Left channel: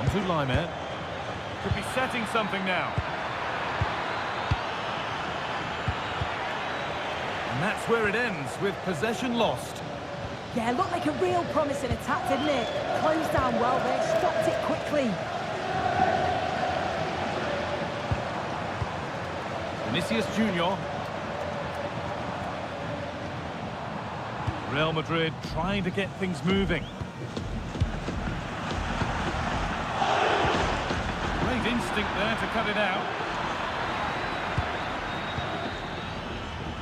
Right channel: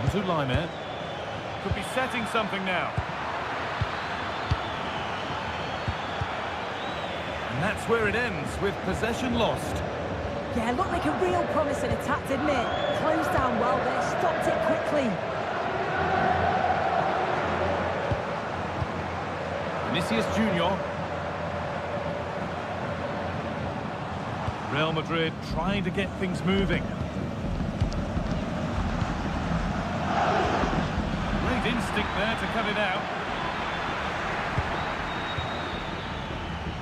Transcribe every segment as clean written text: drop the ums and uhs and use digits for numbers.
On to Laimer. Could be setting something now. And that's where it ends, with possession lost. Yeah, looked like a real promising attack, didn't it? Closed down well there, stopped it quickly. Vinicius Junior. Real Madrid trying to get things moving. Great instinct there to cut it out.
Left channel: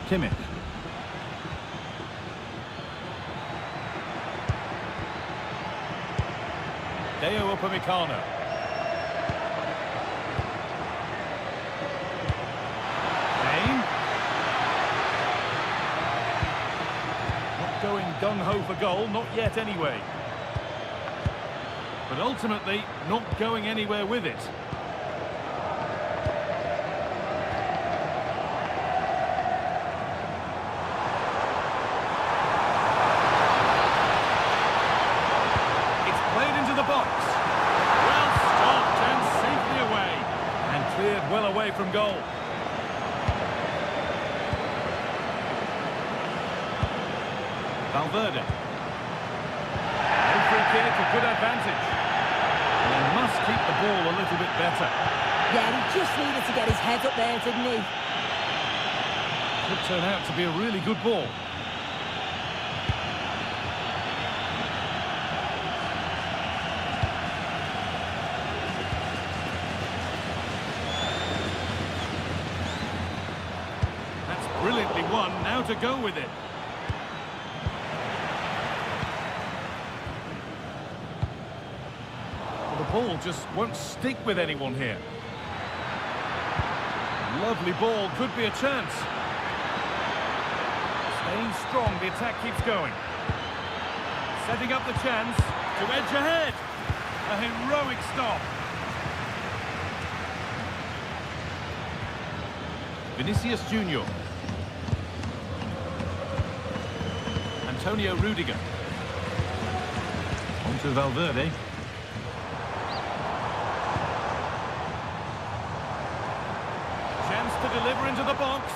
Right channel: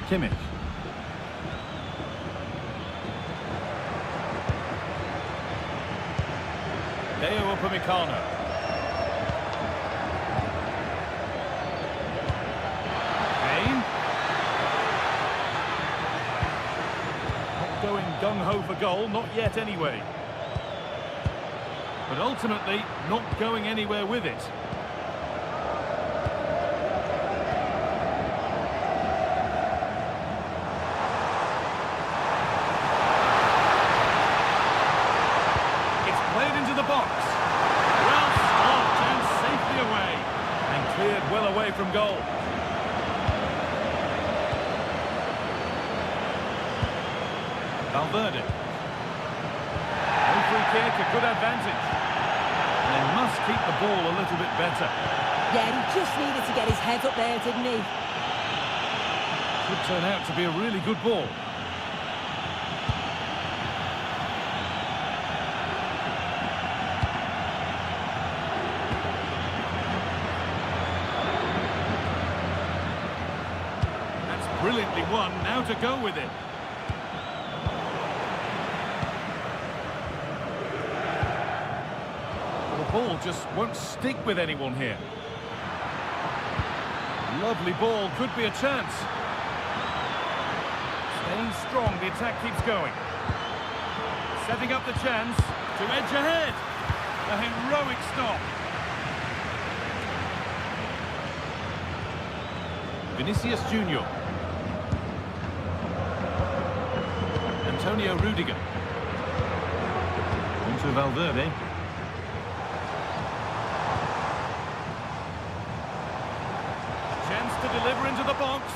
Kimmich. Deo Upamecano. Kane. Not going gung-ho for goal, not yet anyway. But ultimately, not going anywhere with it. Played into the box. Well stopped and safely away. And cleared well away from goal. Valverde. No free kick, a good advantage. And they must keep the ball a little bit better. Yeah, he just needed to get his head up there, didn't he? Could turn out to be a really good ball. Brilliantly won, now to go with it. Well, the ball just won't stick with anyone here. Lovely ball, could be a chance. Staying strong, the attack keeps going. Setting up the chance to edge ahead. A heroic stop. Vinicius Junior. Antonio Rudiger. On to Valverde. A chance to deliver into the box.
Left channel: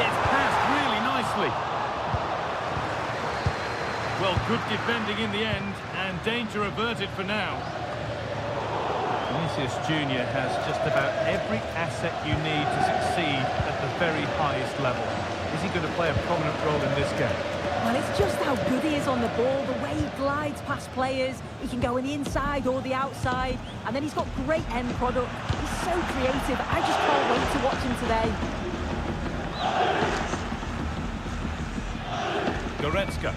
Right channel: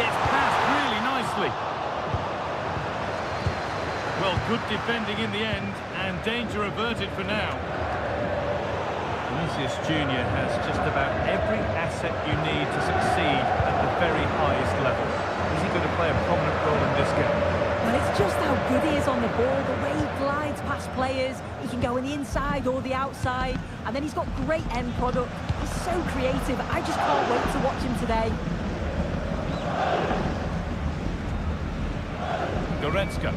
It's passed really nicely. Well, good defending in the end, and danger averted for now. Vinicius Junior has just about every asset you need to succeed at the very highest level. Is he going to play a prominent role in this game? Well, it's just how good he is on the ball, the way he glides past players. He can go on the inside or the outside, and then he's got great end product. He's so creative. I just can't wait to watch him today. Goretzka.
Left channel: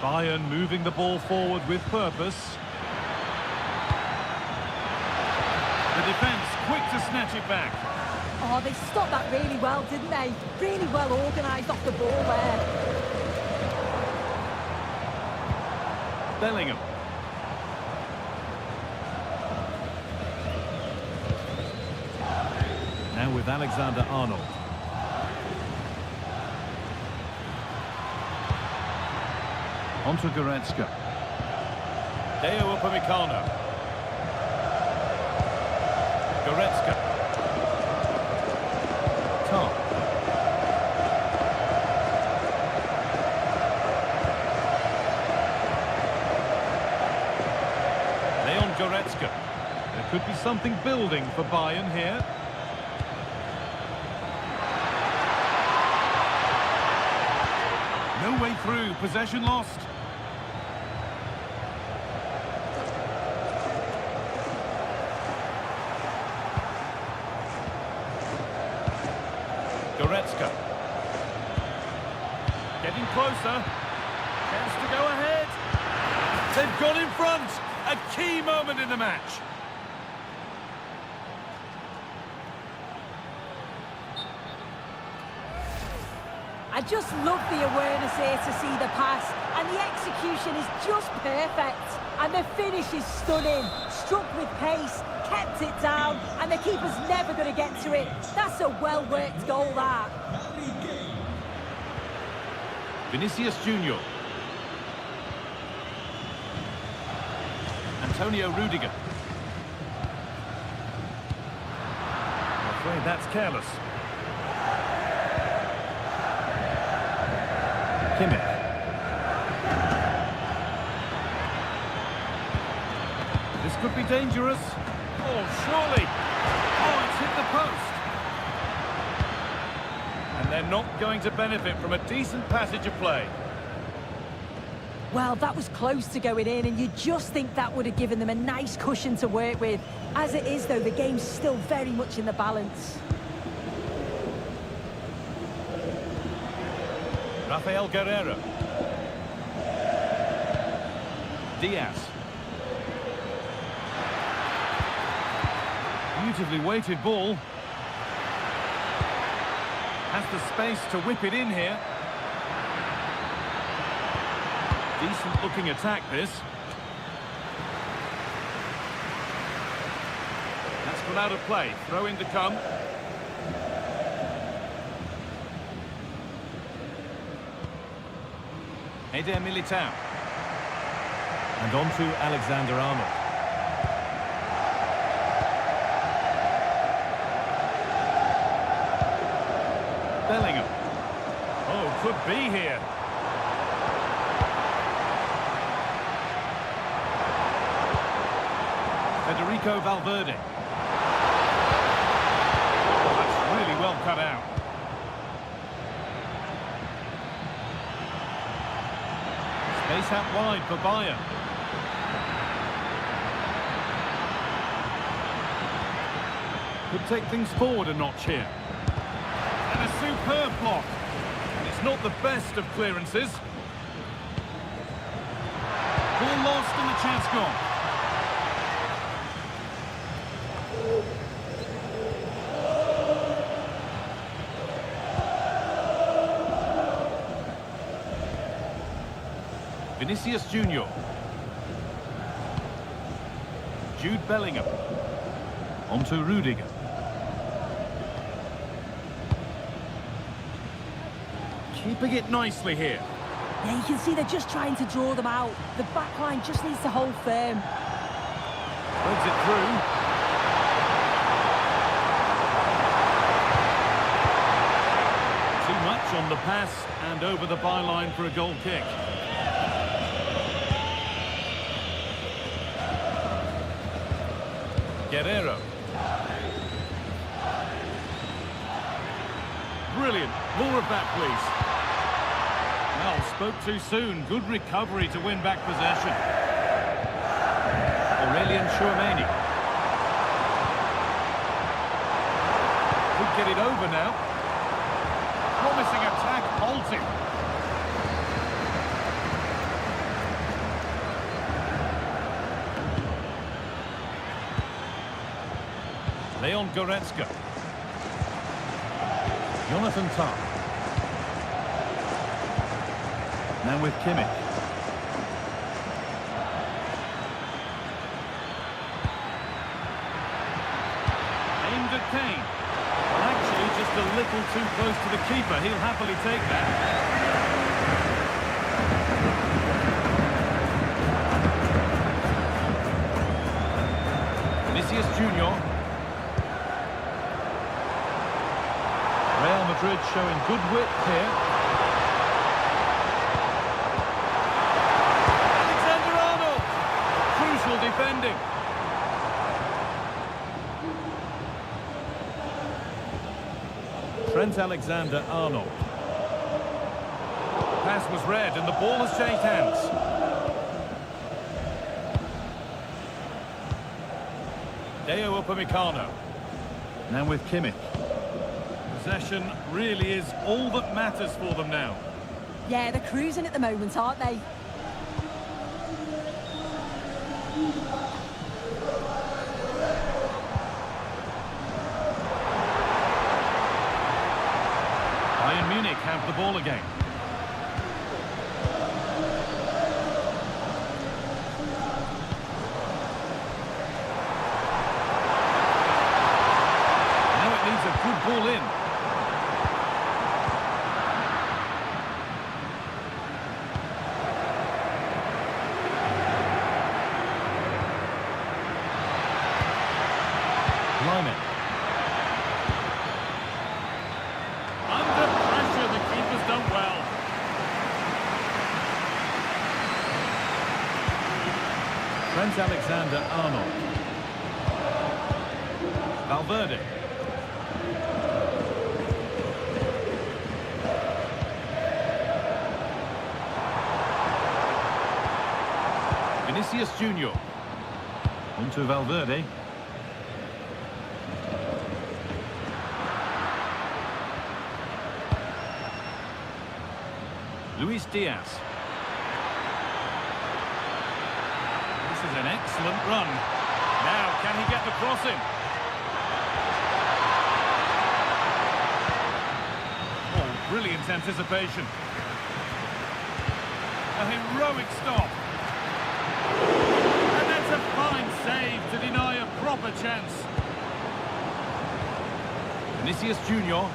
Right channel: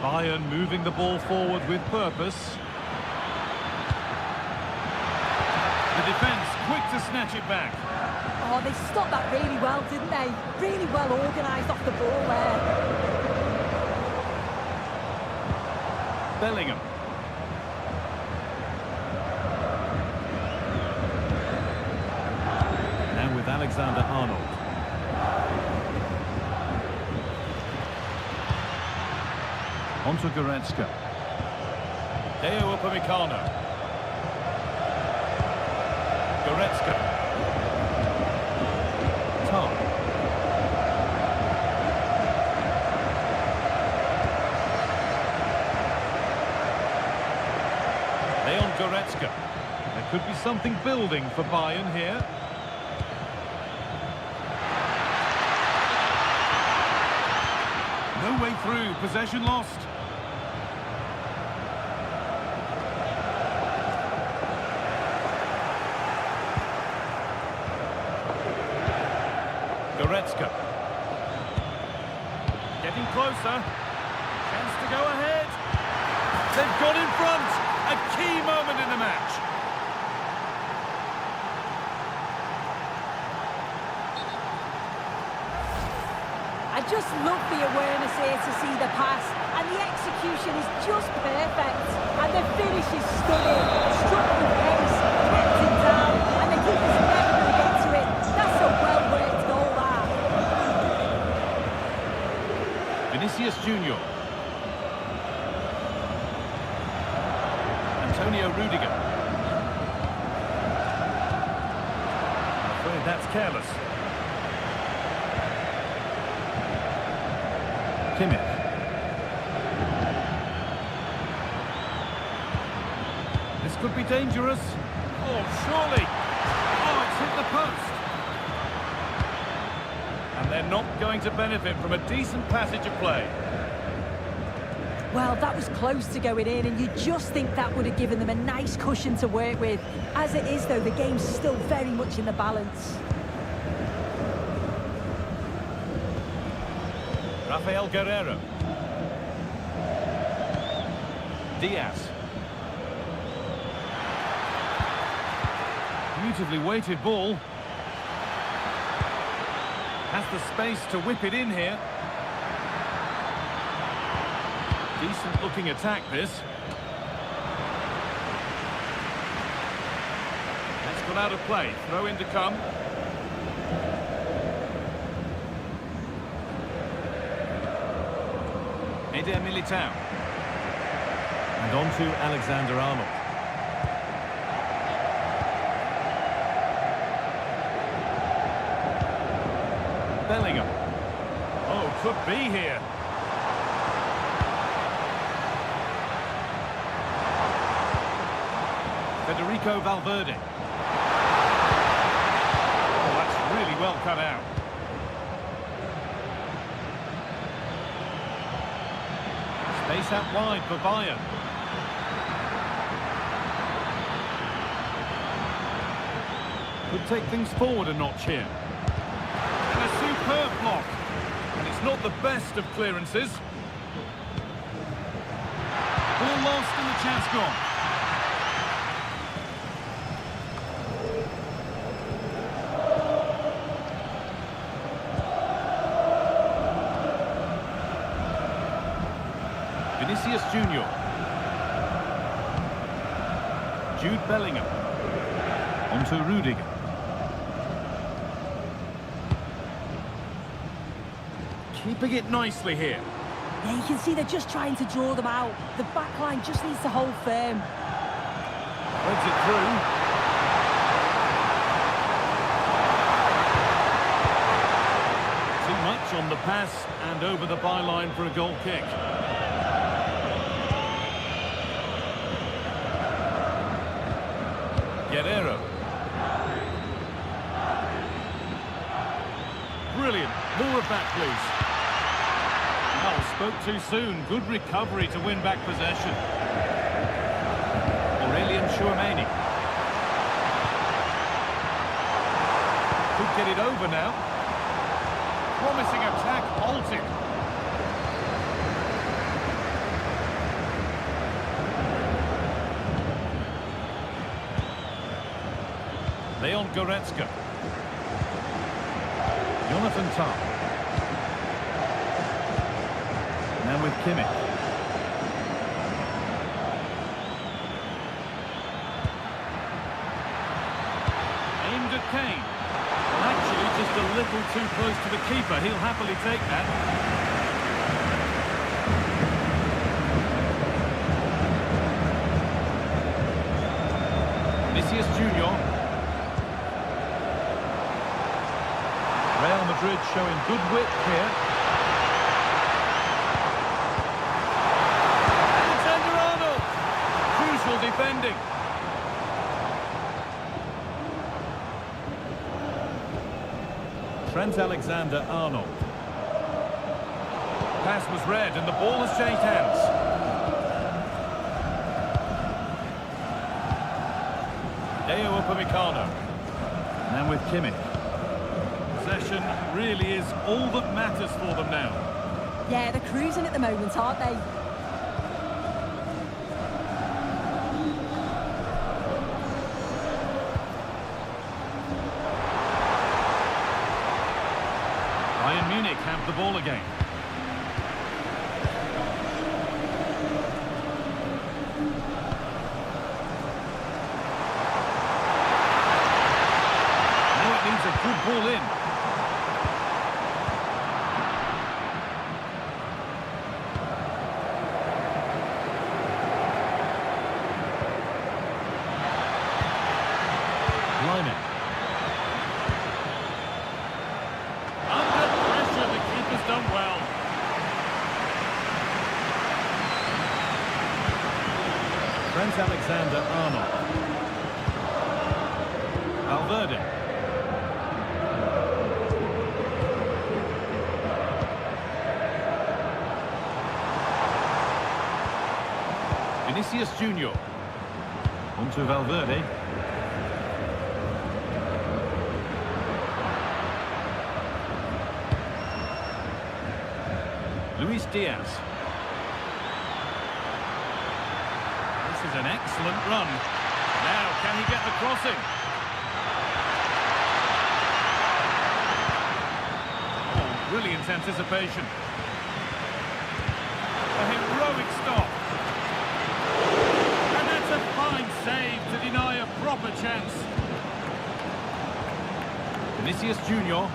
Bayern moving the ball forward with purpose. The defence quick to snatch it back. Oh, they stopped that really well, didn't they? Really well organised off the ball there. Bellingham. Now with Alexander-Arnold. On to Goretzka. Deo Upamecano. Goretzka. Tom. Leon Goretzka. There could be something building for Bayern here. No way through, possession lost. Goretzka. Getting closer. Chance to go ahead. They've got in front. A key moment in the match. I just love the awareness here to see the pass, and the execution is just perfect. And the finish is stunning. Struck with pace, kept it down, and the keeper's never going to get to it. That's a well-worked goal, that. Vinicius Junior. Antonio Rudiger. I'm afraid that's careless. Kimmich. This could be dangerous. Oh, surely. Oh, it's hit the post. And they're not going to benefit from a decent passage of play. Well, that was close to going in, and you just think that would have given them a nice cushion to work with. As it is, though, the game's still very much in the balance. Rafael Guerreiro. Diaz. Beautifully weighted ball. Has the space to whip it in here. Decent looking attack, this. That's gone out of play. Throw in to come. Eder Militao. And on to Alexander-Arnold. Bellingham. Oh, could be here. Federico Valverde. Oh, that's really well cut out. Space out wide for Bayern. Could take things forward a notch here. And a superb block. And it's not the best of clearances. Ball lost and the chance gone. Vinicius Junior. Jude Bellingham. On to Rudiger. Keeping it nicely here. Yeah, you can see they're just trying to draw them out. The back line just needs to hold firm. Threads it through. Too much on the pass and over the byline for a goal kick. Guerreiro. Brilliant. More of that, please. Well, spoke too soon. Good recovery to win back possession. Aurelien Tchouameni. Could get it over now. Promising attack halted. Leon Goretzka. Jonathan Tah. Now with Kimmich. Aimed at Kane. Well, actually, just a little too close to the keeper. He'll happily take that. Vinicius Junior. Real Madrid showing good width here. Alexander-Arnold! Crucial defending. Trent Alexander-Arnold. Pass was read and the ball has changed hands. Deo Upamecano. Now with Kimmich. Possession really is all that matters for them now. Yeah, they're cruising at the moment, aren't they? Bayern Munich have the ball again. Now it needs a good ball in. Lyman. Under pressure, the keeper's done well. Trent Alexander-Arnold. Valverde. Vinicius Junior. On to Valverde. Luis Diaz. This is an excellent run. Now, can he get the crossing? Oh, brilliant anticipation. A heroic stop. And that's a fine save to deny a proper chance. Vinicius Junior.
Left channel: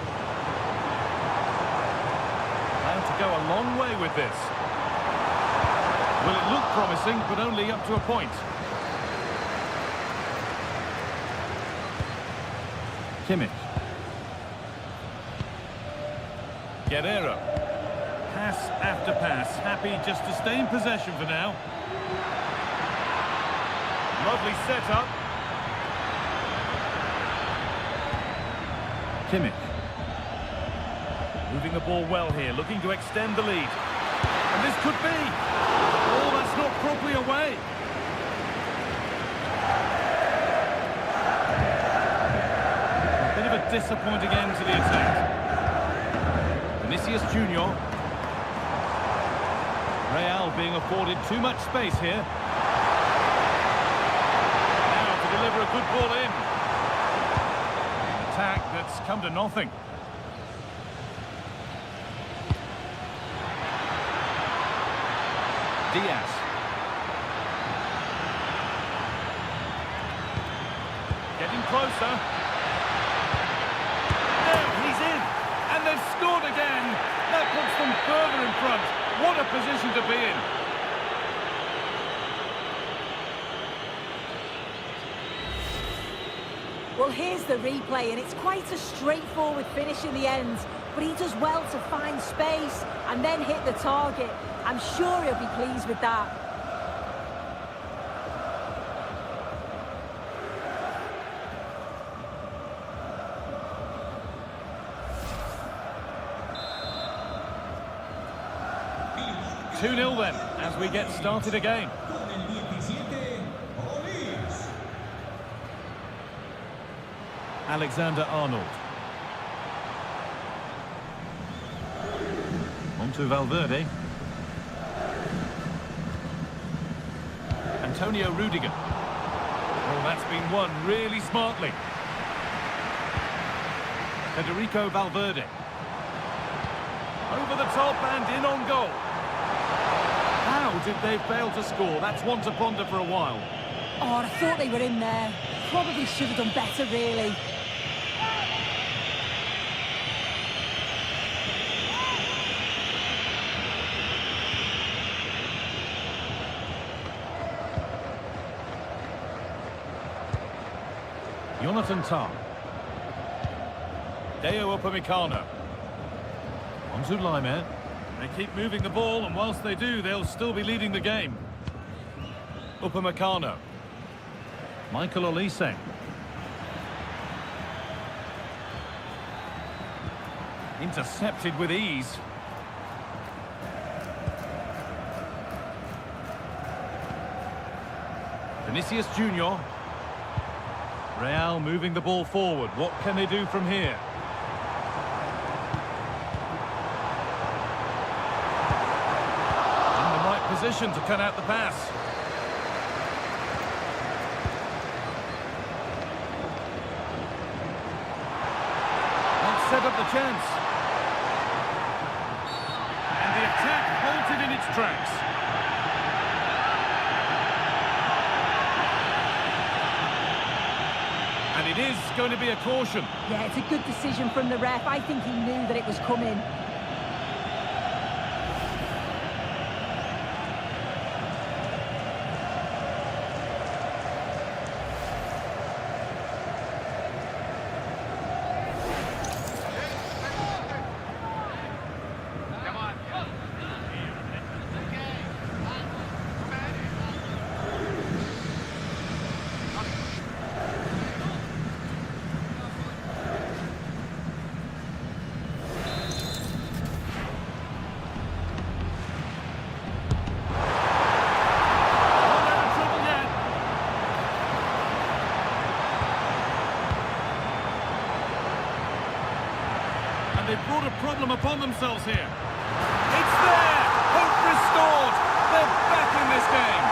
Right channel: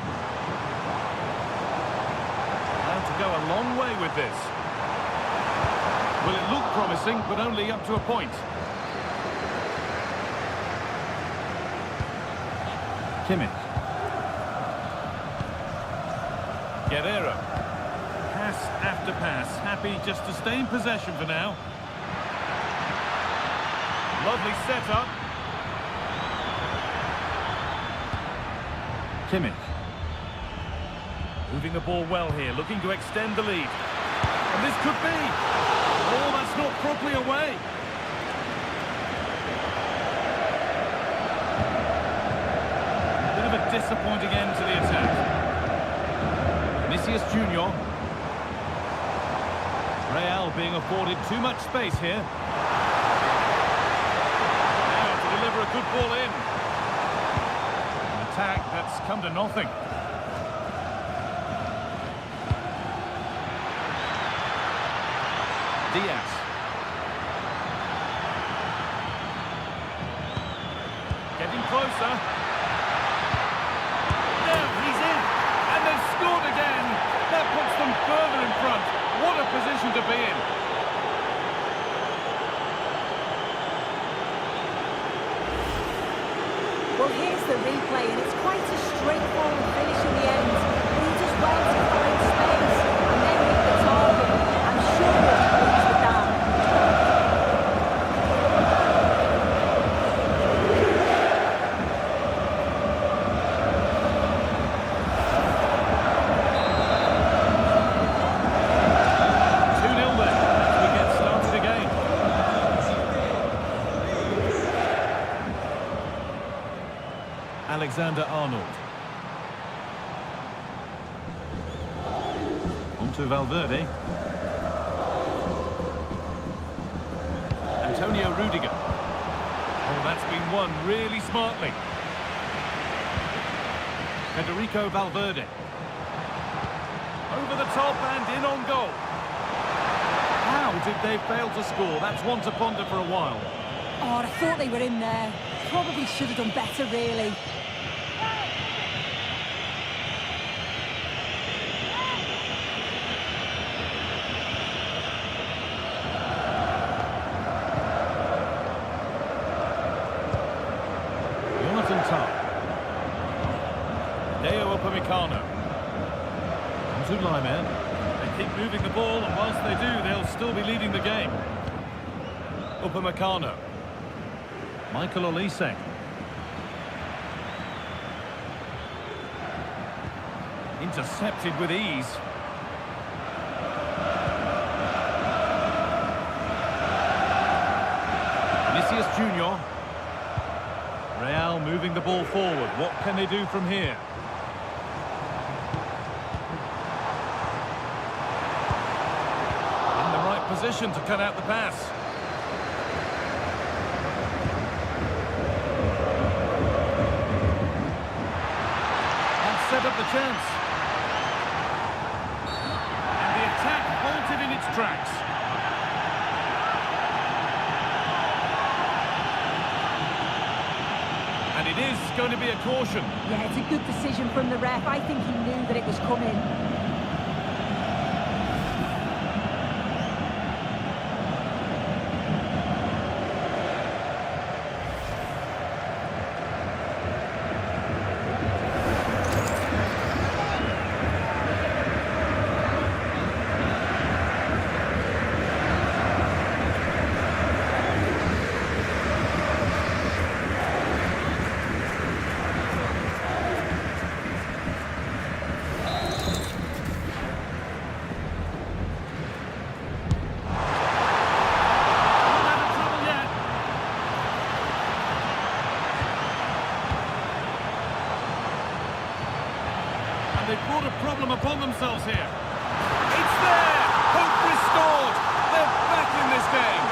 Plan to go a long way with this. Well, it looked promising, but only up to a point. Kimmich. Guerrero. Pass after pass. Happy just to stay in possession for now. Lovely setup. Kimmich. Moving the ball well here, looking to extend the lead. And this could be. Oh, that's not properly away. A bit of a disappointing end to the attack. Vinicius Junior. Real being afforded too much space here. Now to deliver a good ball in. An attack that's come to nothing. Diaz. Getting closer. Now he's in. And they've scored again. That puts them further in front. What a position to be in. Well, here's the replay, and it's quite a straightforward finish in the end. But he does well to find space and then hit the target. I'm sure he'll be pleased with that. Two-nil then, as we get started again. Alexander-Arnold. On to Valverde. Antonio Rudiger. Oh, that's been won really smartly. Federico Valverde. Over the top and in on goal. How did they fail to score? That's one to ponder for a while. Oh, I thought they were in there. Probably should have done better, really. Jonathan Tah. Deo Upamecano. On to Lyman. They keep moving the ball, and whilst they do, they'll still be leading the game. Upamecano. Michael Olise. Intercepted with ease. Vinicius Junior. Real moving the ball forward. What can they do from here? In the right position to cut out the pass. That set up the chance. And the attack halted in its tracks. And it is going to be a caution. Yeah, it's a good decision from the ref. I think he knew that it was coming. And they've brought a problem upon themselves here. It's there! Hope restored! They're back in this game!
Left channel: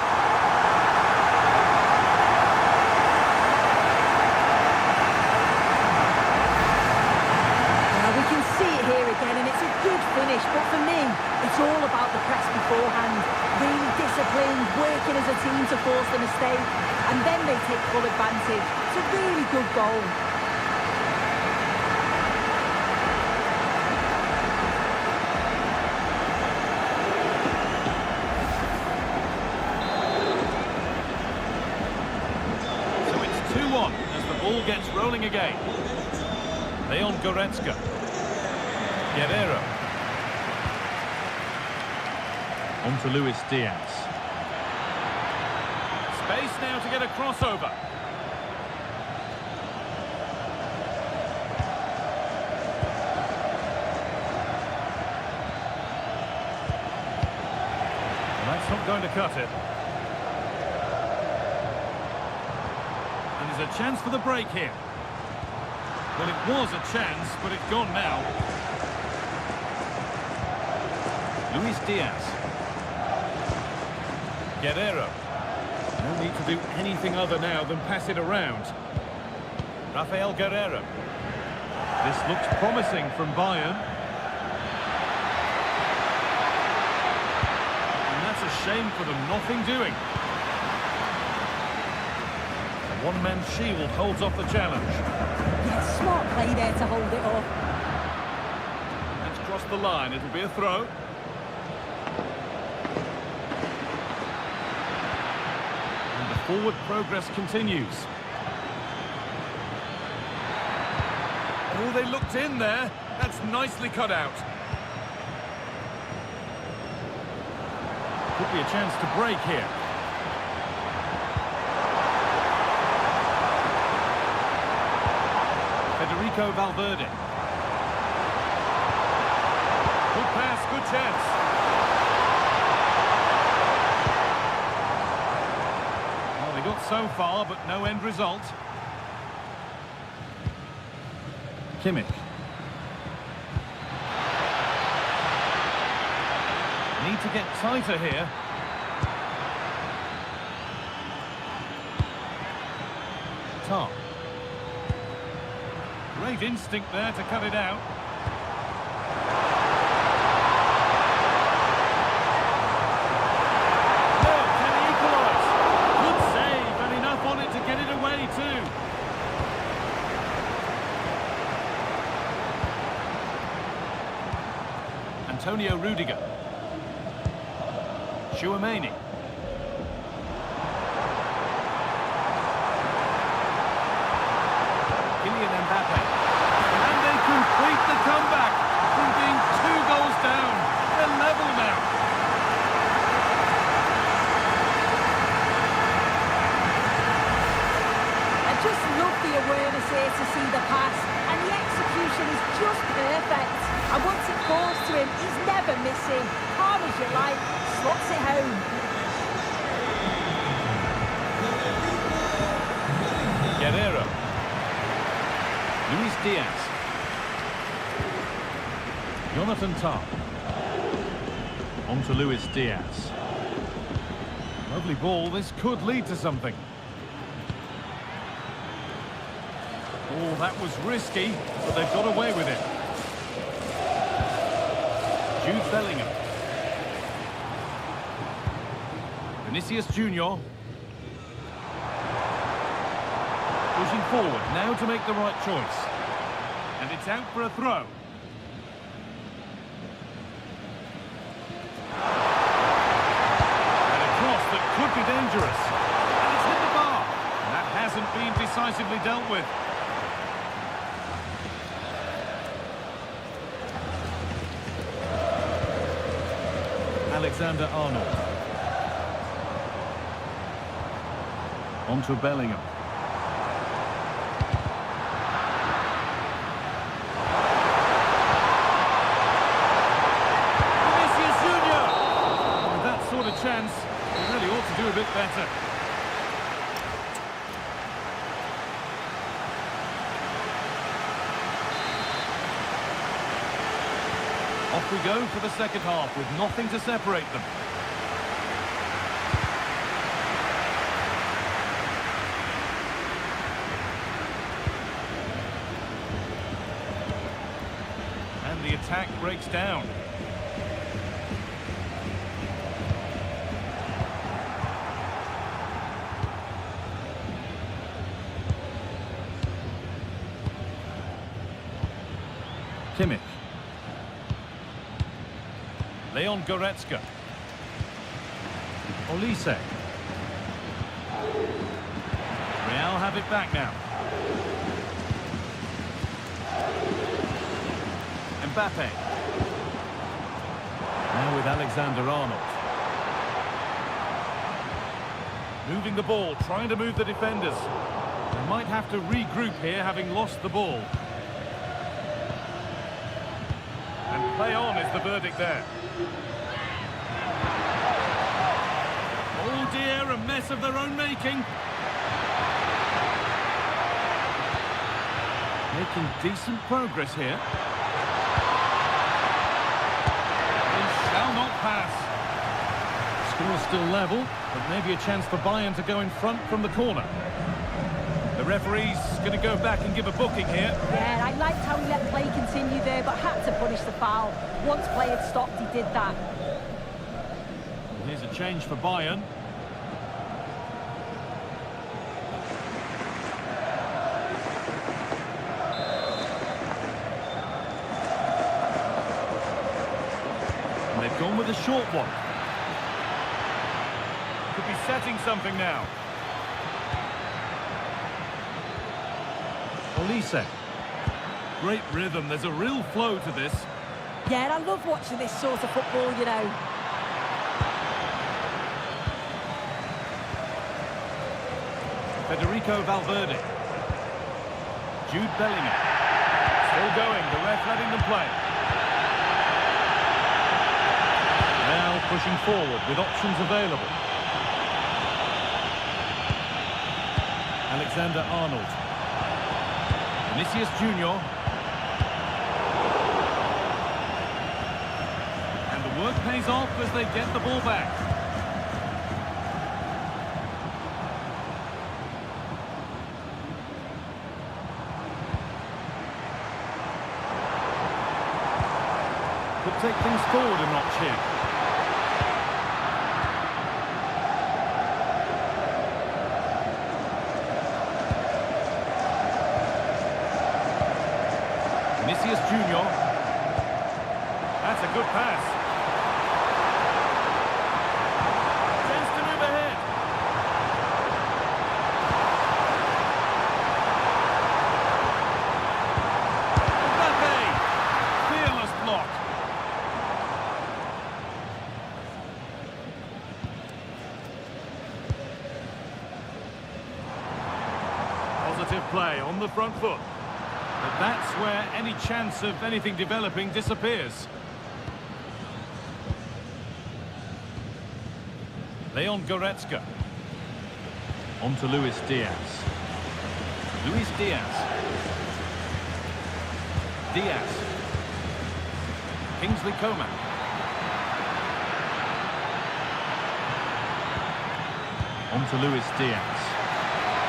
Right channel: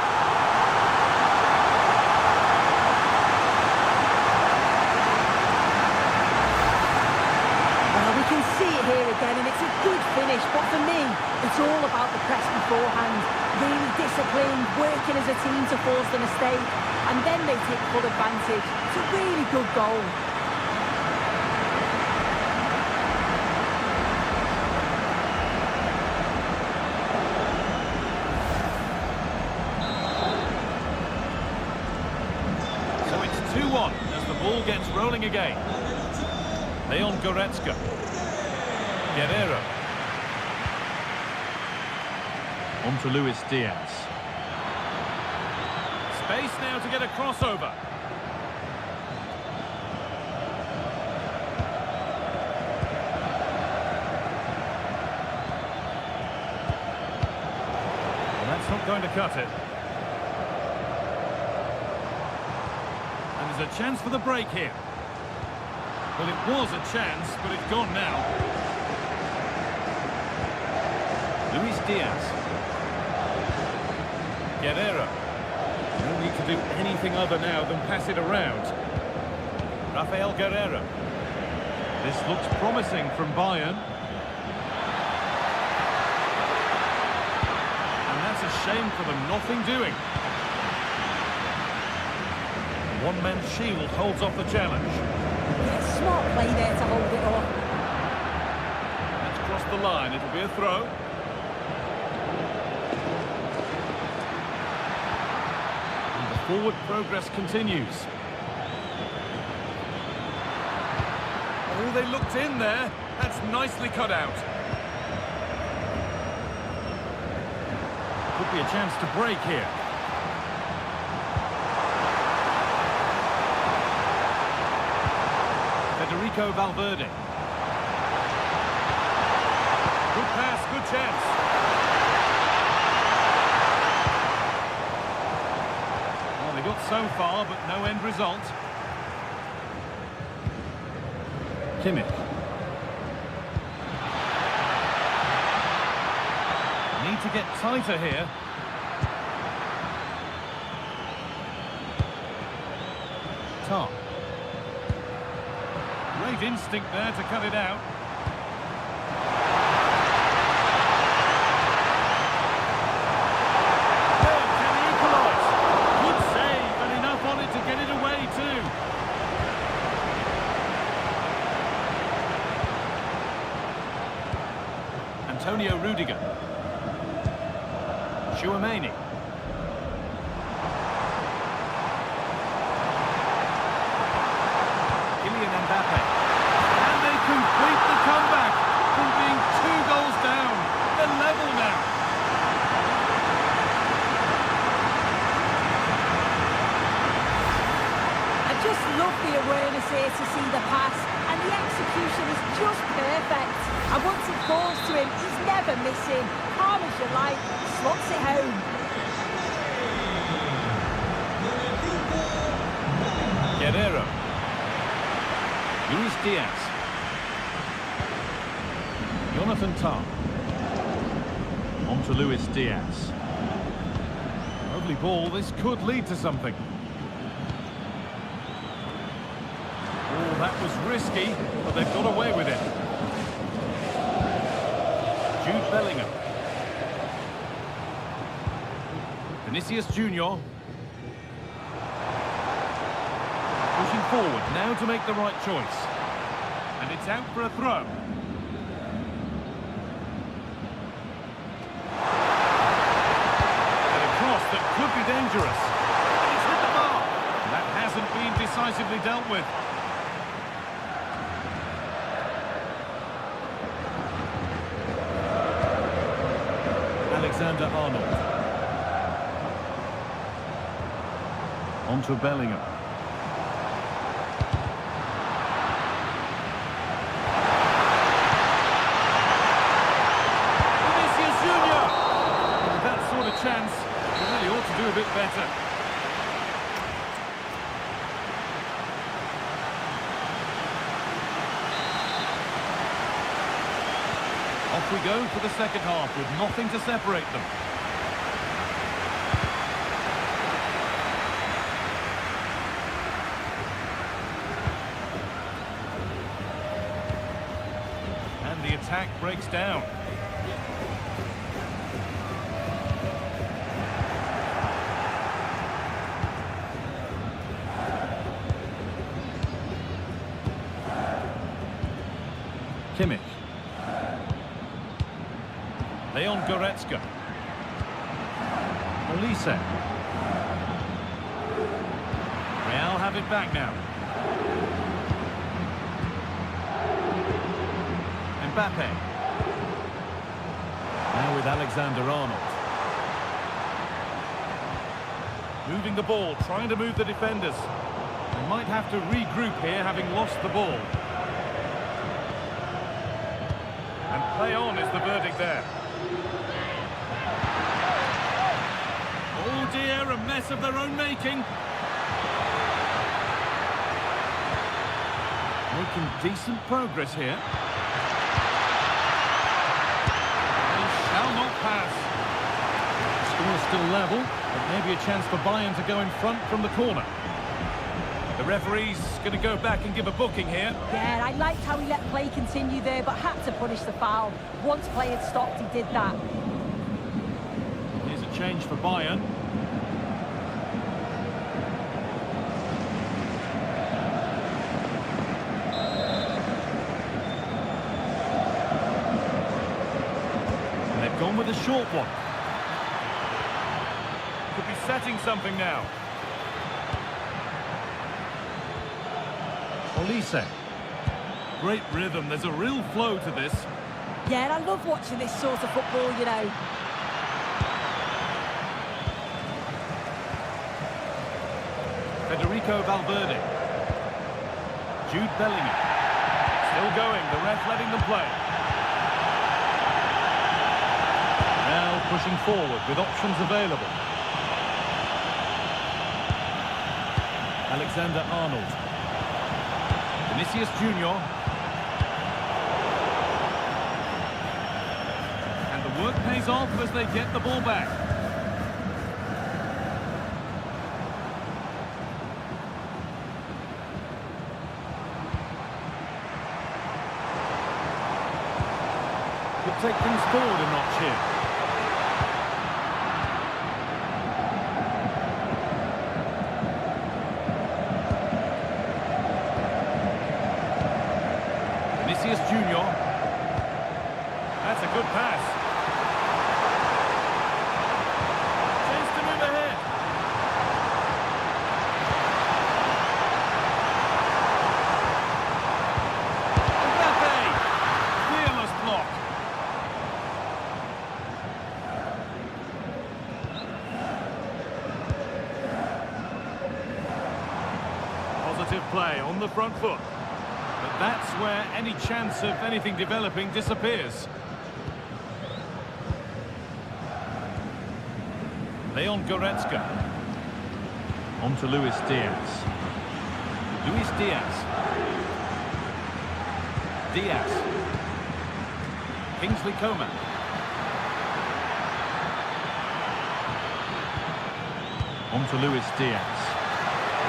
Well, we can see it here again, and it's a good finish, but for me, it's all about the press beforehand. Really disciplined, working as a team to force the mistake, and then they take full advantage. It's a really good goal. So it's 2-1 as the ball gets rolling again. Leon Goretzka. Guerrero. On to Luis Diaz. Space now to get a crossover. Well, that's not going to cut it. And there's a chance for the break here. Well, it was a chance, but it's gone now. Luis Diaz. Guerrero. No need to do anything other now than pass it around. Rafael Guerrero. This looks promising from Bayern. And that's a shame for them, nothing doing. A one-man shield holds off the challenge. Yeah, smart play there to hold it off. That's crossed the line, it'll be a throw. And the forward progress continues. Oh, they looked in there. That's nicely cut out. Could be a chance to break here. Federico Valverde. Good pass, good chance. Well, they got so far, but no end result. Kimmich. Need to get tighter here. Tar. Great instinct there to cut it out. No, can he equalise? Good save, and enough on it to get it away too. Antonio Rudiger. Tchouaméni. Kylian Mbappe. And they complete the comeback from being 2 goals down. They're level now. I just love the awareness here to see the pass, and the execution is just perfect. And once it falls to him, he's never missing. Calm as you like, slots it home. Guerrero. Luis Diaz. Jonathan Tah. On to Luis Diaz. Lovely ball, this could lead to something. Oh, that was risky, but they've got away with it. Jude Bellingham. Vinicius Junior. Pushing forward, now to make the right choice. And it's out for a throw. And a cross that could be dangerous. And it's hit the bar. And that hasn't been decisively dealt with. Alexander-Arnold. On to Bellingham. Vinicius Junior! With that sort of chance, he really ought to do a bit better. Off we go for the second half with nothing to separate them. And the attack breaks down. Kimmich. Leon Goretzka. Olise. Real have it back now. Mbappe. Now with Alexander-Arnold. Moving the ball, trying to move the defenders. They might have to regroup here, having lost the ball. And play on is the verdict there. Oh dear, a mess of their own making. Making decent progress here. They shall not pass. The score is still level, but maybe a chance for Bayern to go in front from the corner. The referee's going to go back and give a booking here. Yeah, I liked how he let play continue there, but had to punish the foul. Once play had stopped, he did that. Here's a change for Bayern. And they've gone with a short one. Could be setting something now. Olise. Great rhythm, there's a real flow to this. Yeah, and I love watching this sort of football, you know. Federico Valverde. Jude Bellingham. Still going, the ref letting them play. Now pushing forward with options available. Alexander-Arnold. Vinicius Junior. And the work pays off as they get the ball back. Could take things forward a notch here. Vinicius Junior. That's a good pass. Chance to move ahead. Mbappe. Fearless block. Positive play on the front foot. But that's where any chance of anything developing disappears. Leon Goretzka. On to Luis Diaz. Luis Diaz. Diaz. Kingsley Coman. On to Luis Diaz.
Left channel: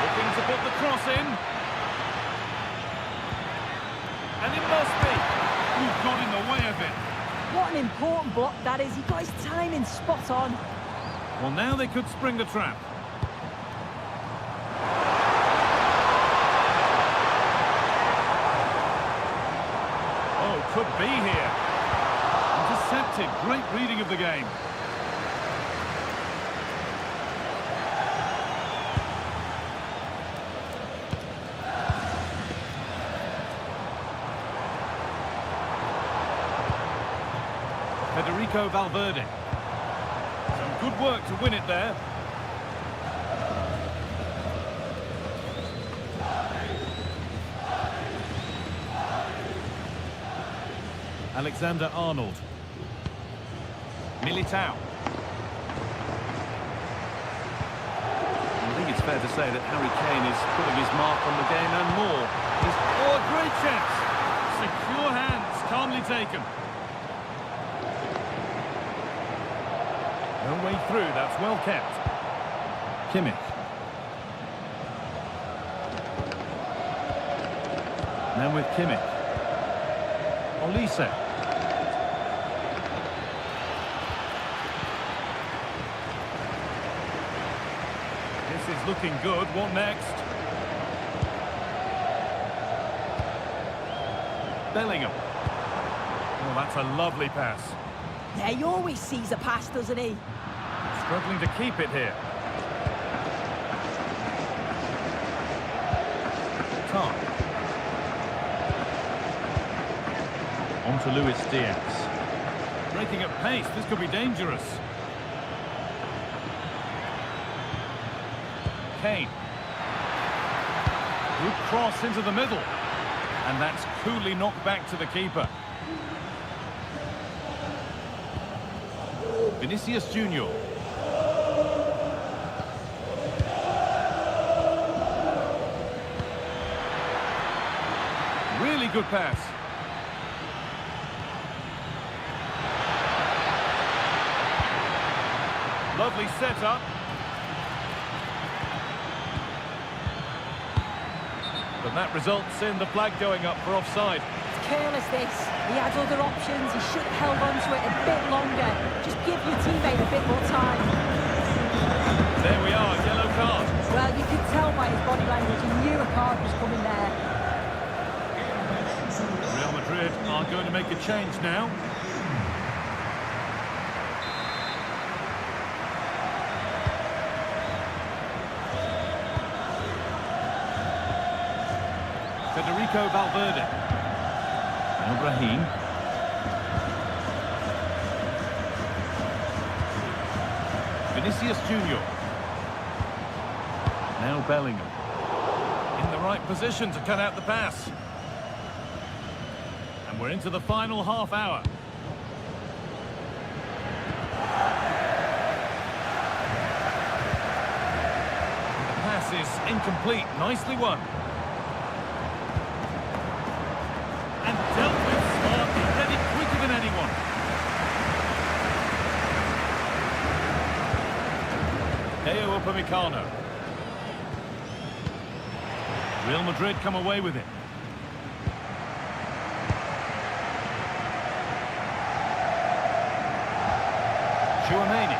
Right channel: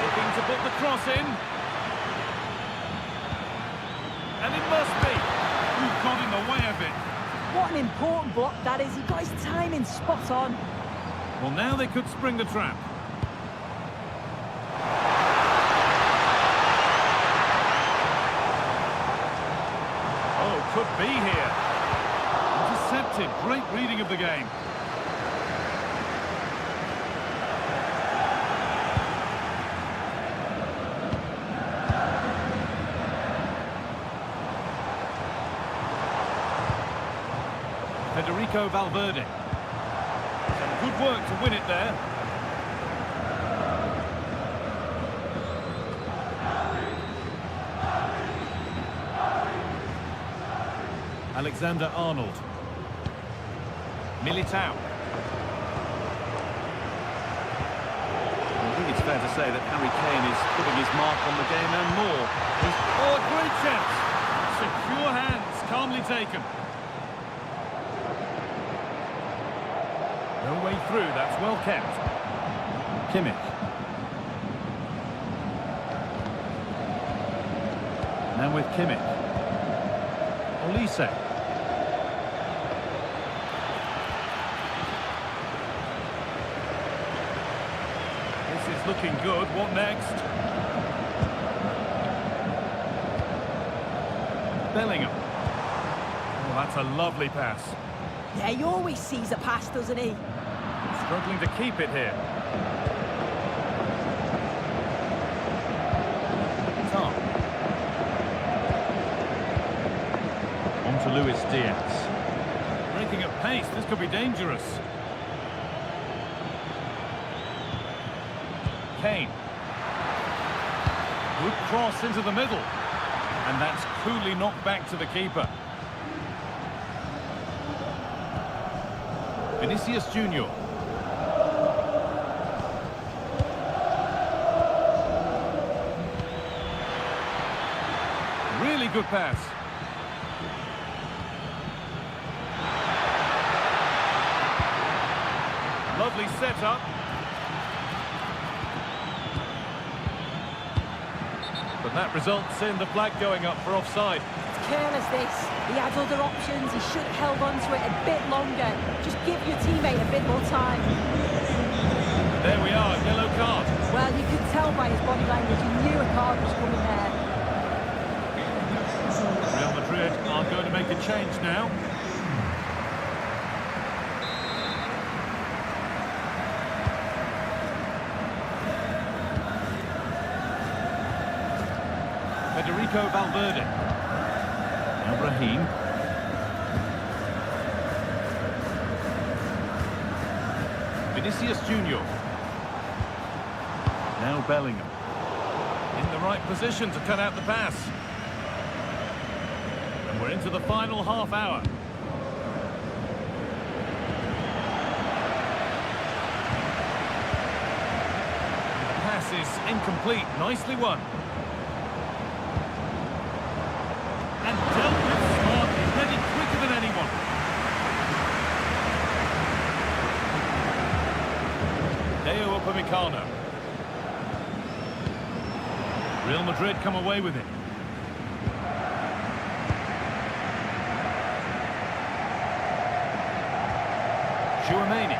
Looking to put the cross in. And it must be. Who got in the way of it? What an important block that is. He got his timing spot on. Well, now they could spring the trap. Oh, could be here. Intercepted. Great reading of the game. Federico Valverde. Some good work to win it there. Alexander-Arnold. Militao. I think it's fair to say that Harry Kane is putting his mark on the game and more. Oh, a great chance. Secure hands, calmly taken. No way through, that's well kept. Kimmich. Now with Kimmich. Olise. This is looking good. What next? Bellingham. Oh, that's a lovely pass. Yeah, he always sees a pass, doesn't he? Struggling to keep it here. Tom. On to Luis Diaz. Breaking at pace, this could be dangerous. Kane. Good cross into the middle. And that's coolly knocked back to the keeper. Vinicius Junior. Really good pass. Lovely setup. But that results in the flag going up for offside. It's careless, this. He had other options. He should have held on to it a bit longer. Just give your teammate a bit more time. There we are, yellow card. Well, you could tell by his body language he knew a card was coming there. Real Madrid are going to make a change now. Federico Valverde. Now Brahim. Vinicius Junior. Now Bellingham. In the right position to cut out the pass. And we're into the final half hour. And the pass is incomplete. Nicely won. And dealt with smartly, ready quicker than anyone. Deo Upamecano. Real Madrid come away with it. Tchouaméni.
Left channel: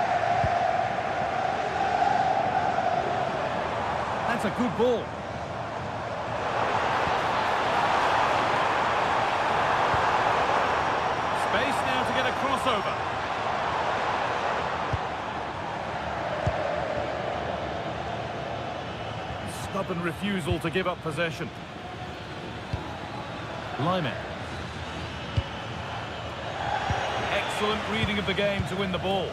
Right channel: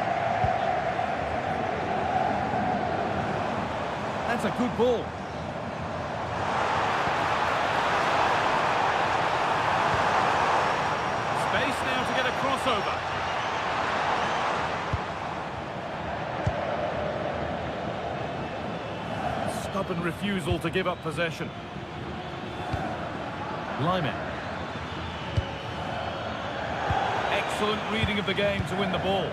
That's a good ball. Space now to get a crossover. Stubborn refusal to give up possession. Lyman. Excellent reading of the game to win the ball.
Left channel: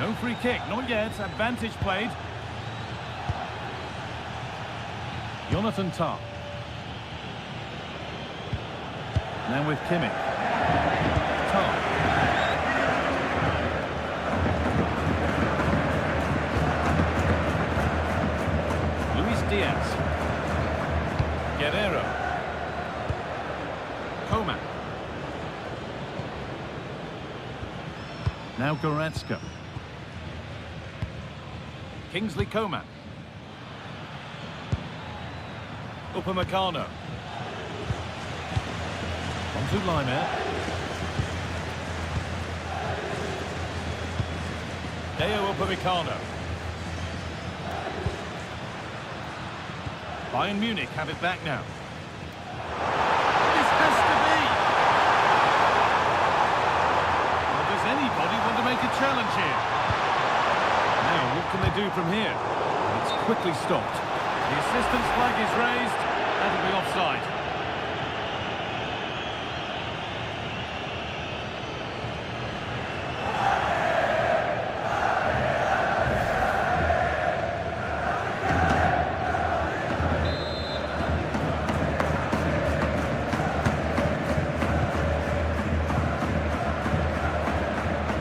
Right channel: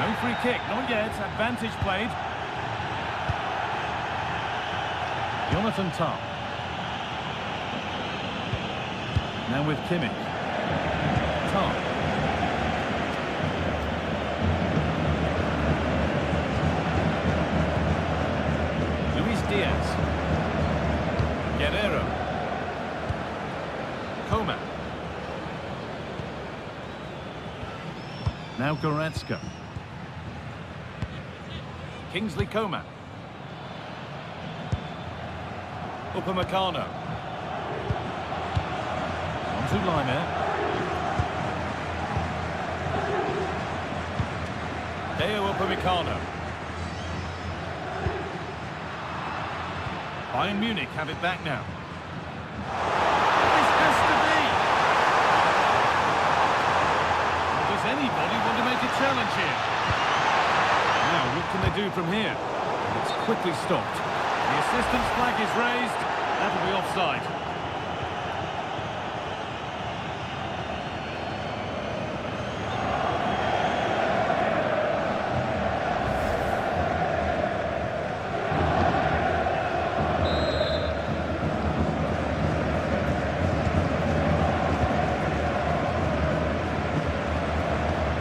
No free kick, not yet. Advantage played. Jonathan Tah. Now with Kimmich. Tah. Luis Diaz. Guerrero. Coman. Now Goretzka. Kingsley Coman. Upamecano. On to Lyman. Deo Upamecano. Bayern Munich have it back now. This has to be! Well, does anybody want to make a challenge here? Now, what can they do from here? It's quickly stopped. The assistant's flag is raised. That'll be offside.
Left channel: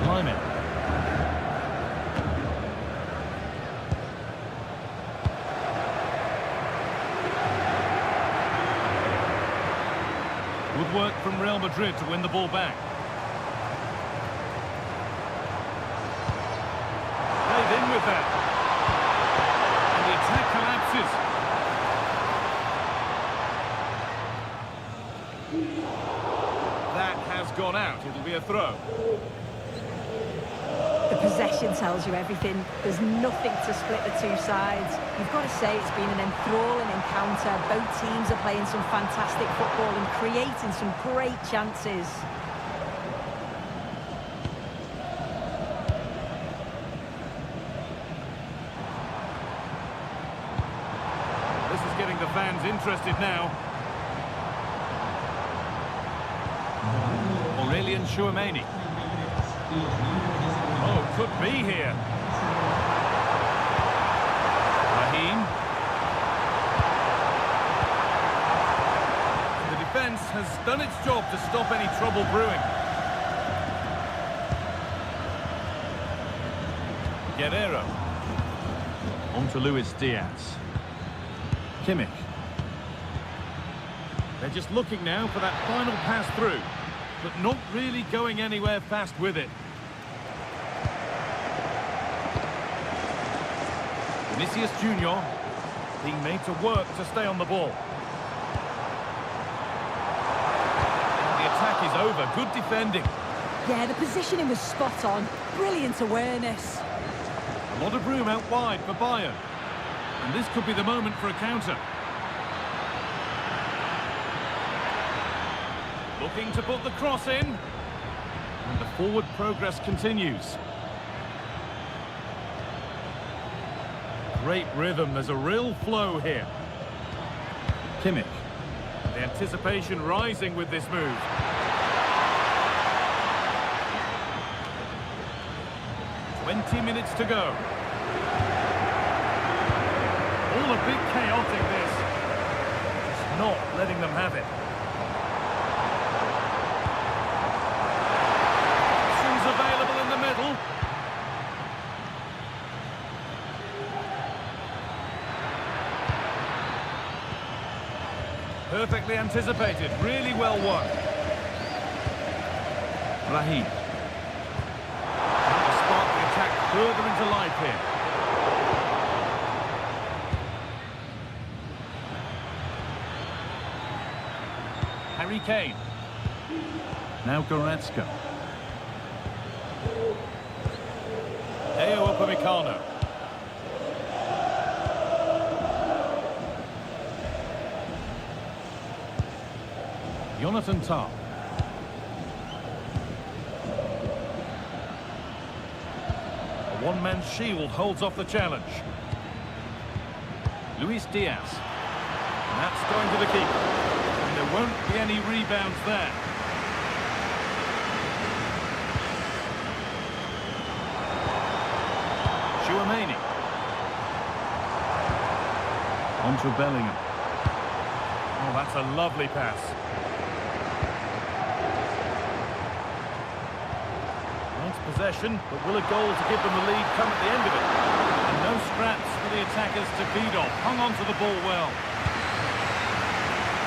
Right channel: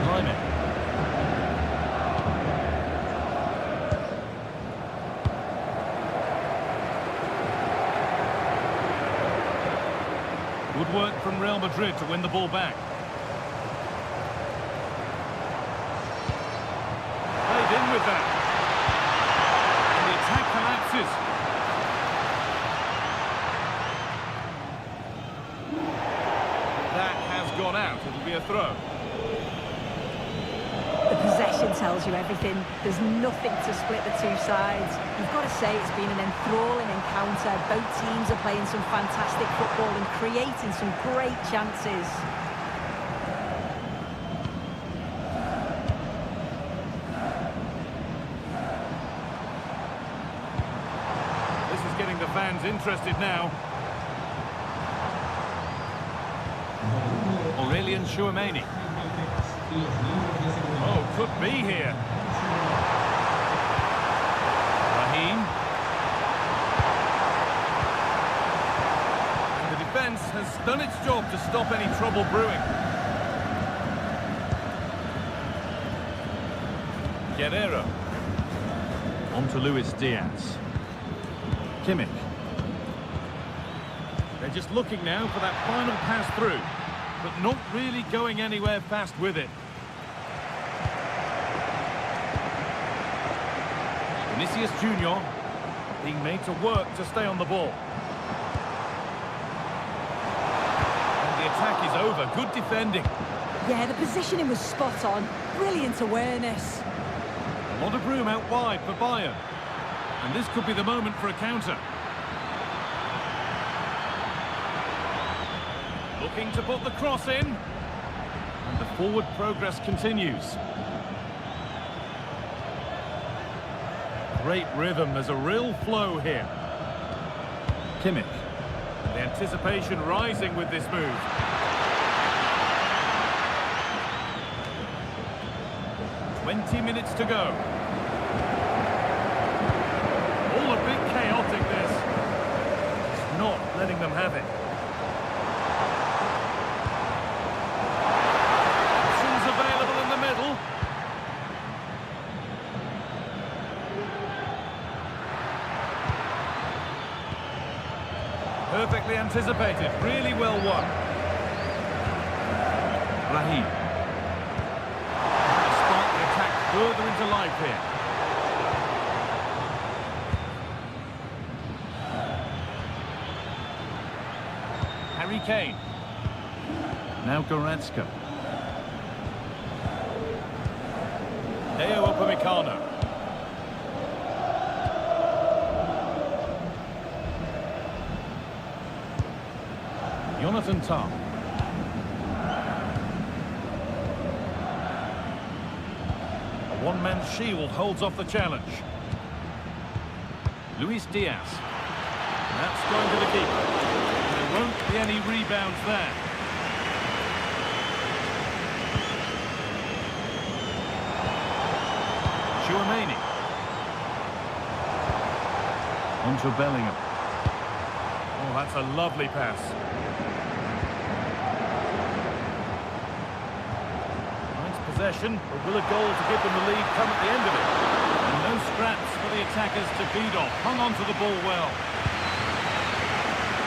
Lyman. Good work from Real Madrid to win the ball back. Played in with that. And the attack collapses. That has gone out. It'll be a throw. The possession tells you everything. There's nothing to split the two sides. You've got to say it's been an enthralling encounter. Both teams are playing some fantastic football and creating some great chances. This is getting the fans interested now. Aurelian Chouameni. Oh, could be here. Raheem. And the defence has done its job to stop any trouble brewing. Guerrero. On to Luis Diaz. Kimmich. They're just looking now for that final pass through, but not really going anywhere fast with it. Vinicius Junior being made to work to stay on the ball. And the attack is over. Good defending. Yeah, the positioning was spot on. Brilliant awareness. A lot of room out wide for Bayern. And this could be the moment for a counter. Looking to put the cross in. And the forward progress continues. Great rhythm, there's a real flow here. Kimmich. The anticipation rising with this move. "20 minutes to go. All a bit chaotic, this. Just not letting them have it. Options available in the middle. Perfectly anticipated, really well won. Raheem. To spark the attack further into life here. Harry Kane. Now Goretzka. Deo Upamecano. Jonathan Tah. A one-man shield holds off the challenge. Luis Diaz. And that's going to the keeper. And there won't be any rebounds there. Chouameni. On to Bellingham. Oh, that's a lovely pass. Nice possession, but will a goal to give them the lead come at the end of it? And no scraps for the attackers to feed off. Hung on to the ball well.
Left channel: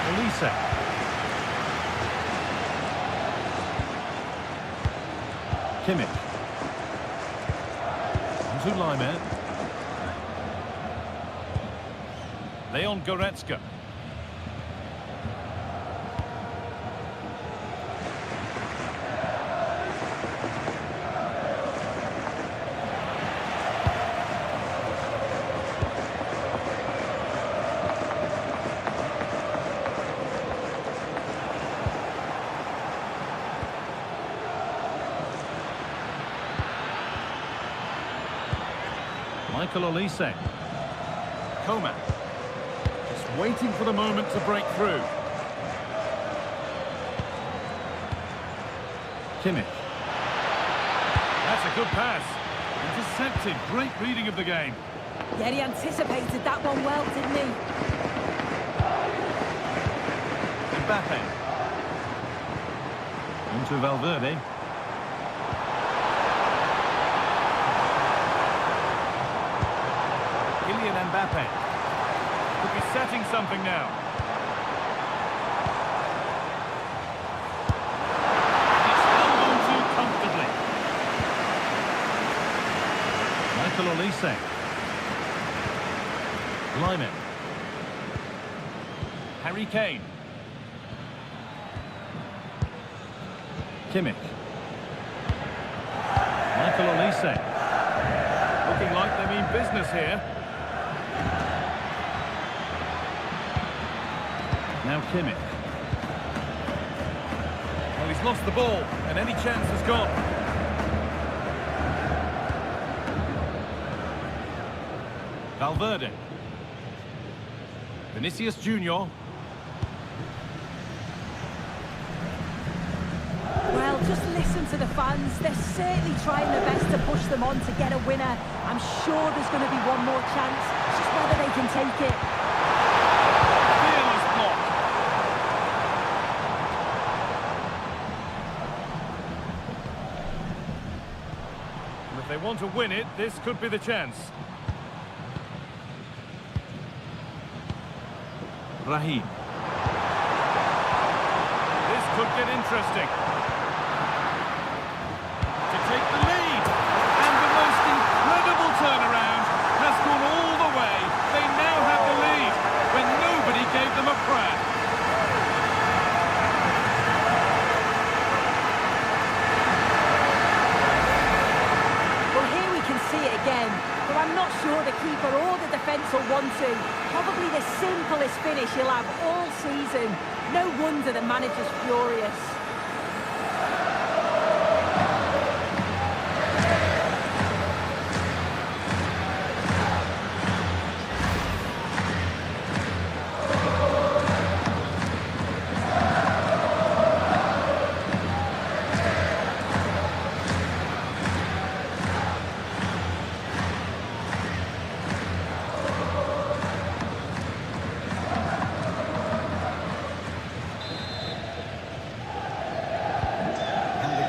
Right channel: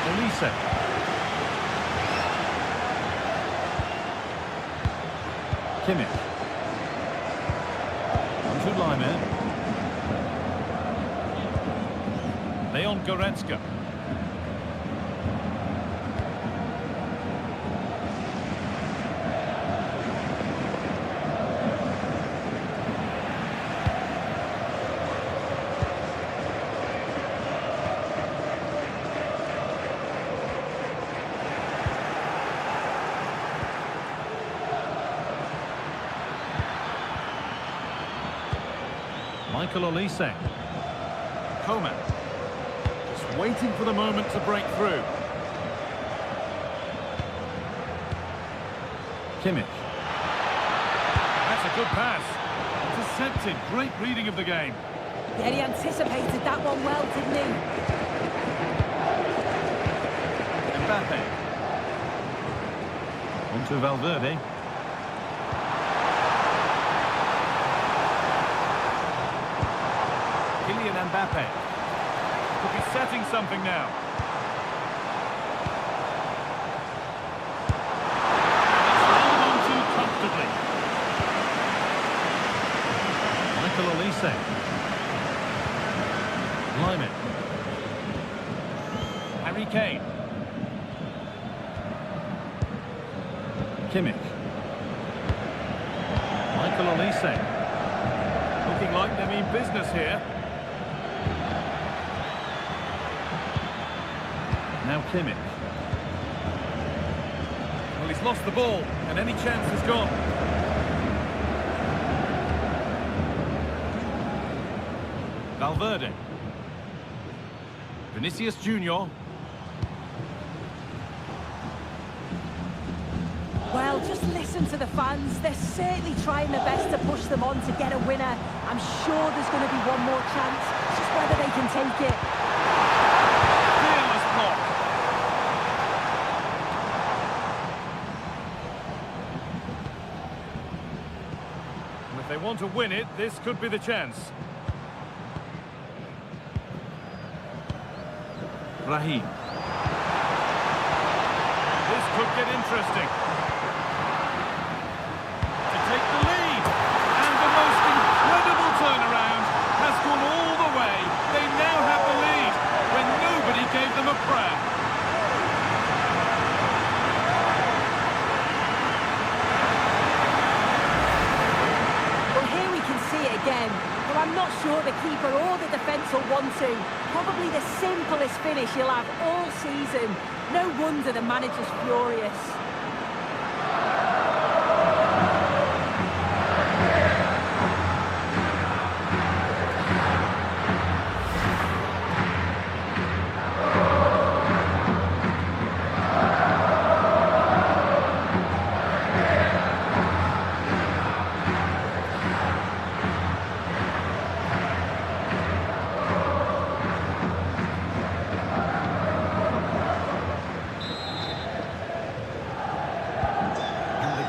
Olise. Kimmich. On to Lyman. Leon Goretzka. Michael Olise. Coman. Just waiting for the moment to break through. Kimmich. That's a good pass. Intercepted. Great reading of the game. Yeah, he anticipated that one well, didn't he? Mbappe. On to Valverde. Kylian Mbappe could be setting something now. Michael Olise. Lyman. Harry Kane. Kimmich. Michael Olise. Looking like they mean business here. Now Kimmich. Well, he's lost the ball, and any chance has gone. Valverde. Vinicius Junior. Well, just listen to the fans. They're certainly trying their best to push them on to get a winner. I'm sure there's going to be one more chance. It's just whether they can take it. Fearless block. And if they want to win it, this could be the chance. Raheem. This could get interesting. To take the lead. And the most incredible turnaround has gone all the way. They now have the lead when nobody gave them a prayer. Well, here we can see it again. But I'm not sure the keeper or the defence will want to. Probably the simplest finish he'll have all season. No wonder the manager's furious.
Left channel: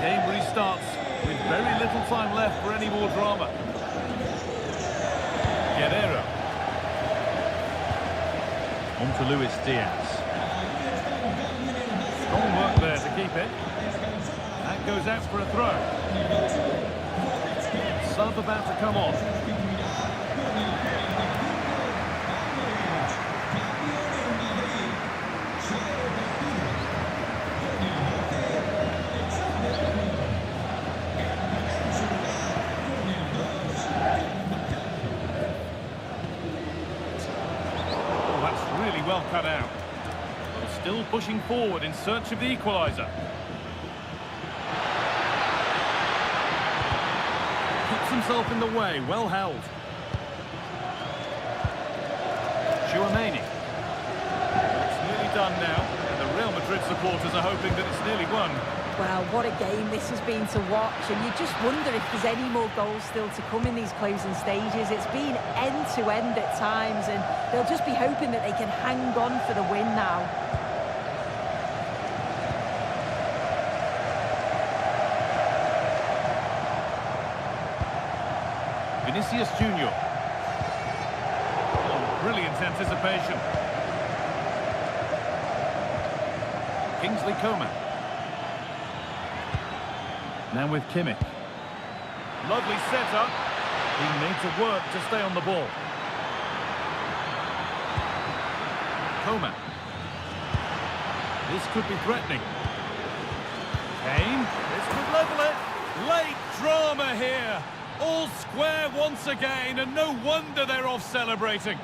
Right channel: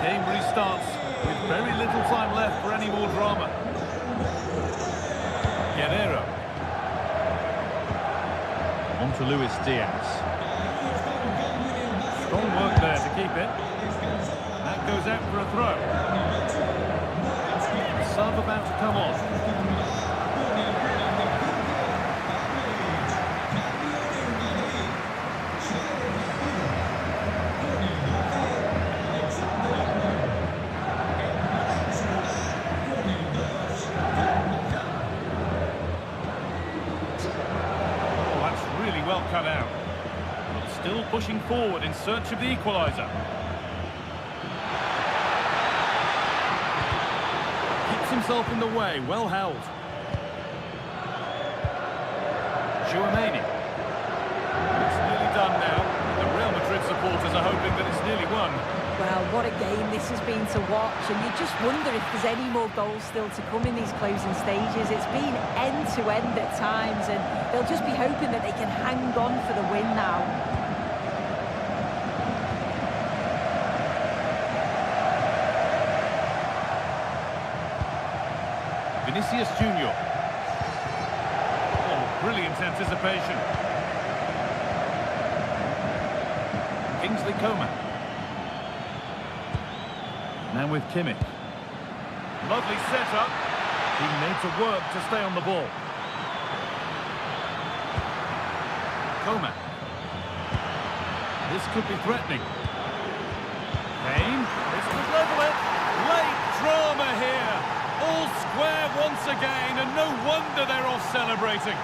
Game restarts with very little time left for any more drama. Guerrero. On to Luis Diaz. Strong work there to keep it. That goes out for a throw. Sub about to come on. Really well cut out. But still pushing forward in search of the equaliser. Keeps himself in the way, well held. Tchouaméni. Well, it's nearly done now, and the Real Madrid supporters are hoping that it's nearly won. Well, what a game this has been to watch, and you just wonder if there's any more goals still to come in these closing stages. It's been end-to-end at times, and they'll just be hoping that they can hang on for the win now. Vinicius Junior. Oh, brilliant anticipation. Kingsley Coman. Now with Kimmich. Lovely setup. Being made to work to stay on the ball. Coman. This could be threatening. Kane. This could level it. Late drama here. All square once again, and no wonder they're off celebrating.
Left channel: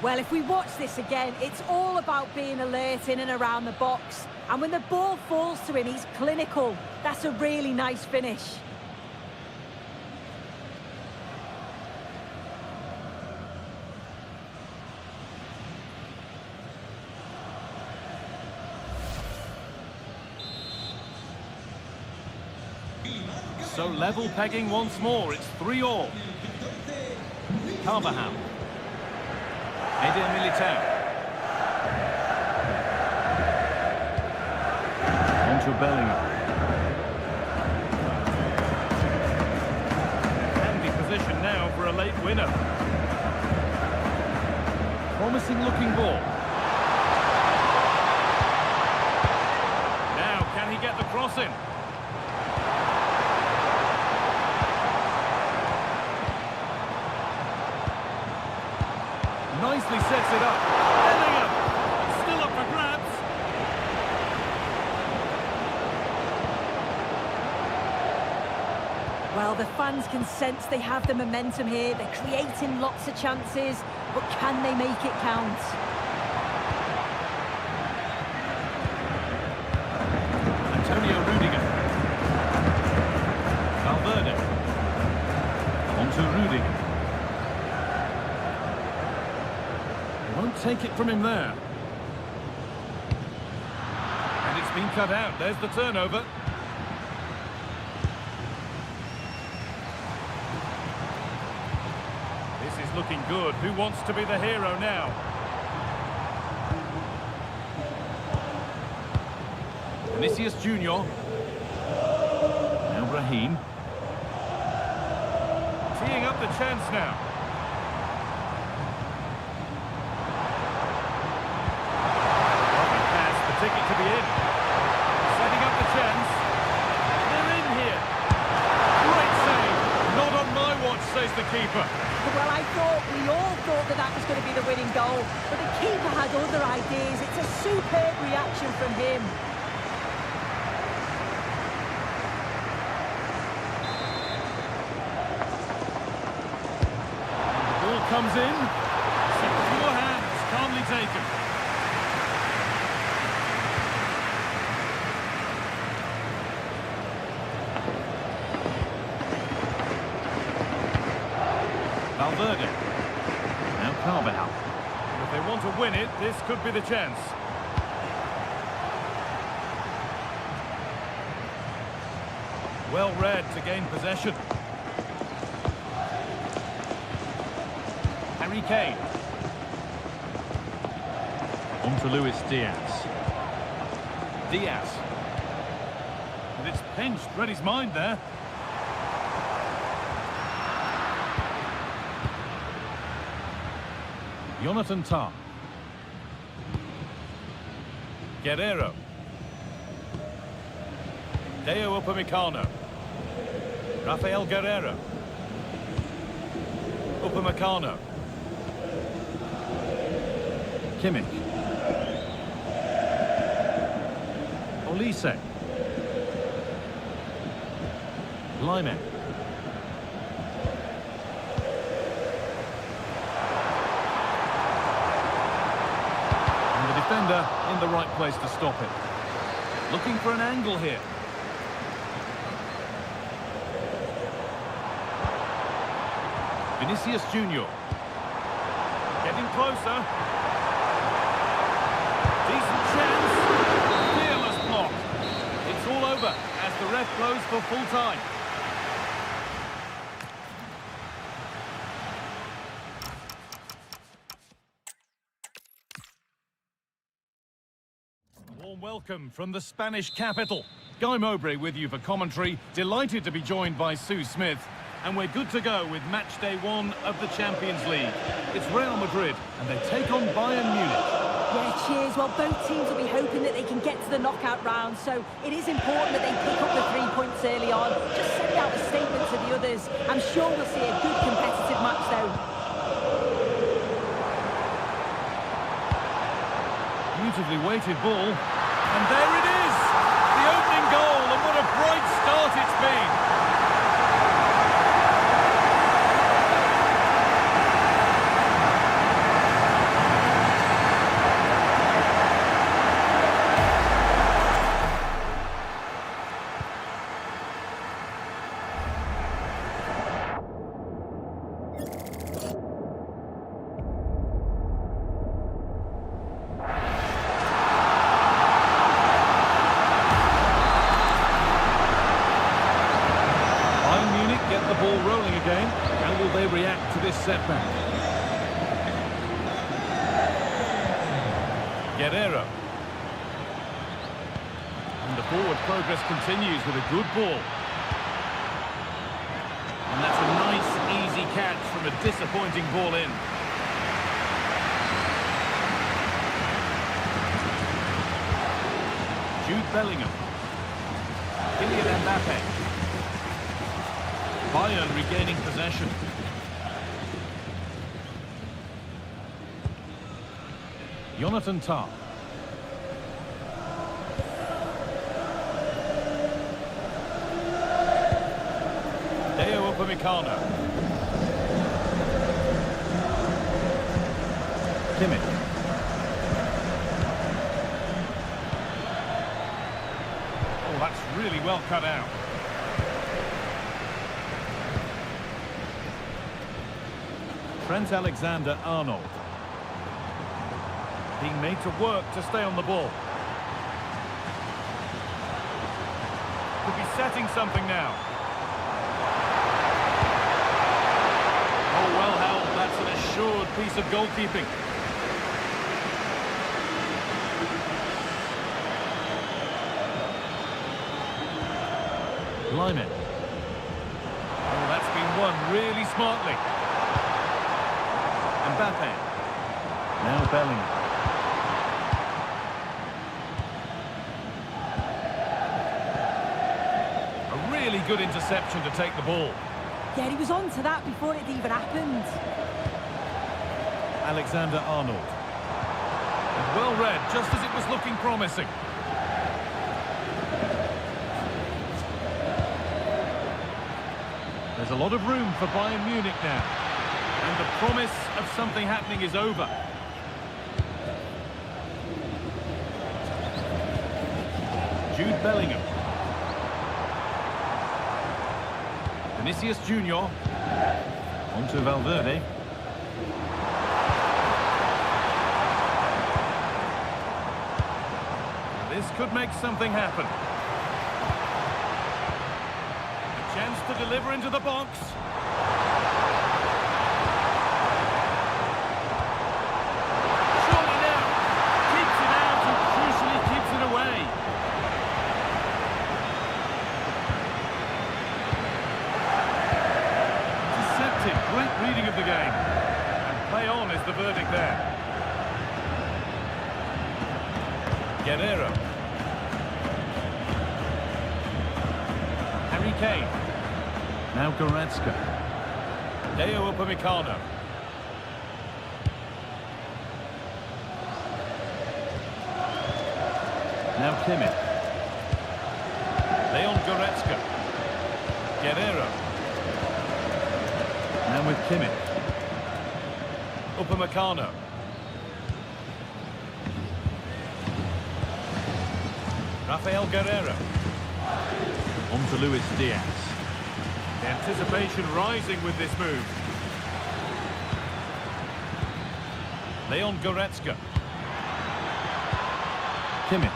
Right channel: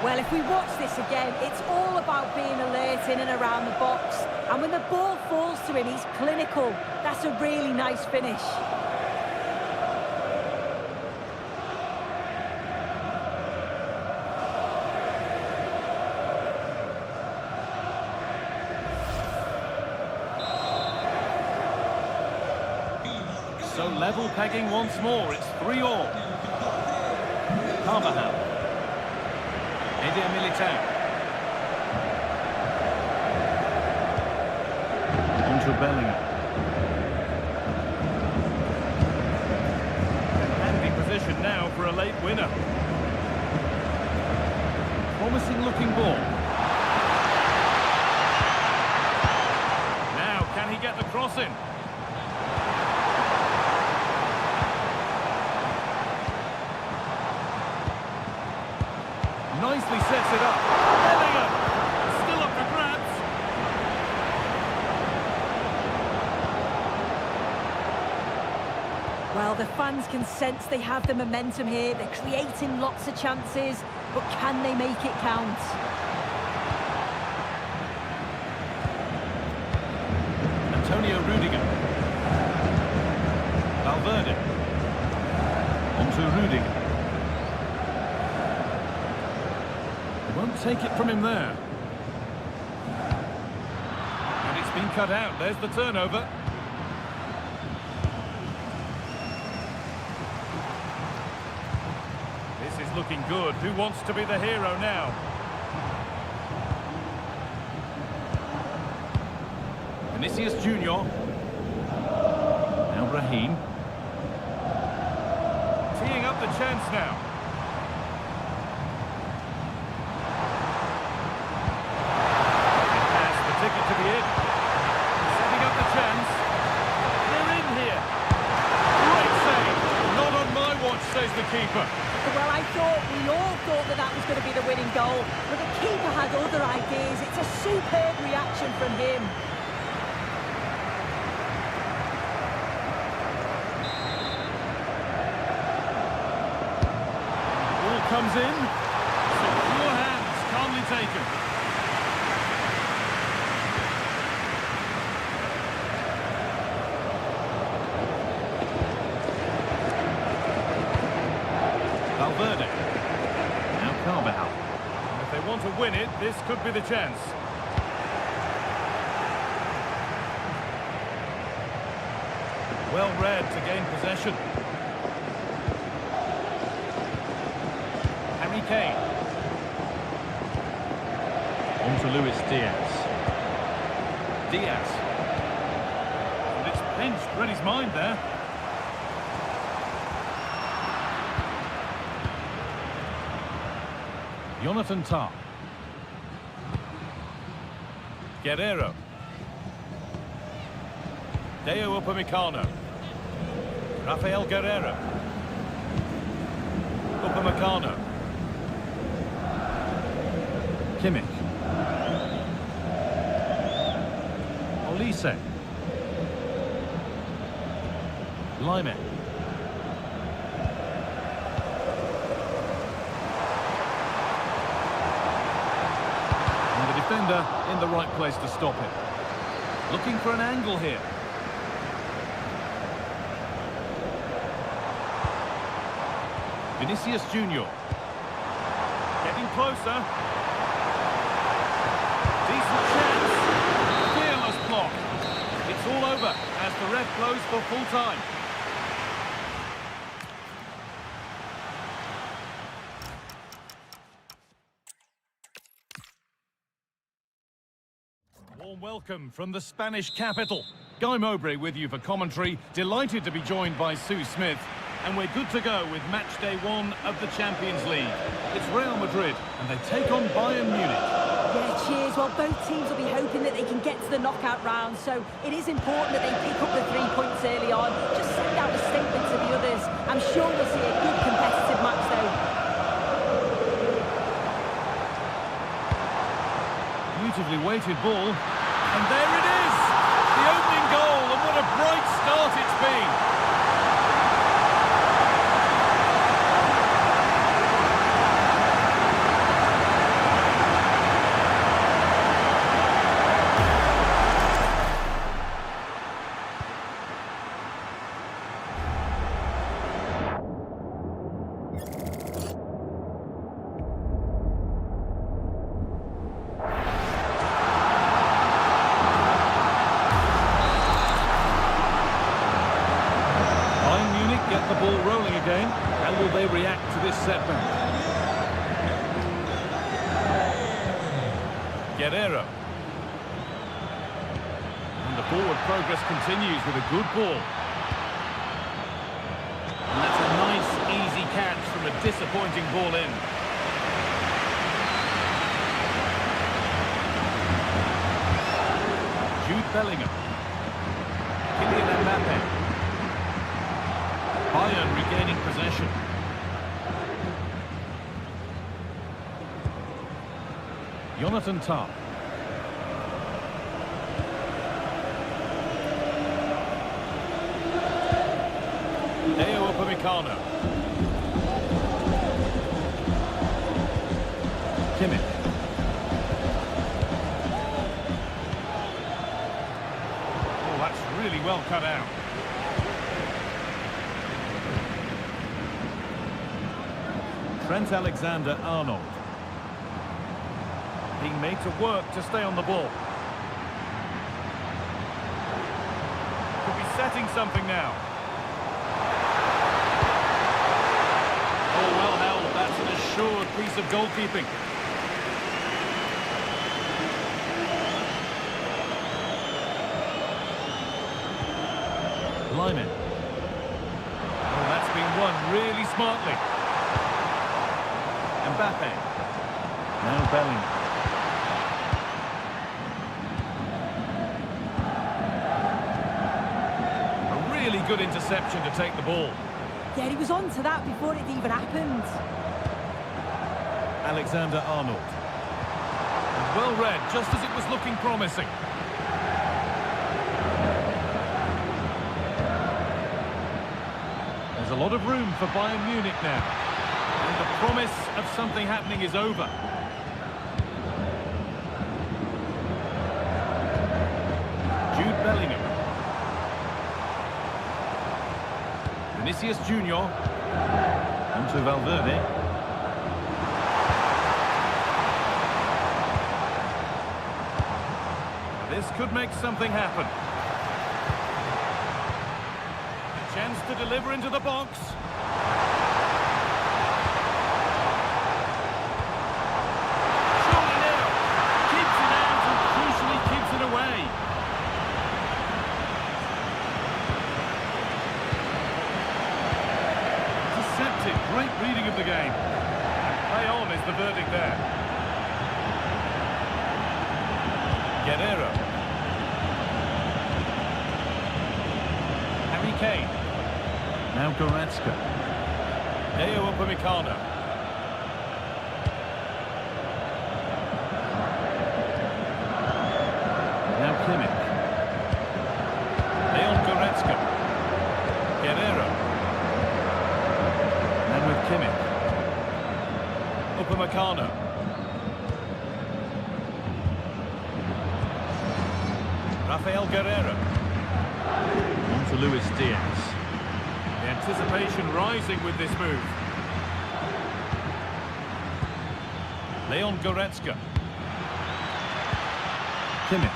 Well, if we watch this again, it's all about being alert in and around the box. And when the ball falls to him, he's clinical. That's a really nice finish. So level pegging once more. It's 3-3. Carvajal. Eder Militao. On to Bellingham. A handy position now for a late winner. Promising looking ball. cross in. Nicely sets it up. Bellingham. Still up for grabs. Well, the fans can sense they have the momentum here. They're creating lots of chances, but can they make it count? Antonio Rudiger. Valverde. On to Rudiger. They won't take it from him there. And it's been cut out. There's the turnover. This is looking good. Who wants to be the hero now? Vinicius Junior. Now Raheem. Teeing up the chance now. Lovely pass, the ticket to be in. Setting up the chance. They're in here. Great save. Not on my watch, says the keeper. Well, we all thought that was going to be the winning goal, but the keeper had other ideas. It's a superb reaction from him. Comes in, secure hands, calmly taken. Valverde, now Carvajal. And if they want to win it, this could be the chance. Well read to gain possession. Harry Kane. On to Luis Diaz. Diaz. And it's pinched, read his mind there. Jonathan Tah. Guerrero. Deo Upamecano. Rafael Guerrero. Upamecano. Kimmich. Olise. Lyman. And the defender in the right place to stop it. Looking for an angle here. Vinicius Junior. Getting closer. Decent chance. Fearless block. It's all over as the ref blows for full time. Warm welcome from the Spanish capital. Guy Mowbray with you for commentary. Delighted to be joined by Sue Smith. And we're good to go with match day 1 of the Champions League. It's Real Madrid and they take on Bayern Munich. Yeah, cheers. Well, both teams will be hoping that they can get to the knockout round, so it is important that they pick up the 3 points early on. Just send out a statement to the others. I'm sure we'll see a good competitive match, though. Beautifully weighted ball. And there it is! The opening goal, and what a bright start it's been! Bayern Munich get the ball rolling again. How will they react to this setback? Guerrero. And the forward progress continues with a good ball. And that's a nice, easy catch from a disappointing ball in. Jude Bellingham. Kylian Mbappe. Bayern regaining possession. Jonathan Tah. Deo Upamecano. Kimmich. Oh, that's really well cut out. Trent Alexander-Arnold. Being made to work to stay on the ball. Could be setting something now. Oh, well held. That's an assured piece of goalkeeping. Lyman. Oh, that's been won really smartly. Mbappe. Now Bellingham. A really good interception to take the ball. Yeah, he was on to that before it even happened. Alexander-Arnold. And well read, just as it was looking promising. There's a lot of room for Bayern Munich now. And the promise of something happening is over. Jude Bellingham. Vinicius Junior. Onto Valverde. Now this could make something happen. A chance to deliver into the box. Surely now. Keeps it out and crucially keeps it away. Intercepted. Great reading of the game. And play on is the verdict there. Guerrero. Harry Kane. Now Goretzka. Deo Upamecano. Now Kimmich. Leon Goretzka. Guerrero. Now with Kimmich. Upamecano. Rafael Guerrero. On to Luis Diaz. The anticipation rising with this move. Leon Goretzka. Kimmich.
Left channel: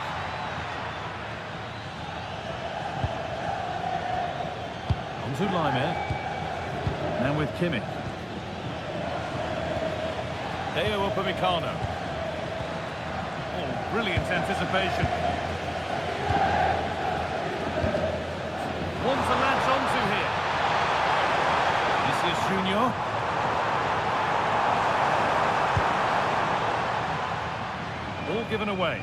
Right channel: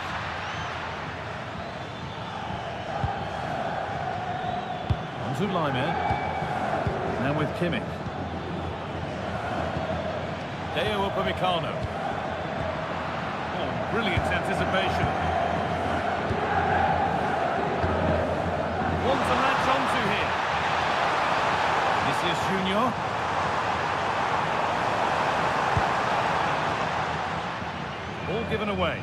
On to Lyman. Now with Kimmich. Deo Upamecano. Oh, brilliant anticipation. One to latch onto here. Vinicius Junior. Ball given away.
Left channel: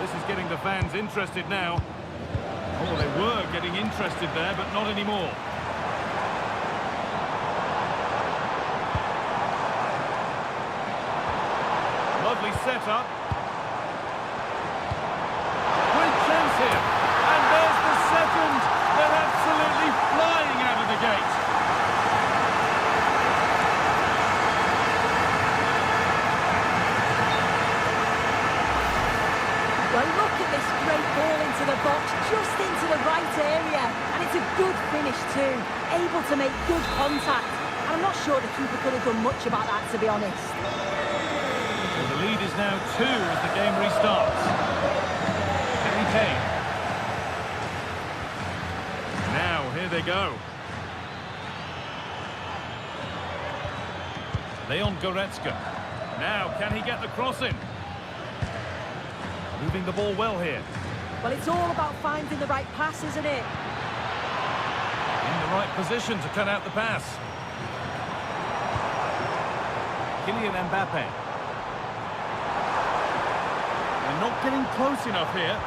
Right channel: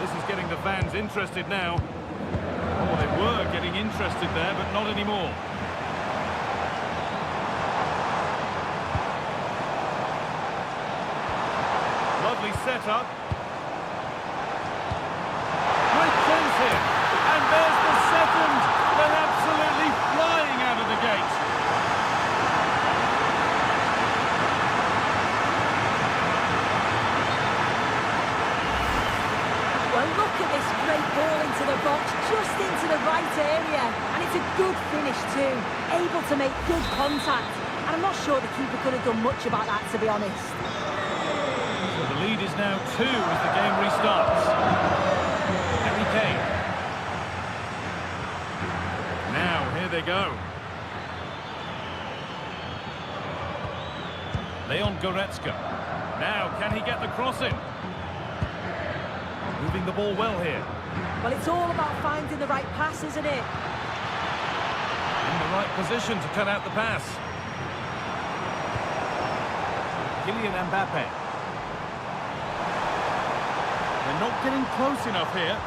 This is getting the fans interested now. Oh, they were getting interested there, but not anymore. Lovely setup. Great chance here. And there's the second. They're absolutely flying out of the gate. Well, look at this great ball into the box, just into the right area. And it's a good finish too. Able to make good contact. And I'm not sure the keeper could have done much about that, to be honest. So the lead is now 2 as the game restarts. Harry Kane. Now, here they go. Leon Goretzka. Now, can he get the cross in? Moving the ball well here. Well, it's all about finding the right pass, isn't it? In the right position to cut out the pass. Kylian Mbappe. They're not getting close enough here.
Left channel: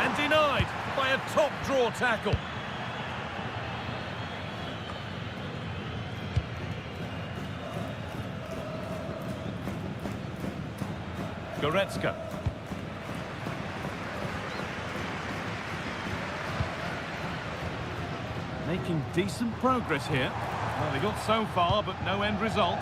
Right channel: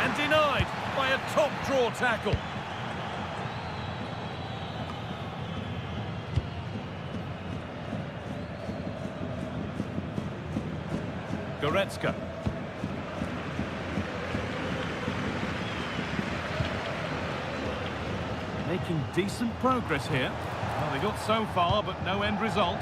And denied by a top draw tackle. Goretzka. Making decent progress here. Well, they got so far, but no end result.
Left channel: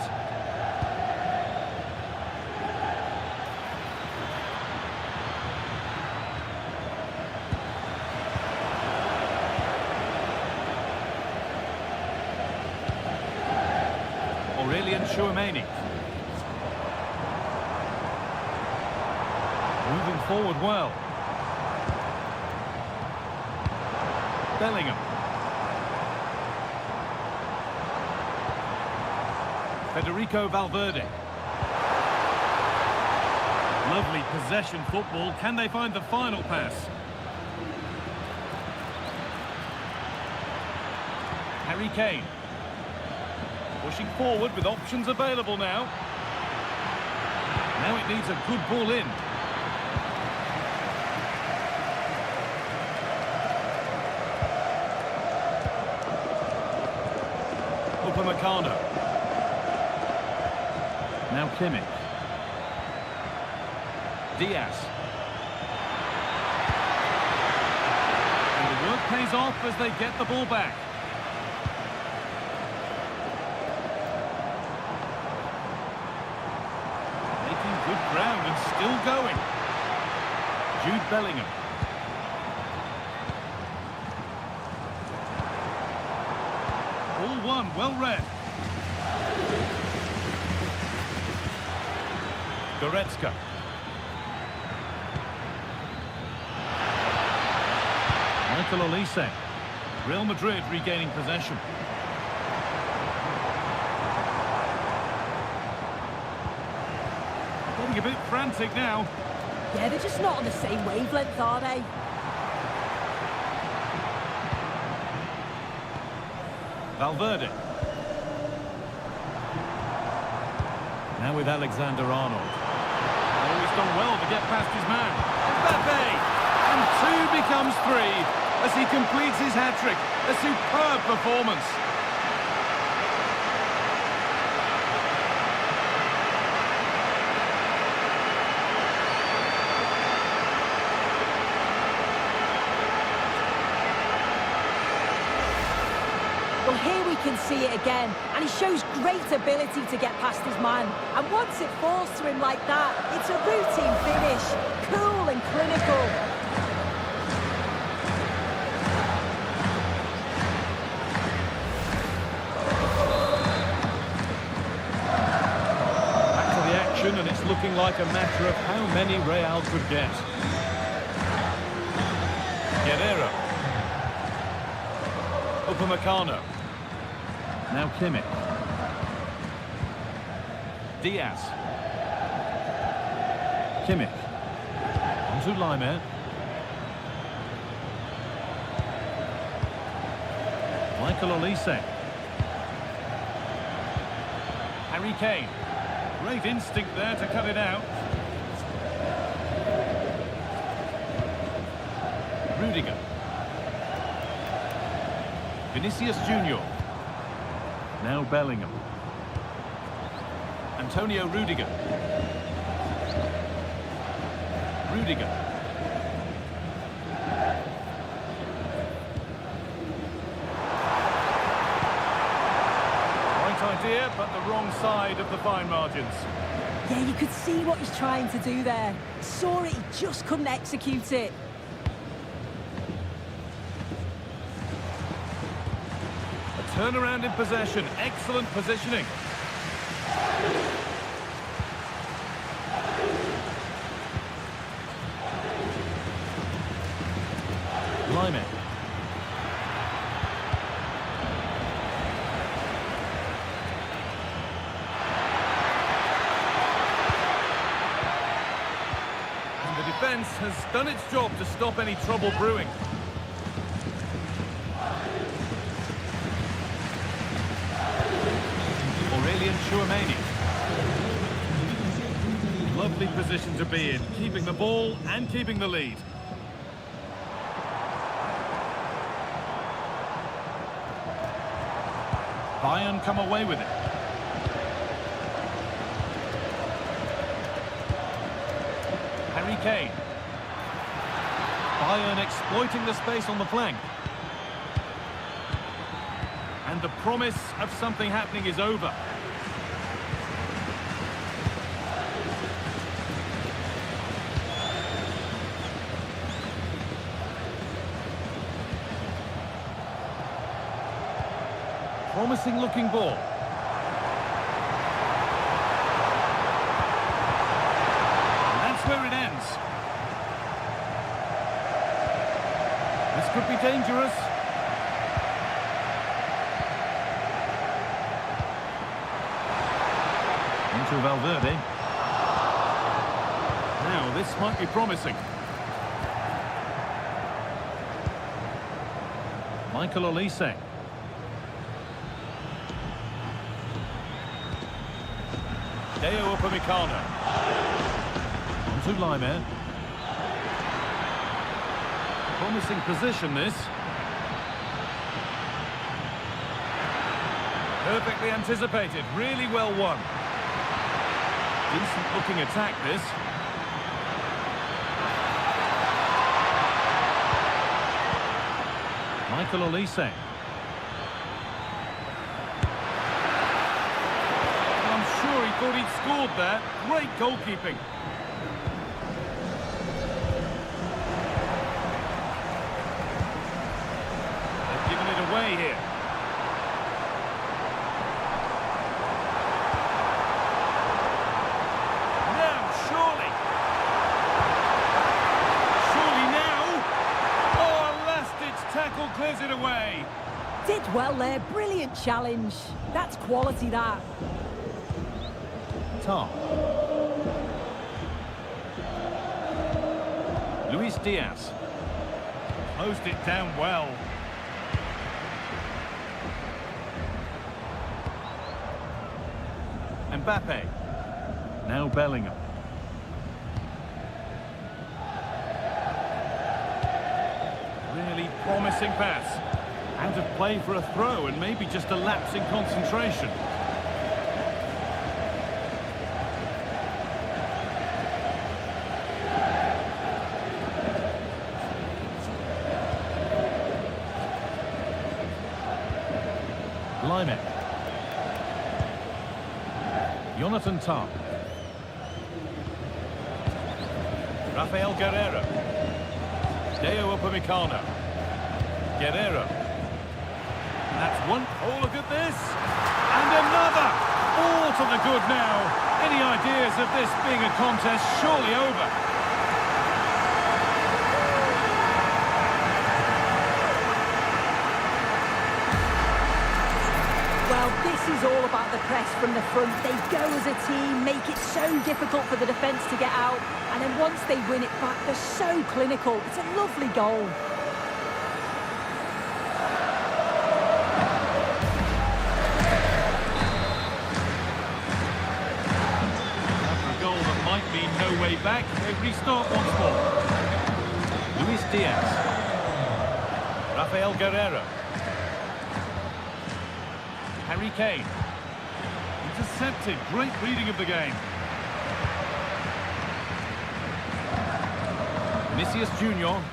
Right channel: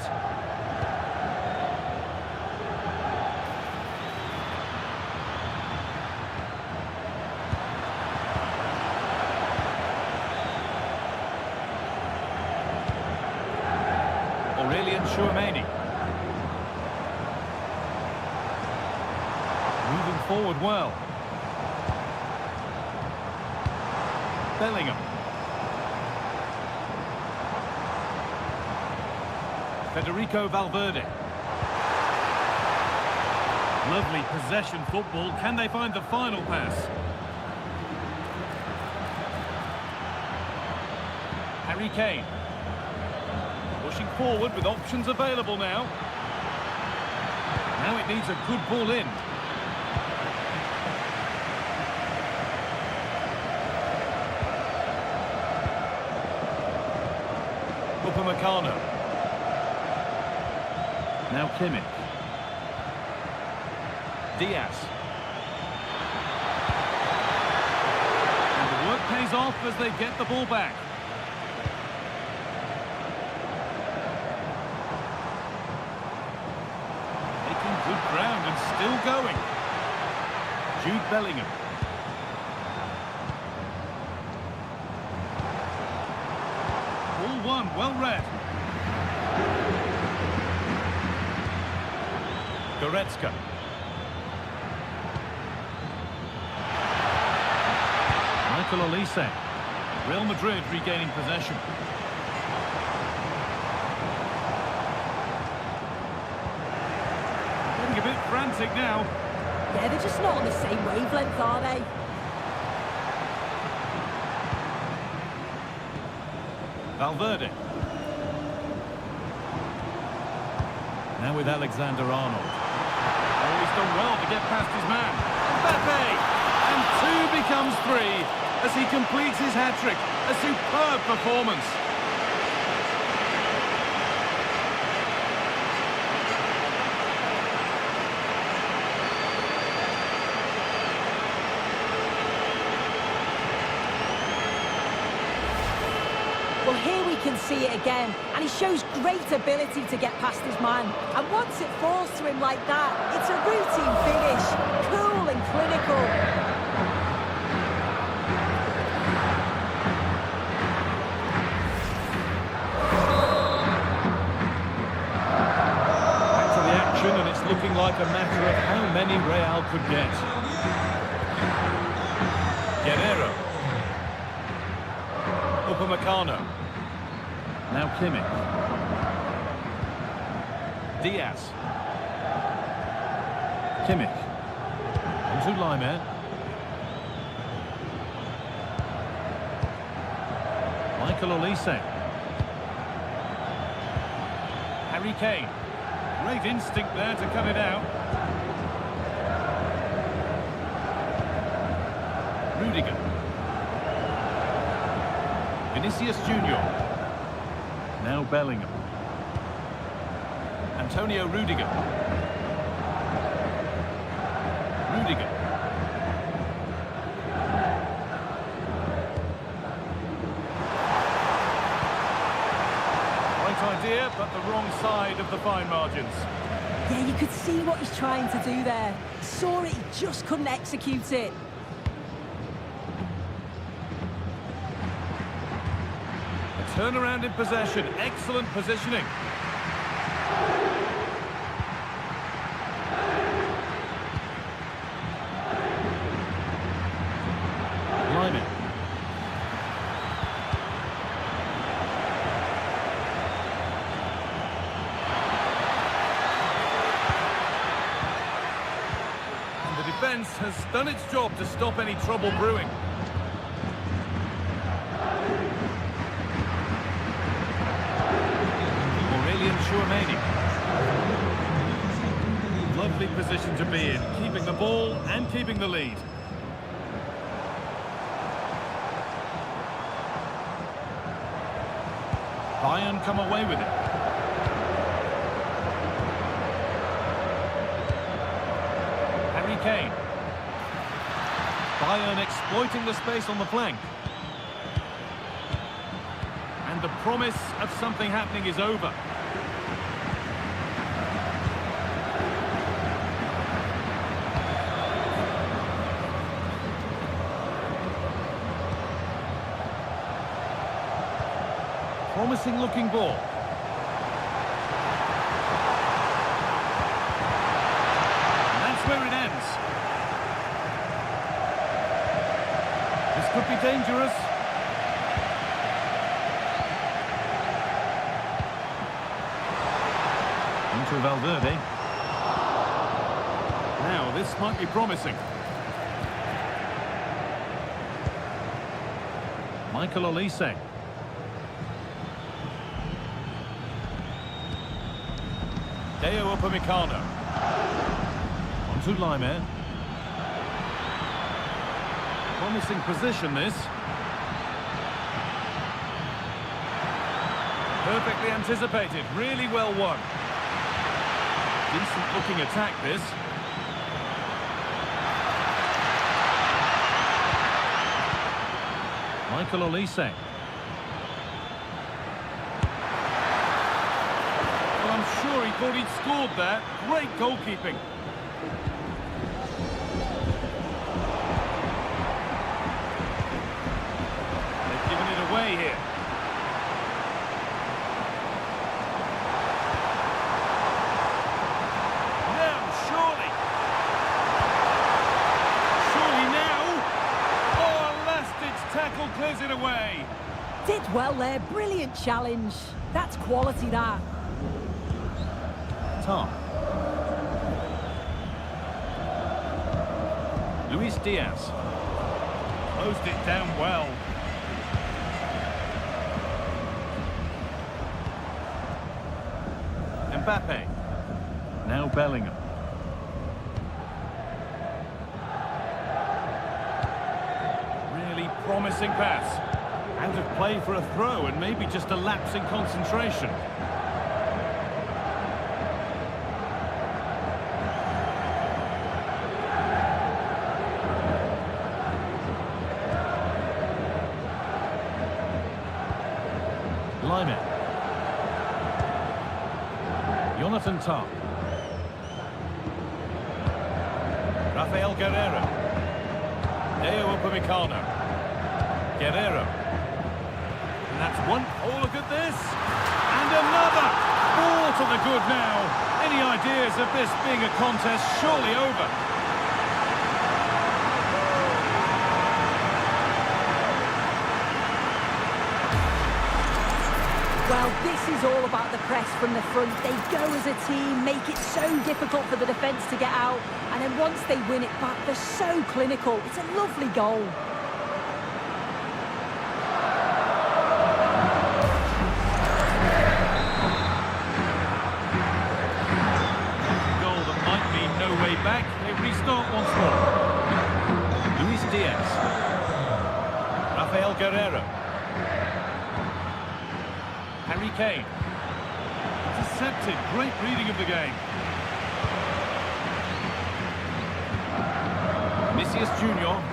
Aurelian Tchouameni. Moving forward well. Bellingham. Federico Valverde. Lovely possession football. Can they find the final pass? Harry Kane. Pushing forward with options available now. Now it needs a good ball in. Upamecano. Now Kimmich. Diaz. And the work pays off as they get the ball back. Making good ground and still going. Jude Bellingham. Ball one, well read. Goretzka. Michael Olise. Real Madrid regaining possession. Getting a bit frantic now. Yeah, they're just not on the same wavelength, are they? Valverde. Now with Alexander-Arnold. Oh, he's done well to get past his man. Mbappe! And 2 becomes 3 as he completes his hat-trick. A superb performance. Well, here we can see it again, and he shows great ability to get past his man. And once it falls to him like that, it's a routine finish, cool and clinical. Back to the action, and it's looking like a matter of how many Real could get. Guerrero. Upamecano. Now Kimmich. Diaz. Kimmich. Onto Laimer. Michael Olise. Harry Kane. Great instinct there to cut it out. Rudiger. Vinicius Junior. Now Bellingham. Antonio Rudiger. Rudiger. Right idea, but the wrong side of the fine margins. Yeah, you could see what he's trying to do there. He saw it, he just couldn't execute it. Turnaround in possession, excellent positioning. Laimer. And the defence has done its job to stop any trouble brewing. Chouameni. Lovely position to be in, keeping the ball and keeping the lead. Bayern come away with it. Harry Kane. Bayern exploiting the space on the flank. And the promise of something happening is over. Promising looking ball. And that's where it ends. This could be dangerous. Into Valverde. Now this might be promising. Michael Olise. Deo Upamecano. Onto Laimer. Promising position this. Perfectly anticipated, really well won. Decent looking attack this. Michael Olise. Well, I'm sure he thought he'd scored there. Great goalkeeping. They've given it away here. Now, surely. Surely now. Oh, a last-ditch tackle clears it away. Did well there, brilliant challenge. That's quality, that. Tom. Luis Diaz. Closed it down well. Mbappe. Now Bellingham. Really promising pass. Out of play for a throw and maybe just a lapse in concentration. Laimer. Jonathan Tah. Rafael Guerreiro. Deo Upamecano. Guerreiro. And that's one. Oh, look at this. And another. All to the good now. Any ideas of this being a contest surely over? Well, this is all about the press from the front. They go as a team, make it so difficult for the defence to get out, and then once they win it back, they're so clinical. It's a lovely goal. After a goal that might mean no way back, they restart once more. Luis Diaz. Rafael Guerreiro. Harry Kane. Intercepted. Great reading of the game. Vinicius Junior.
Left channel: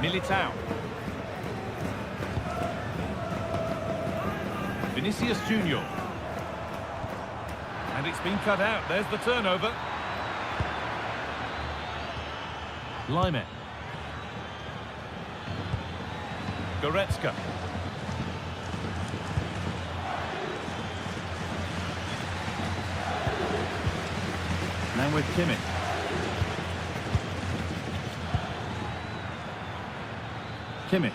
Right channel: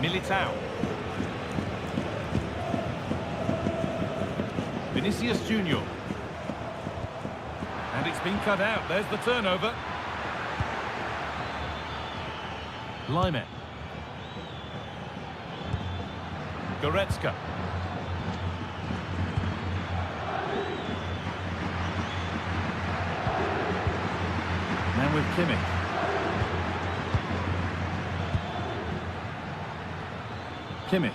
Militao. Vinicius Junior. And it's been cut out. There's the turnover. Laimer. Goretzka. Now with Kimmich. Kimmich.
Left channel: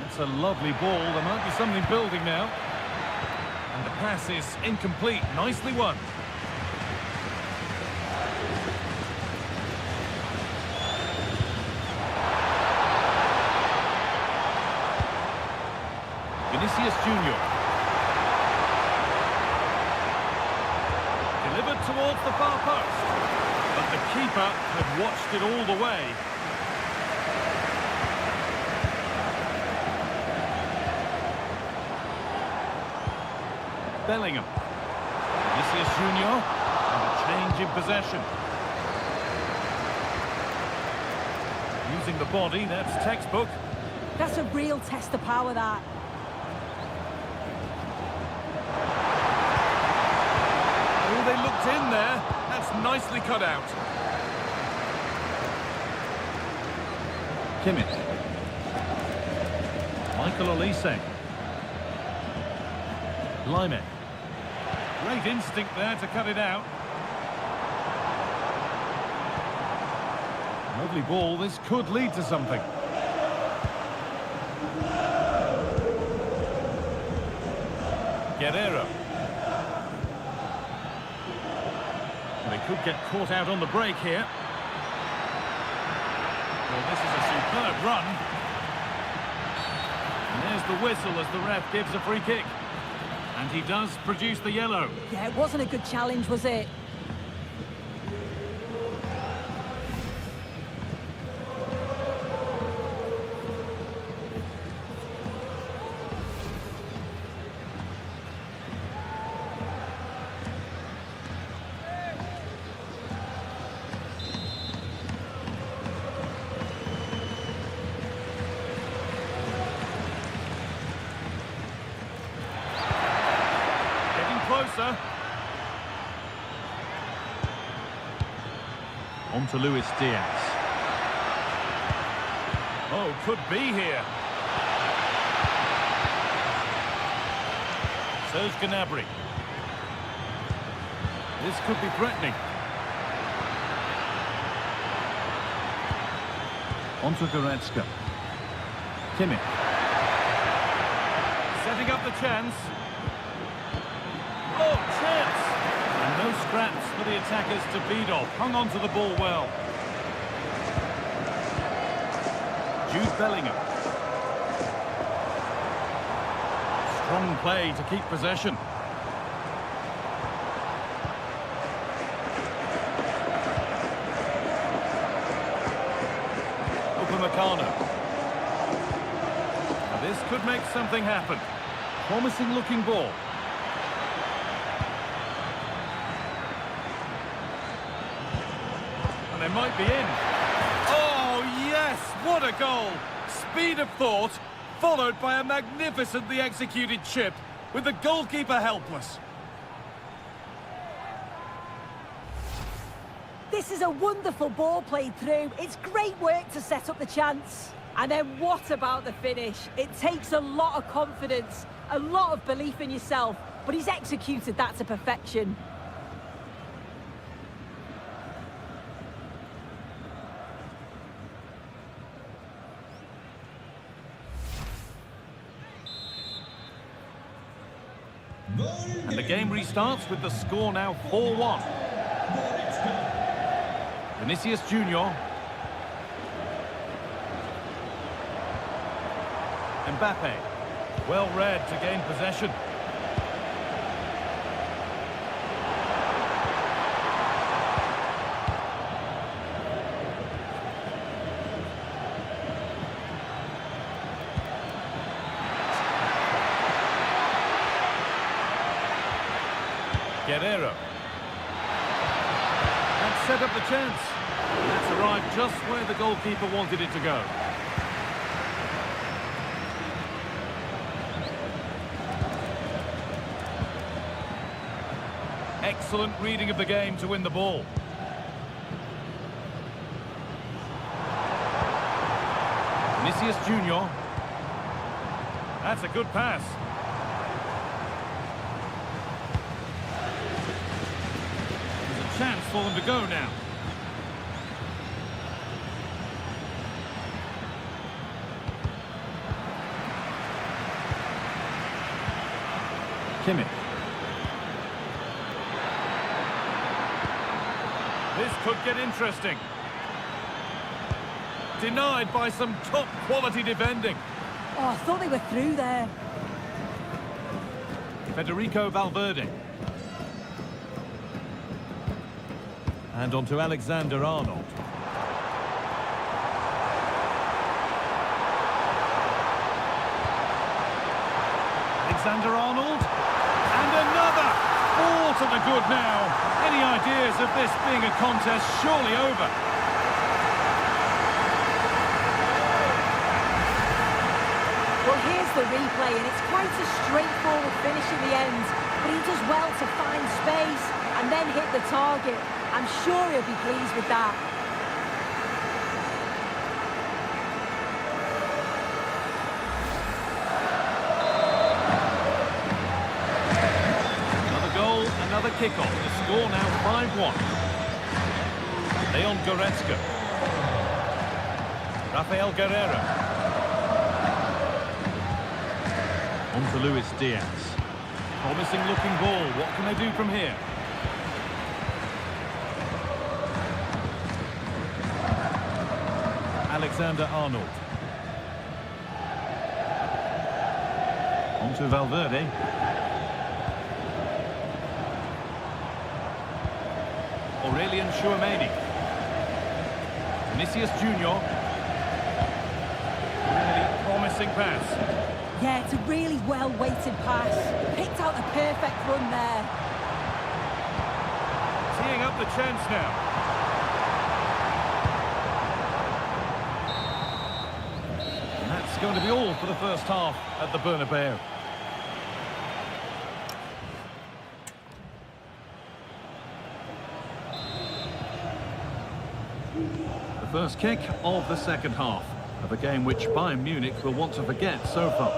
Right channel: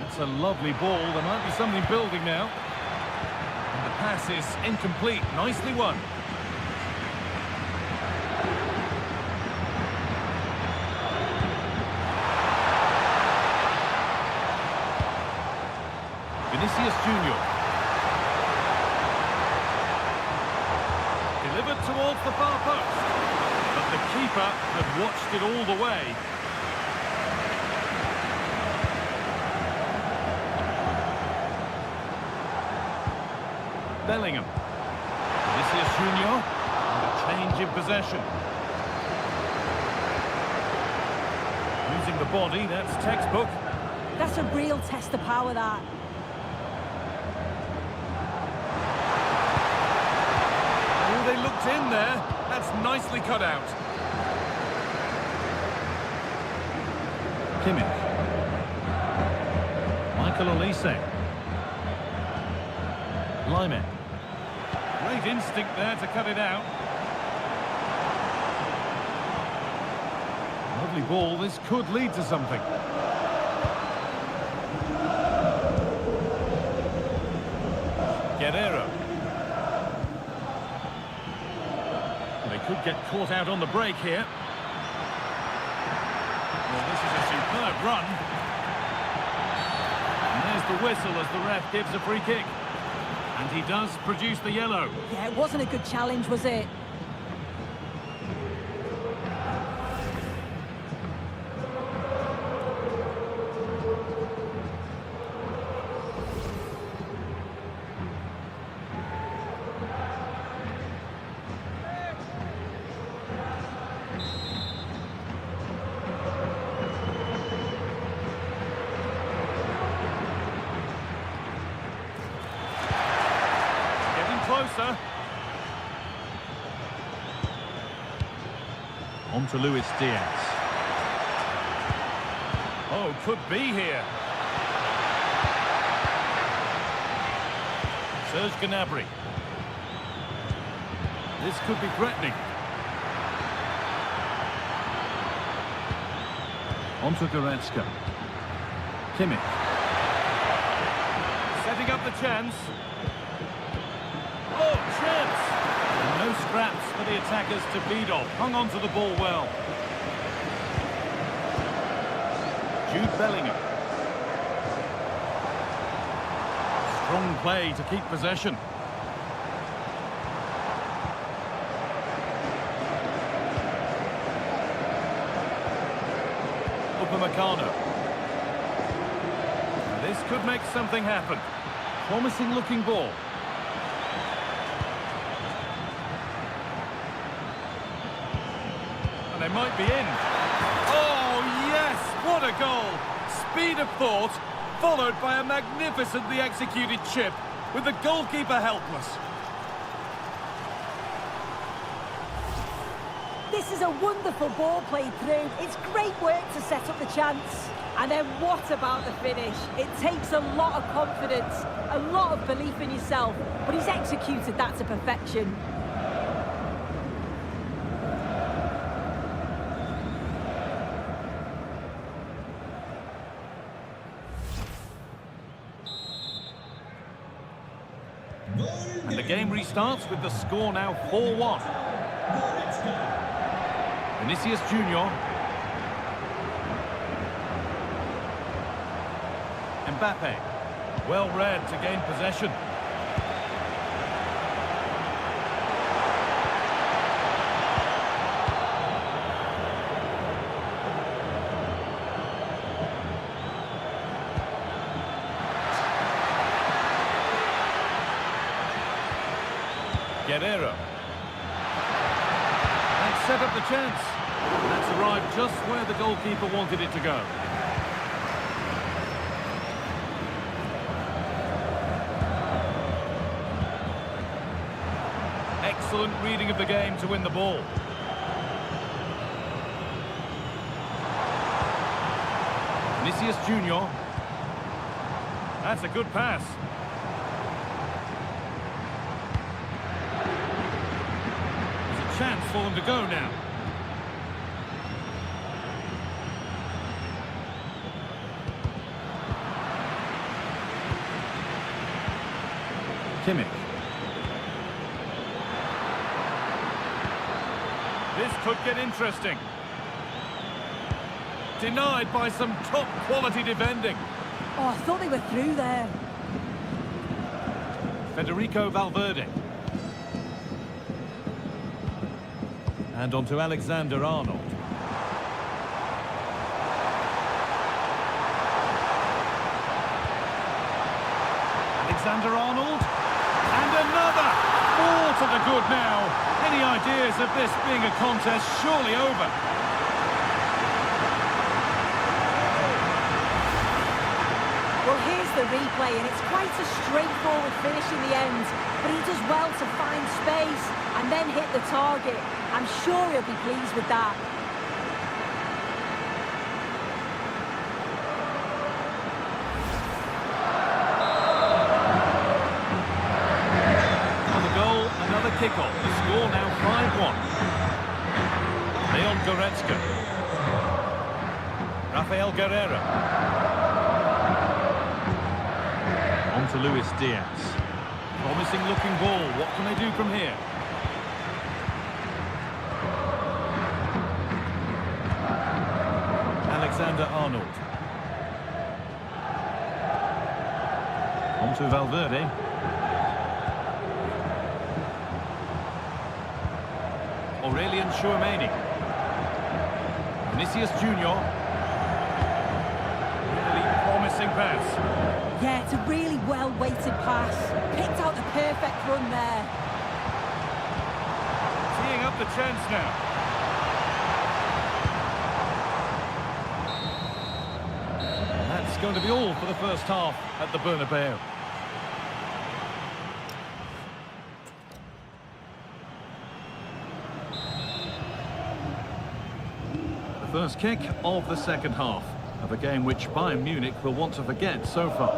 That's a lovely ball. There might be something building now. And the pass is incomplete. Nicely won. Vinicius Junior. delivered towards the far post. But the keeper had watched it all the way. Bellingham. Vinicius Junior. And a change in possession. Using the body, that's textbook. That's a real test of power, that. Oh, they looked in there. That's nicely cut out. Kimmich. Michael Olise. Lyman. Great instinct there to cut it out. Lovely ball. This could lead to something. Guerrero. Well, they could get caught out on the break here. Well, this is a superb run. And there's the whistle as the ref gives a free kick. And he does produce the yellow. Yeah, it wasn't a good challenge, was it? Getting closer. On to Luis Diaz. Oh, could be here. Serge Gnabry. This could be threatening. On to Goretzka. Kimmich. Setting up the chance. Oh, chance! And no scraps for the attackers to beat off. Hung on to the ball well. Jude Bellingham. Strong play to keep possession. Upamecano. Now this could make something happen. Promising looking ball. They might be in. Oh, yes! What a goal! Speed of thought, followed by a magnificently executed chip, with the goalkeeper helpless. This is a wonderful ball played through. It's great work to set up the chance. And then what about the finish? It takes a lot of confidence, a lot of belief in yourself, but he's executed that to perfection. And the game restarts with the score now 4-1. Vinicius Junior. Mbappe. Well read to gain possession. Guerrero. That set up the chance. And that's arrived just where the goalkeeper wanted it to go. Excellent reading of the game to win the ball. Vinicius Junior. That's a good pass. Chance for them to go now. Kimmich. This could get interesting. Denied by some top quality defending. Oh, I thought they were through there. Federico Valverde. And on to Alexander-Arnold. Alexander-Arnold. And another! 4 to the good now. Any ideas of this being a contest surely over? Well, here's the replay, and it's quite a straightforward finish in the end. But he does well to find space and then hit the target. I'm sure he'll be pleased with that. Another goal, another kickoff. The score now 5-1. Leon Goretzka. Rafael Guerreiro. On to Luis Diaz. Promising looking ball. What can they do from here? Alexander-Arnold. On to Valverde. Aurelian Tchouameni. Vinicius Junior. Really promising pass. Yeah, it's a really well-weighted pass. Picked out the perfect run there. Teeing up the chance now. And that's going to be all for the first half at the Bernabeu. The first kick of the second half of a game which Bayern Munich will want to forget so far.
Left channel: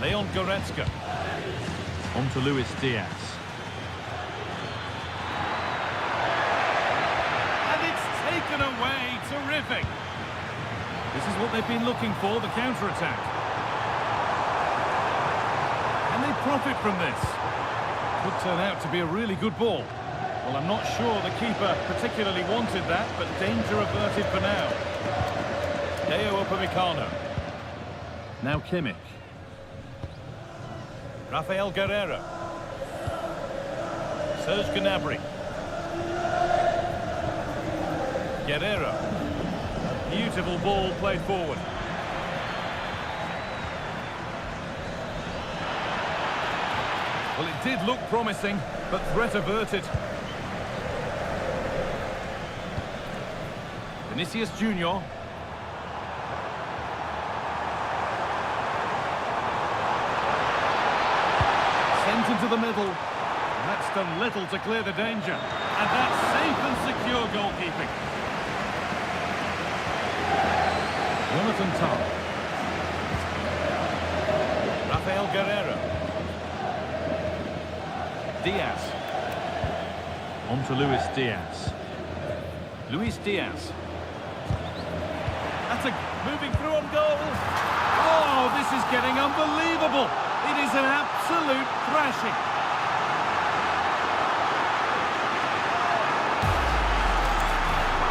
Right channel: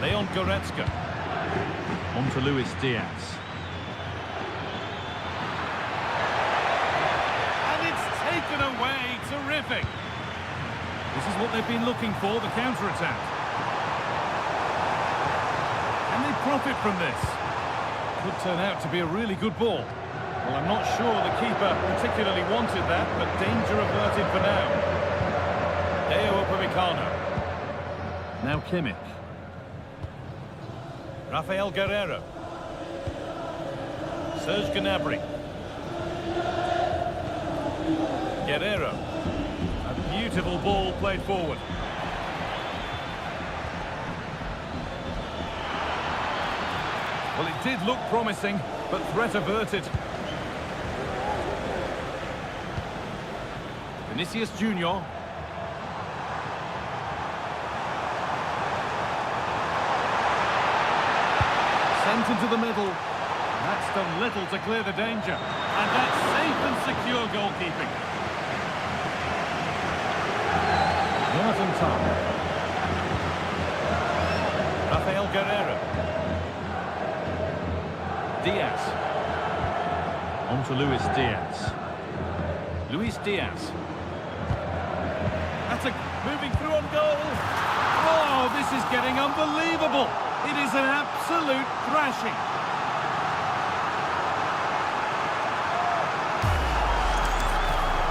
Leon Goretzka. On to Luis Diaz. And it's taken away. Terrific. This is what they've been looking for, the counter-attack. Can they profit from this? Could turn out to be a really good ball. Well, I'm not sure the keeper particularly wanted that, but danger averted for now. Deo Upamecano. Now Kimmich. Rafael Guerreiro. Serge Gnabry. Guerreiro. A beautiful ball played forward. Well, it did look promising, but threat averted. Vinicius Junior. Sent into the middle. And that's done little to clear the danger. And that's safe and secure goalkeeping. Jonathan Tah. Rafael Guerreiro. Diaz. On to Luis Diaz. Luis Diaz. That's a moving through on goal. Oh, this is getting unbelievable. It is an absolute thrashing.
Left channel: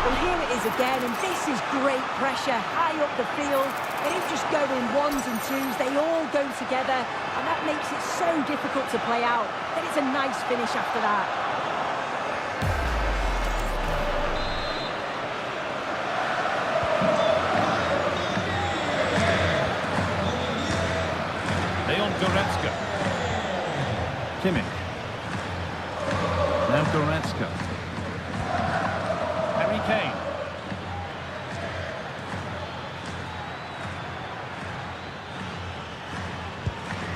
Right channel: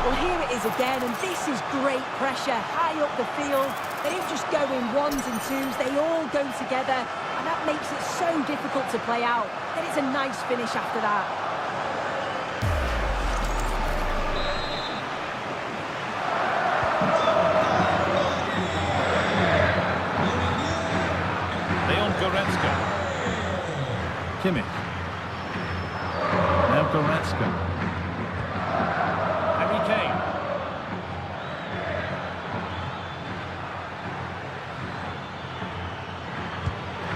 Well, here it is again, and this is great pressure, high up the field. They don't just go in ones and twos, they all go together, and that makes it so difficult to play out. Then it's a nice finish after that. Leon Goretzka. Kimmich. Now Goretzka. Harry Kane.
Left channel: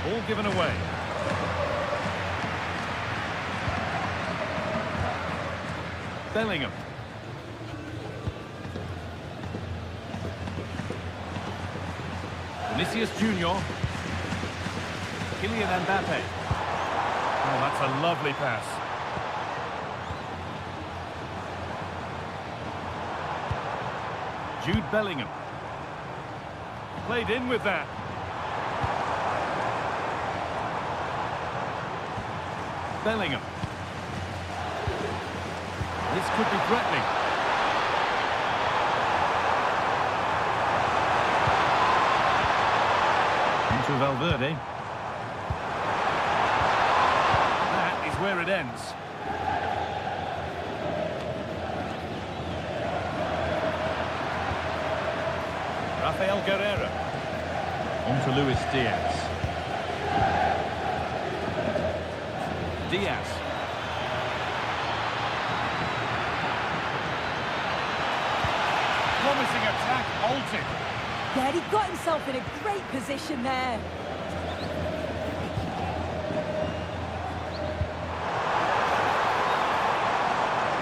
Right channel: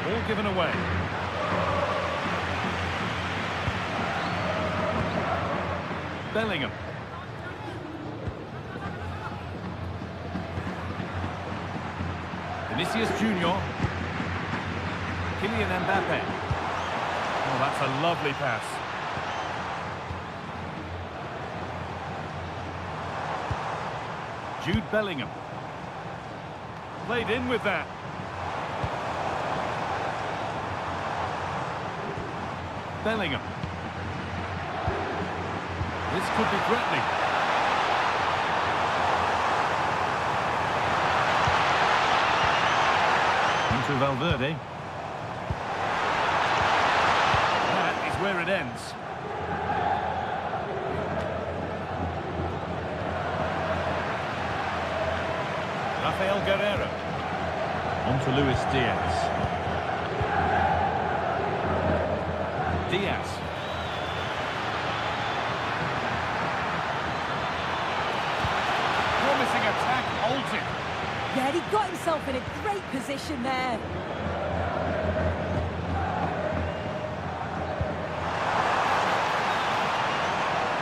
Ball given away. Bellingham. Vinicius Junior. Kylian Mbappe. Oh, that's a lovely pass. Jude Bellingham. Played in with that. Bellingham. This could be threatening. Into Valverde. That is where it ends. Rafael Guerreiro. On to Luis Diaz. Diaz. Promising attack halted. Yeah, he got himself in a great position there.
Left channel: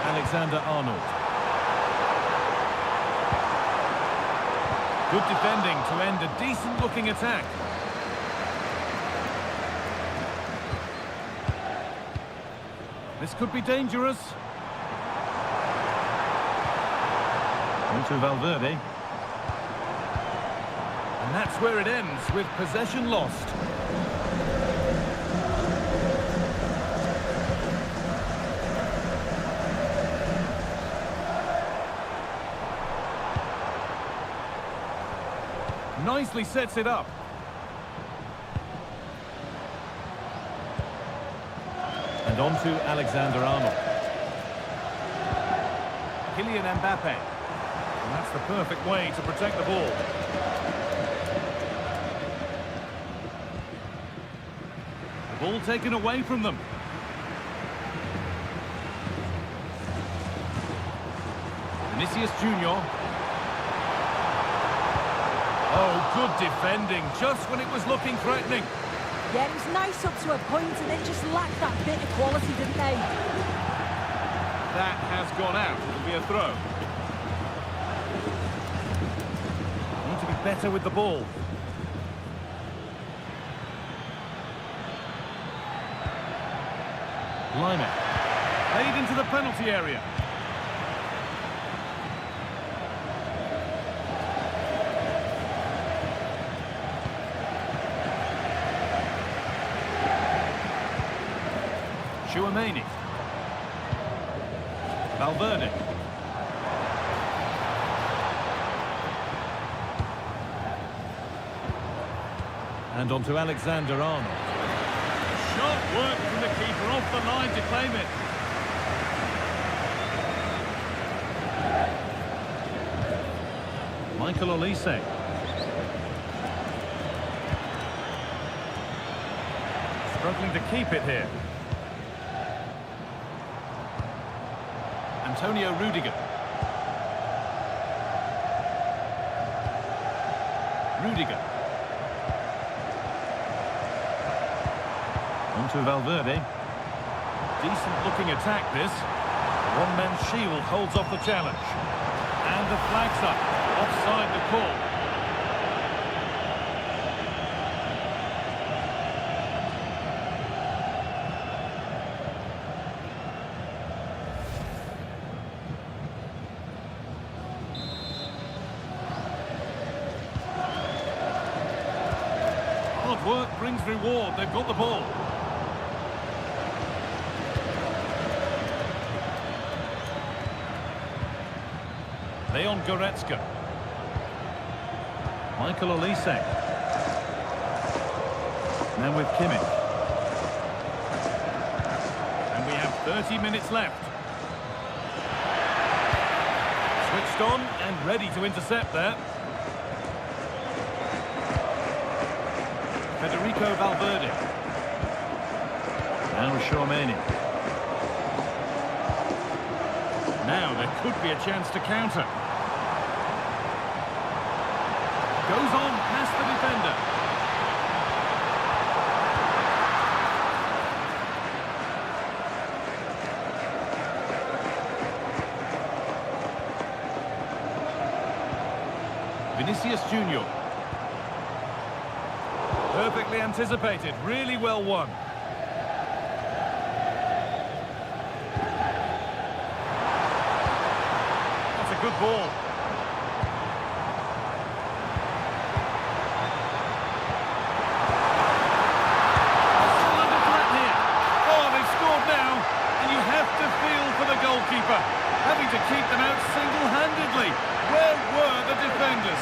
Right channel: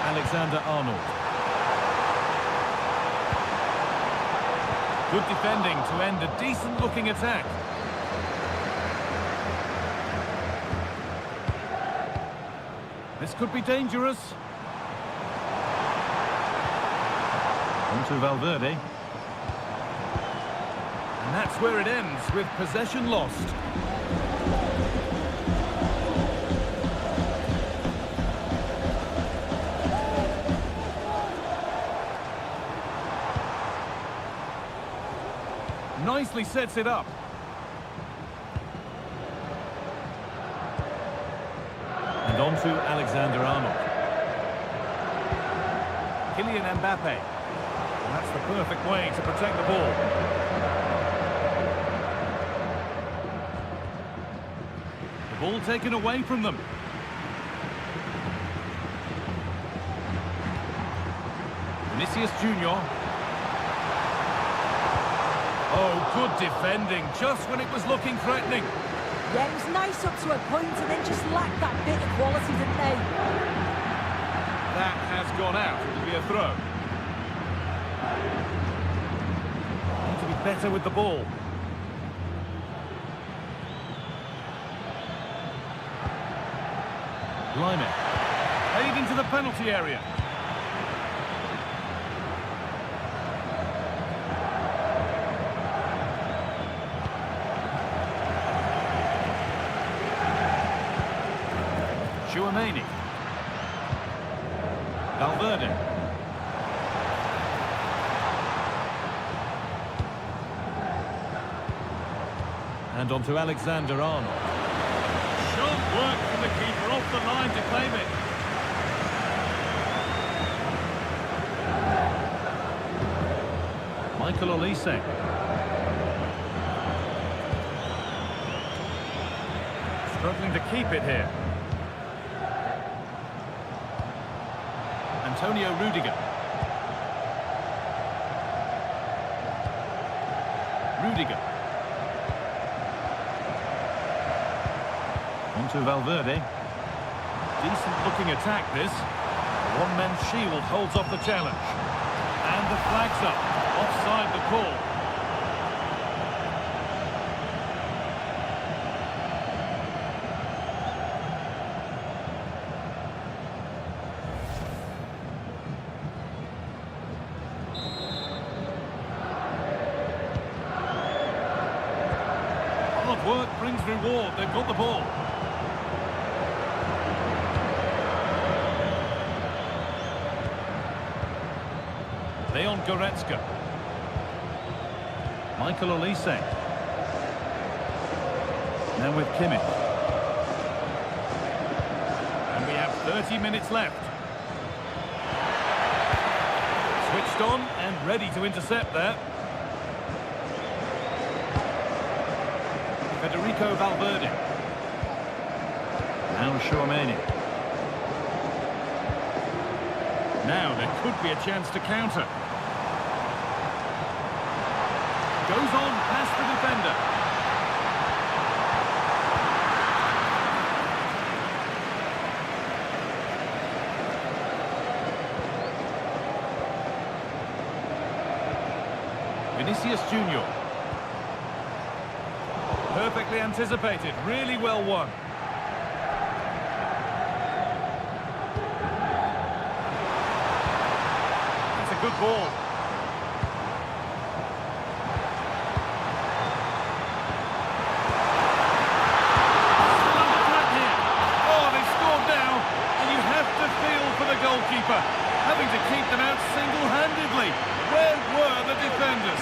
Alexander-Arnold. Good defending to end a decent-looking attack. This could be dangerous. On to Valverde. And that's where it ends, with possession lost. Nicely sets it up. And on to Alexander-Arnold. Kylian Mbappe. And that's the perfect way to protect the ball. The ball taken away from them. Vinicius Junior. Oh, good defending, just when it was looking threatening. Yeah, it was nice up to a point and then just lacked that bit of quality, didn't they? That has gone out. It'll be a throw. Need to be better with the ball. Blimey. Played into the penalty area. Chouameni. Valverde. And on to Alexander-Arnold. Sharp work from the keeper off the line to claim it. Michael Olise. Struggling to keep it here. Antonio Rudiger. Rudiger. On to Valverde. Decent looking attack this. The one-man shield holds off the challenge. And the flag's up. Offside the call. Hard work brings reward. They've got the ball. Leon Goretzka. Michael Olise. Now with Kimmich. And we have 30 minutes left. Switched on and ready to intercept there. Federico Valverde. Now Chouameni. Now there could be a chance to counter. Goes on past the defender. Vinicius Junior. Perfectly anticipated, really well won. That's a good ball. Still under threat here. Oh, they've scored goalkeeper, having to keep them out single-handedly. Where were the defenders?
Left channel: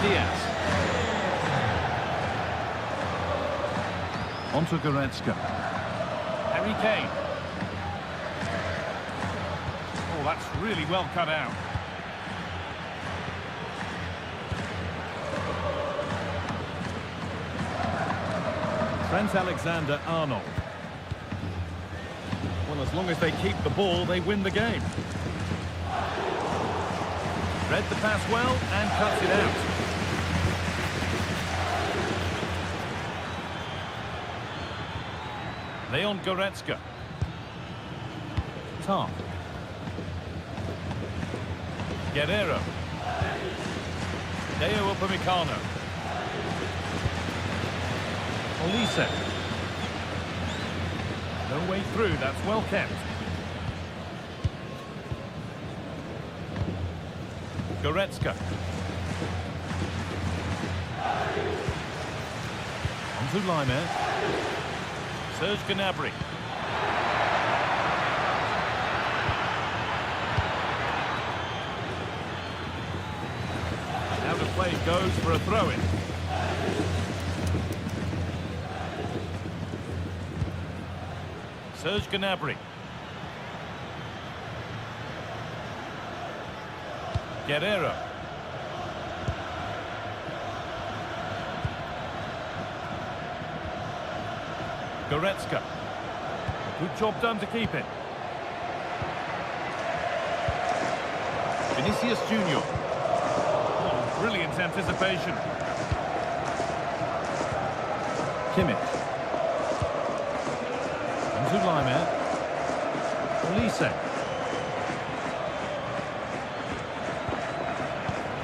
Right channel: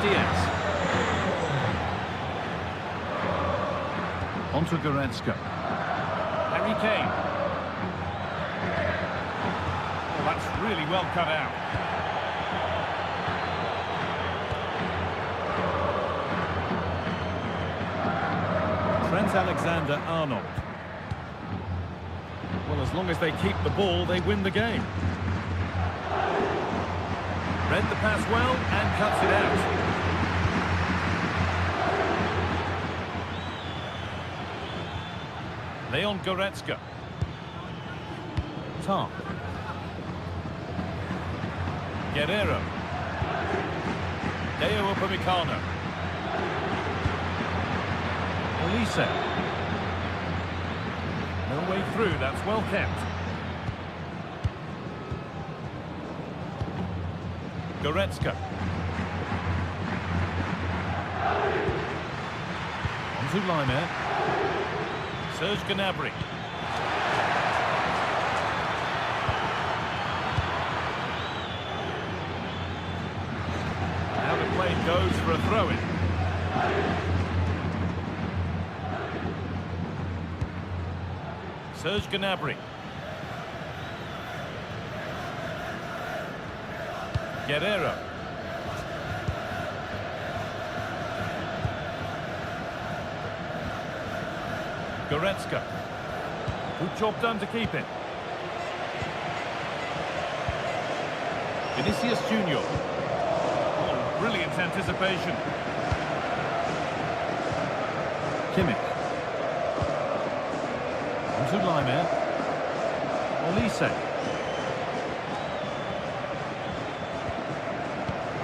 Diaz. Onto Goretzka. Harry Kane. Oh, that's really well cut out. Trent Alexander-Arnold. Well, as long as they keep the ball, they win the game. Read the pass well and cuts it out. Leon Goretzka. Tom. Guerrero. Deo Upamecano. Olise. No way through, that's well kept. Goretzka. On to Laimer. Serge Gnabry. Out of play goes for a throw-in. Serge Gnabry. Guerrero. Goretzka. Good job done to keep it. Vinicius Junior. Oh, brilliant anticipation. Kimmich. On to Laimer. Olise.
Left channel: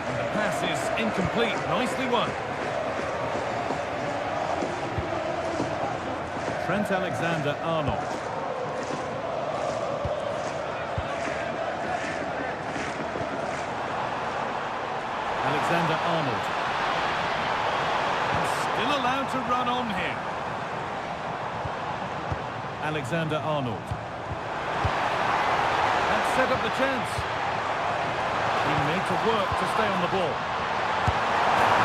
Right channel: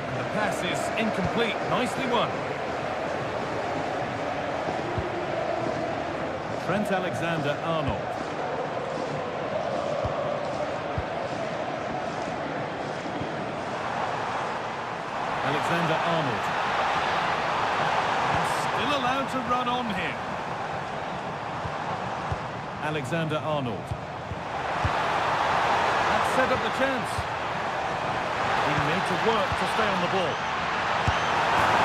And the pass is incomplete. Nicely won. Trent Alexander-Arnold. Alexander-Arnold. And still allowed to run on here. Alexander-Arnold. That set up the chance. Being made to work to stay on the ball.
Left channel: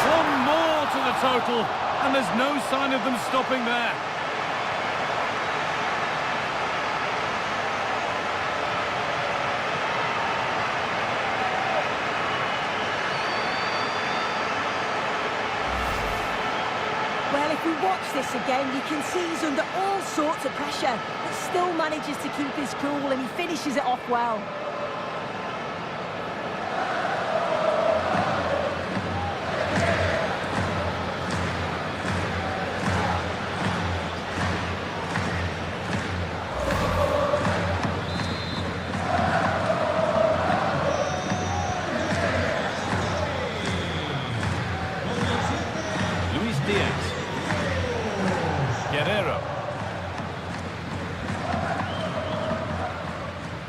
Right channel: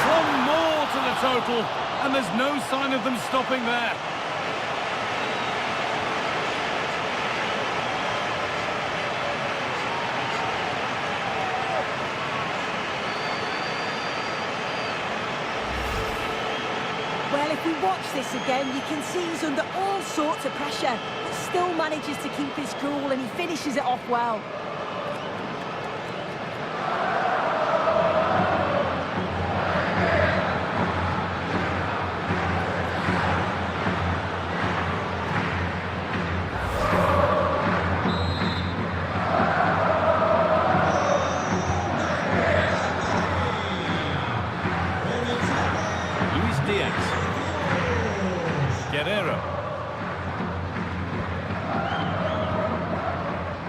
One more to the total, and there's no sign of them stopping there. Well, if we watch this again, you can see he's under all sorts of pressure, but still manages to keep his cool, and he finishes it off well. Diaz. Guerrero.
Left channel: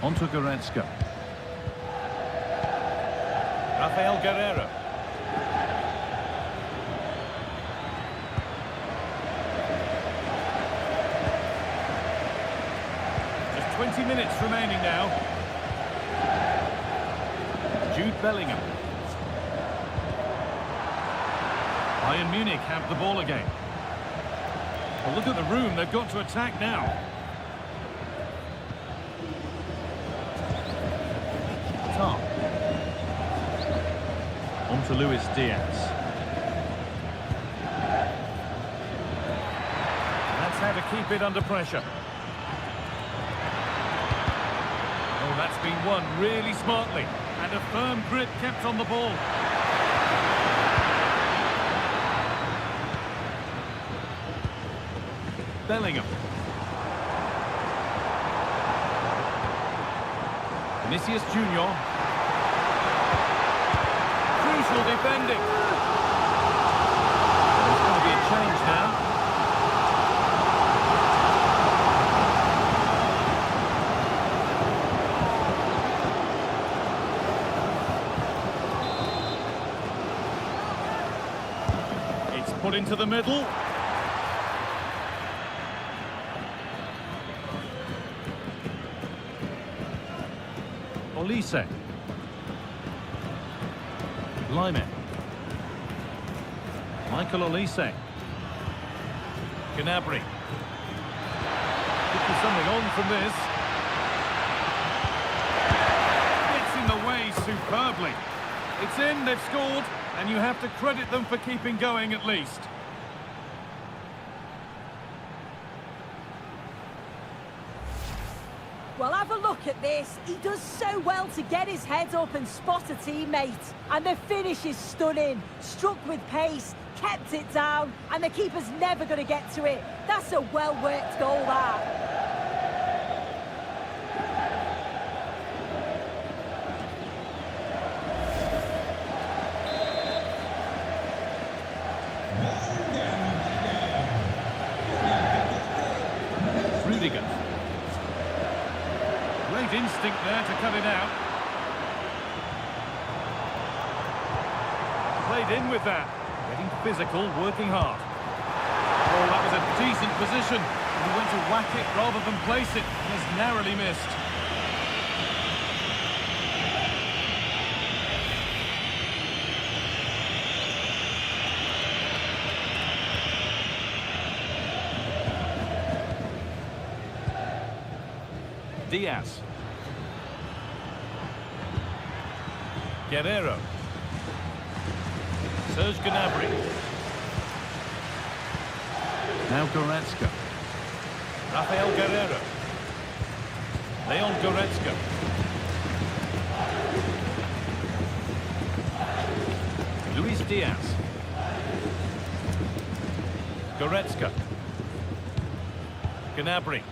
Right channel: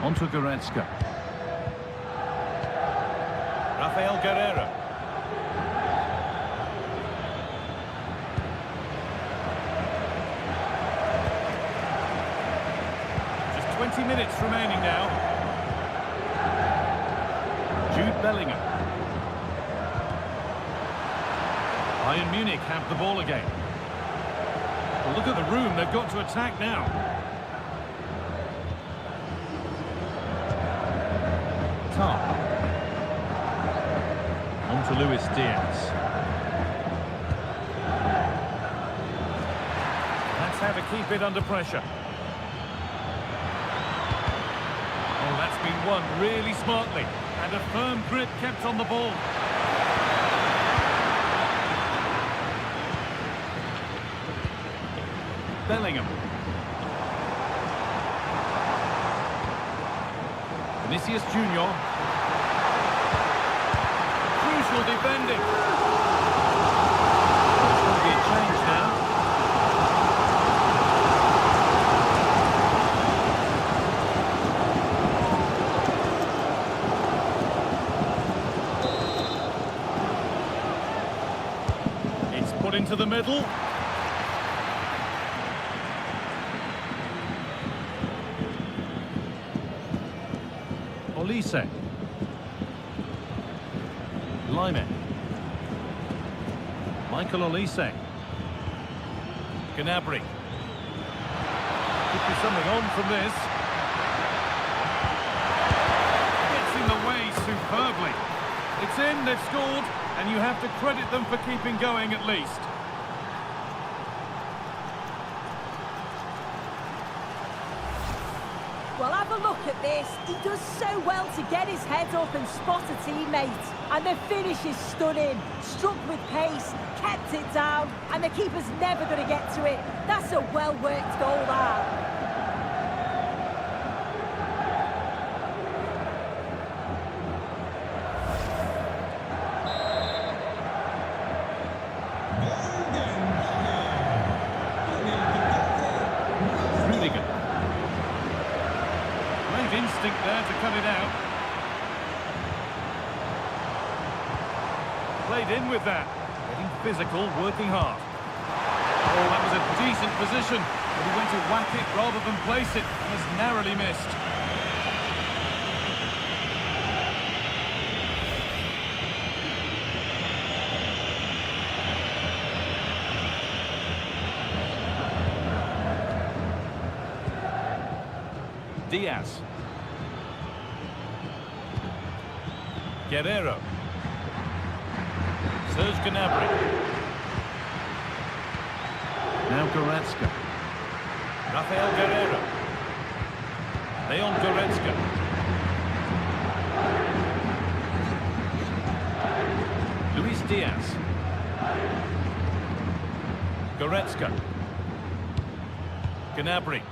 Onto Goretzka. Rafael Guerrero. Just 20 minutes remaining now. Jude Bellingham. Bayern Munich have the ball again. Well, look at the room they've got to attack now. Tom. On to Luis Diaz. That's how to keep it under pressure. Oh, that's been won really smartly. And a firm grip kept on the ball. Bellingham. Vinicius Junior. Crucial defending. Put into the middle. Olise. Lyman. Michael Olise. Gnabry. Could be something on from this. Gets in the way superbly. It's in, they've scored, and you have to credit them for keeping going at least. Well, have a look at this. He does so well to get his head up and spot a teammate. And the finish is stunning. Struck with pace, kept it down, and the keeper's never going to get to it. That's a well-worked goal, that. Rudiger. Great instinct there to cut it out. Played in with that. Getting physical, working hard. Oh, that was a decent position. But he went to whack it rather than place it and has narrowly missed. Diaz. Guerrero. Serge Gnabry. Now Goretzka. Rafael Guerrero. Leon Goretzka. Luis Diaz. Goretzka. Gnabry.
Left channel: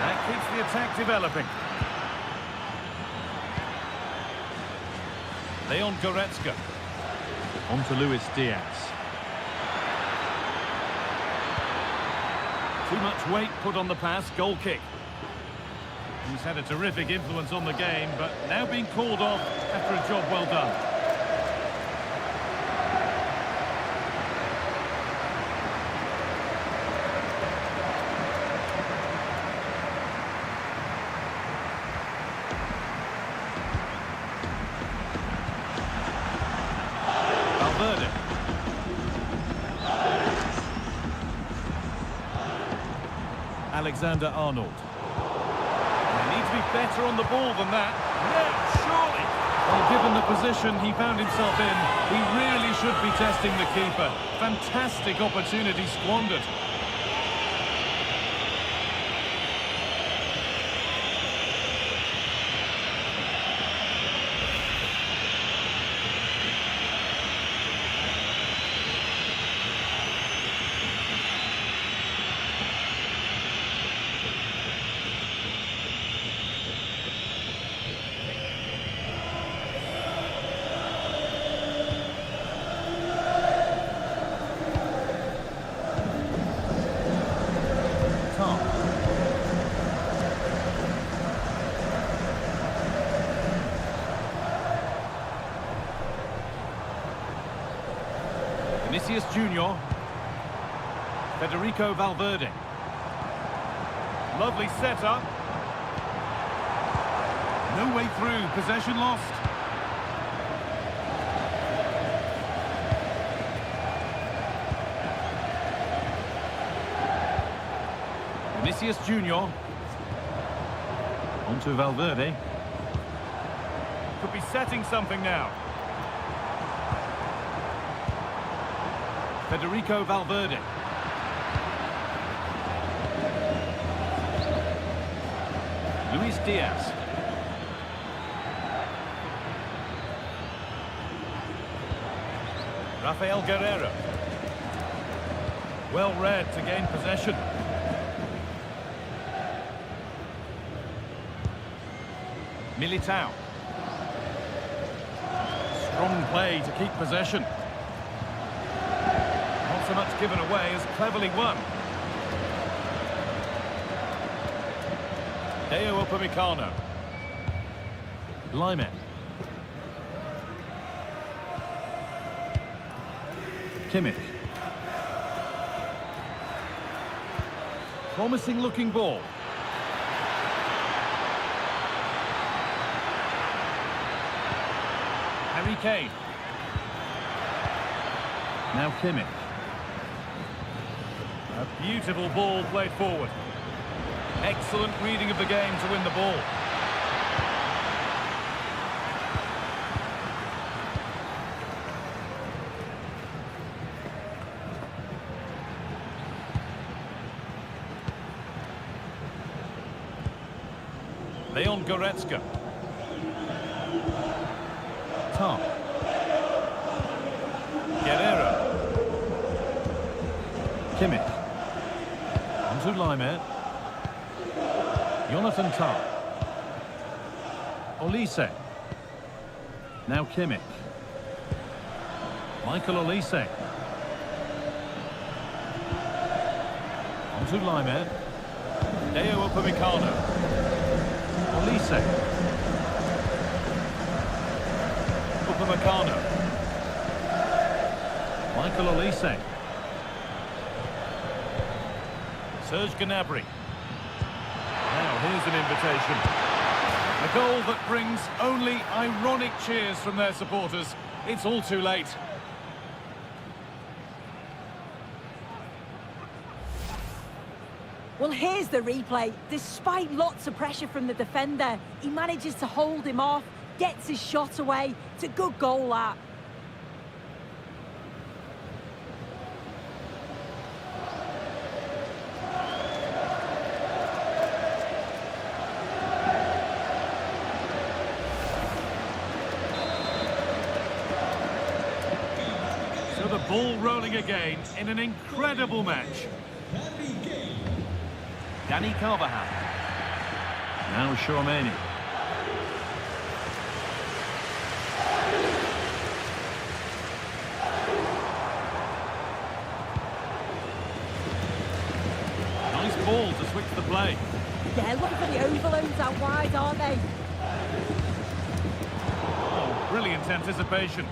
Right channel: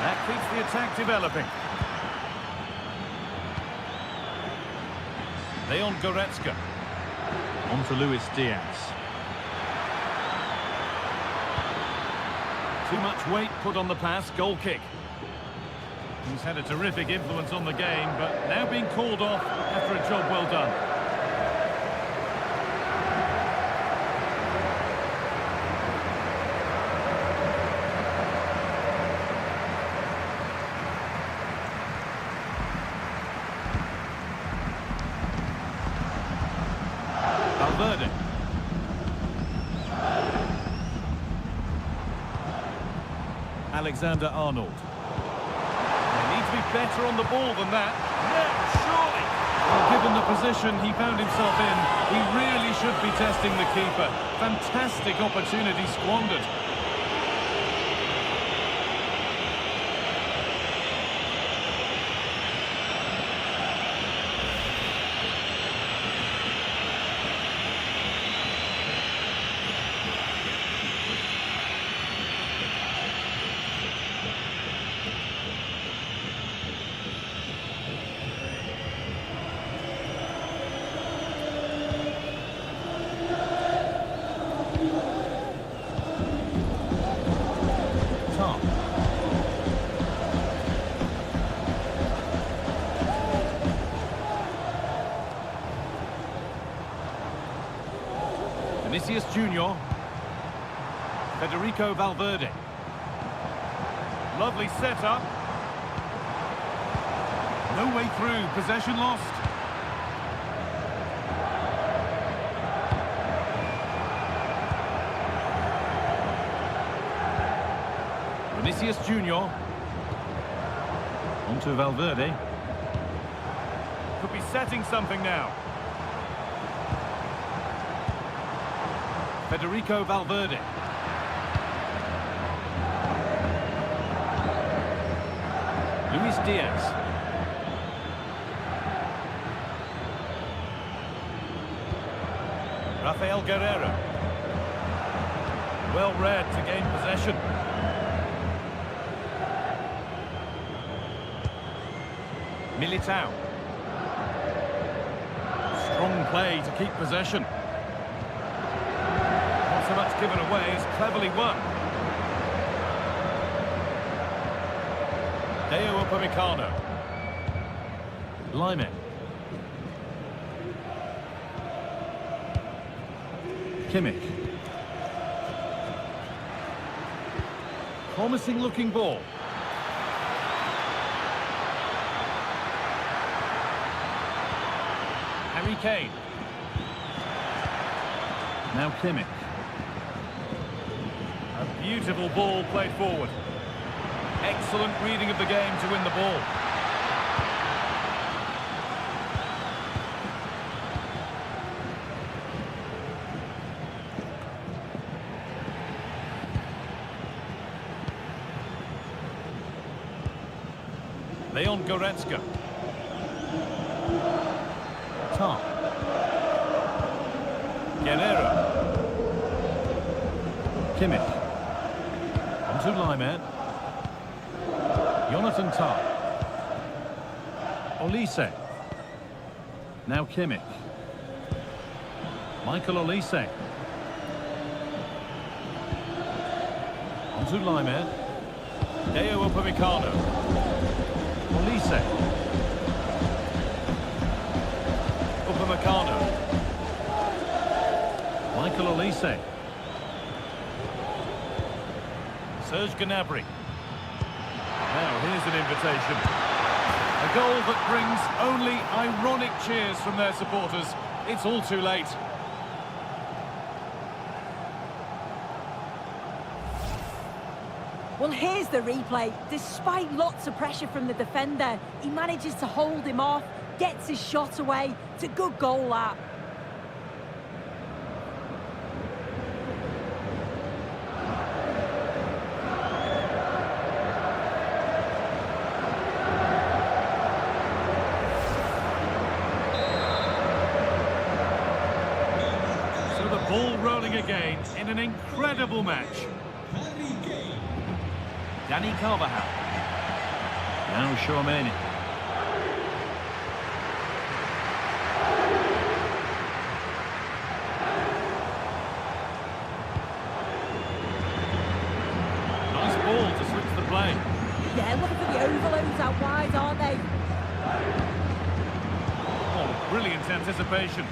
That keeps the attack developing. Leon Goretzka. On to Luis Diaz. Too much weight put on the pass, goal kick. He's had a terrific influence on the game, but now being called off after a job well done. Valverde. Alexander-Arnold. They need to be better on the ball than that. Now, surely. Well, given the position he found himself in, he really should be testing the keeper. Fantastic opportunity squandered. Vinicius Junior. Federico Valverde. Lovely setup. No way through, possession lost. Vinicius Junior. On to Valverde. Could be setting something now. Federico Valverde. Luis Diaz. Rafael Guerrero. Well read to gain possession. Militao. Strong play to keep possession. Not so much given away as cleverly won. Deo Upamecano. Lyman. Kimmich. Promising looking ball. Harry Kane. Now Kimmich. A beautiful ball played forward. Excellent reading of the game to win the ball. Leon Goretzka. Tom. Guerrero. Kimmich. Onto Laimer. Jonathan Tah. Olise. Now Kimmich. Michael Olise. Onto Laimer. Deo Upamecano. Olise. Upamecano. Michael Olise. Serge Gnabry. Now here's an invitation. A goal that brings only ironic cheers from their supporters. It's all too late. Well, here's the replay. Despite lots of pressure from the defender, he manages to hold him off, gets his shot away. It's a good goal, that. So the ball rolling again in an incredible match. Danny Carvajal. Now Tchouaméni. Nice ball to switch the play. Yeah, looking for the overloads out wide, aren't they? Oh, brilliant anticipation.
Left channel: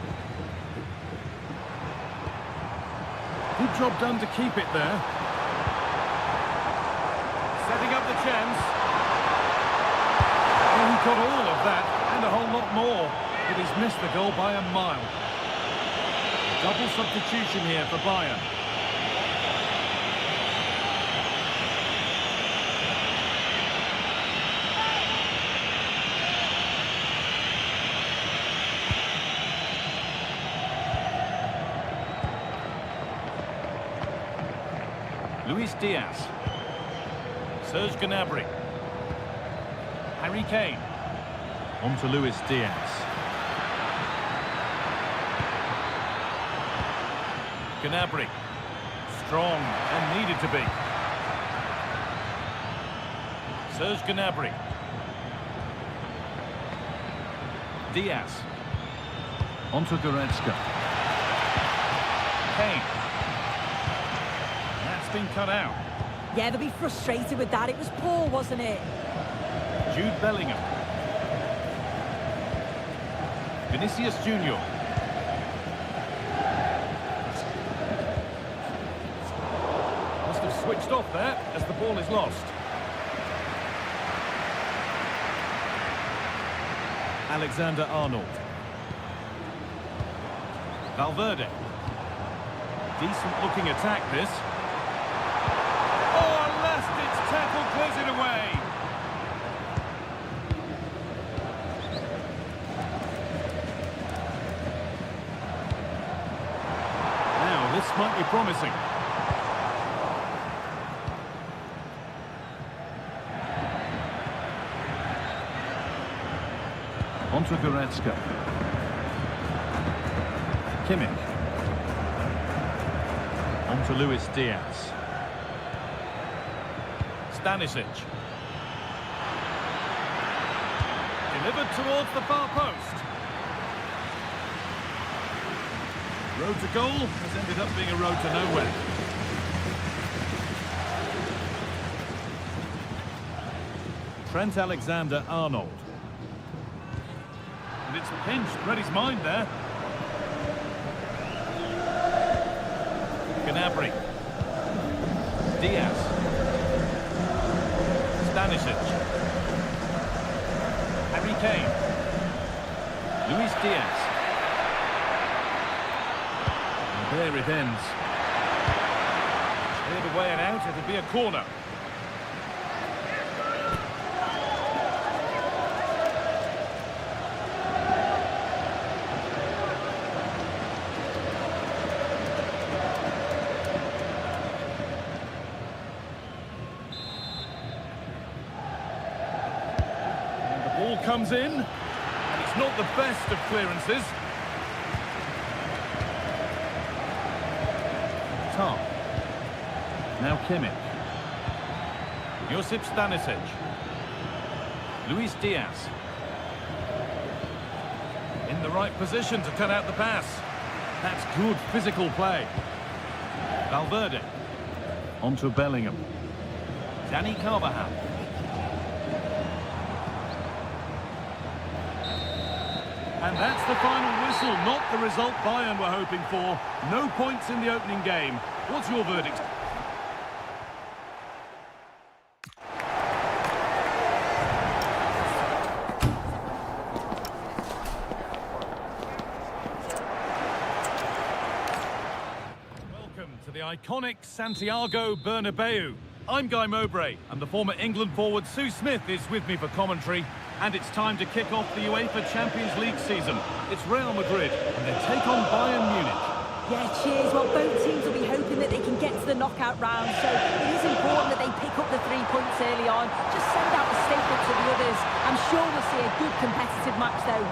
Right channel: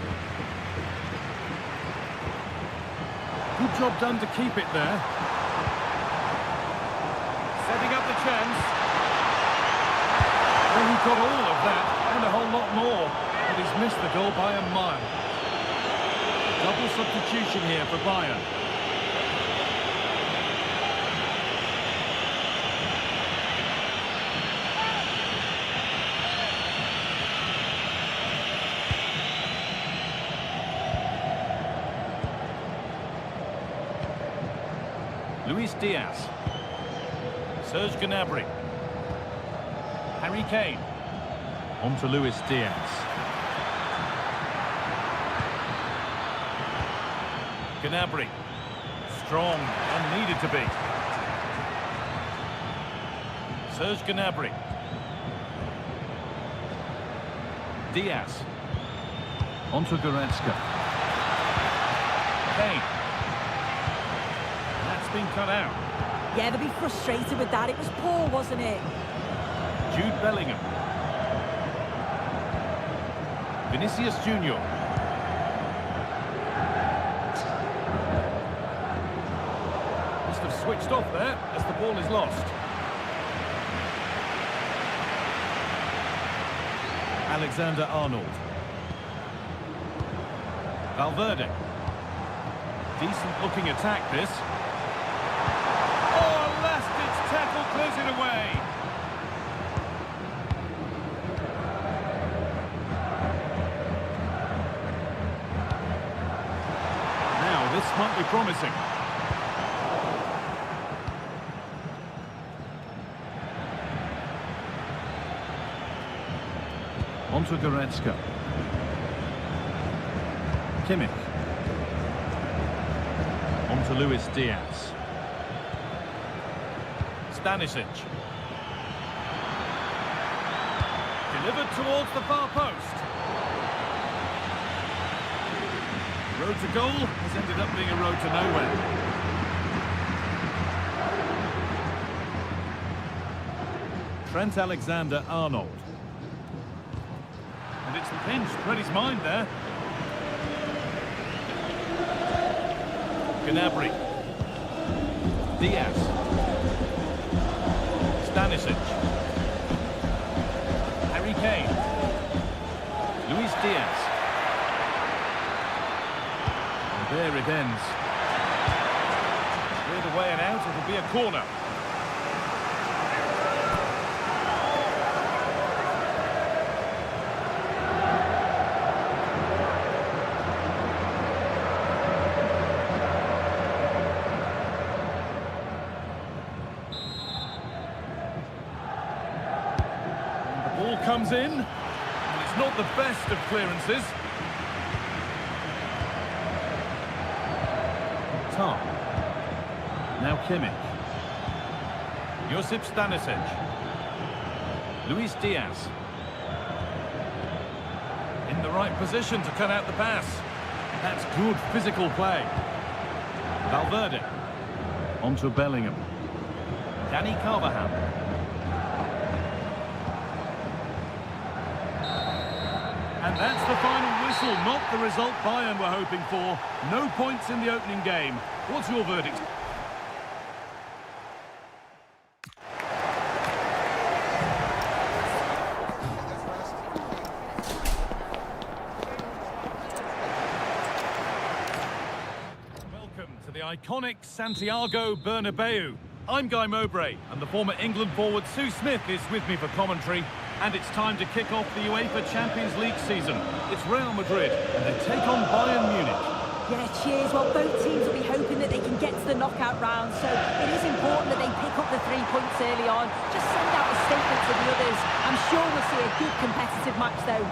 Good job done to keep it there. Setting up the chance. Well, he got all of that and a whole lot more, but he's missed the goal by a mile. Double substitution here for Bayern. Luis Diaz. Serge Gnabry. Harry Kane. On to Luis Diaz. Gnabry. Strong and needed to be. Serge Gnabry. Diaz. On to Goretzka. Kane. That's been cut out. Yeah, they'll be frustrated with that. It was poor, wasn't it? Jude Bellingham. Vinicius Junior. Must have switched off there as the ball is lost. Alexander-Arnold. Valverde. Decent looking attack, this. Oh, a last-ditch tackle clears it away. Now, this might be promising. On to Goretzka. Kimmich. On to Luis Diaz. Stanisic. Delivered towards the far post. Road to goal has ended up being a road to nowhere. Trent Alexander-Arnold. And it's pinched, read his mind there. Gnabry. Diaz. Stanisic. Harry Kane. Luis Diaz. And there it ends. Cleared away and out, it'll be a corner. Ball comes in, and it's not the best of clearances. Tom. Now Kimmich. Josip Stanisic. Luis Diaz. In the right position to cut out the pass. That's good physical play. Valverde. On to Bellingham. Danny Carvajal. And that's the final whistle, not the result Bayern were hoping for. No points in the opening game. What's your verdict? Welcome to the iconic Santiago Bernabeu. I'm Guy Mowbray, and the former England forward Sue Smith is with me for commentary. And it's time to kick off the UEFA Champions League season. It's Real Madrid, and they take on Bayern Munich. Yeah, cheers. Well, both teams will be hoping that they can get to the knockout round, so it is important that they pick up the 3 points early on. Just send out a statement to the others. I'm sure we'll see a good competitive match, though.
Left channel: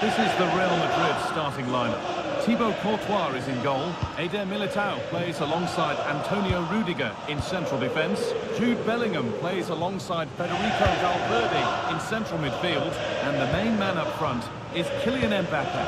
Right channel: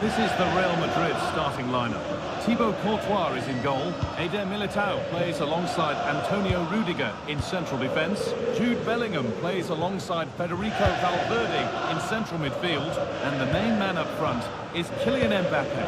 This is the Real Madrid starting lineup. Thibaut Courtois is in goal. Eder Militao plays alongside Antonio Rudiger in central defence. Jude Bellingham plays alongside Federico Valverde in central midfield. And the main man up front is Kylian Mbappe.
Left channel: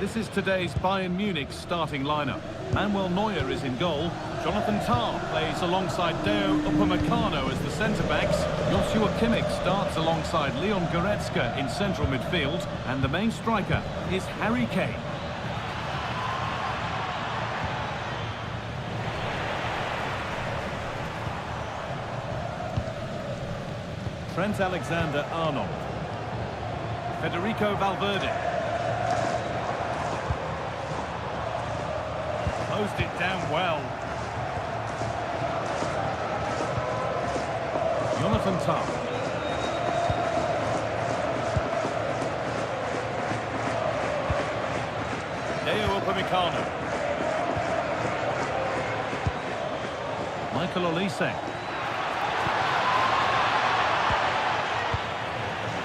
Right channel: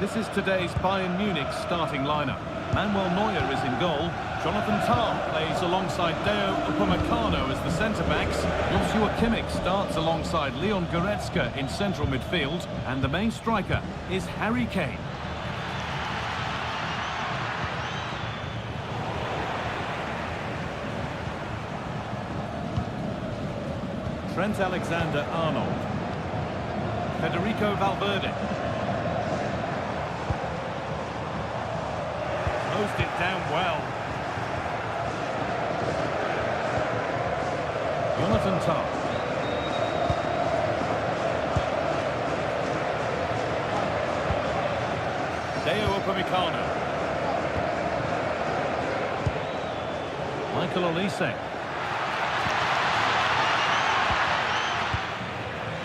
This is today's Bayern Munich starting lineup. Manuel Neuer is in goal. Jonathan Tah plays alongside Deo Upamecano as the centre-backs. Joshua Kimmich starts alongside Leon Goretzka in central midfield. And the main striker is Harry Kane. Trent Alexander-Arnold. Federico Valverde. Closed it down well. Jonathan Tah. Deo Upamecano. Michael Olise.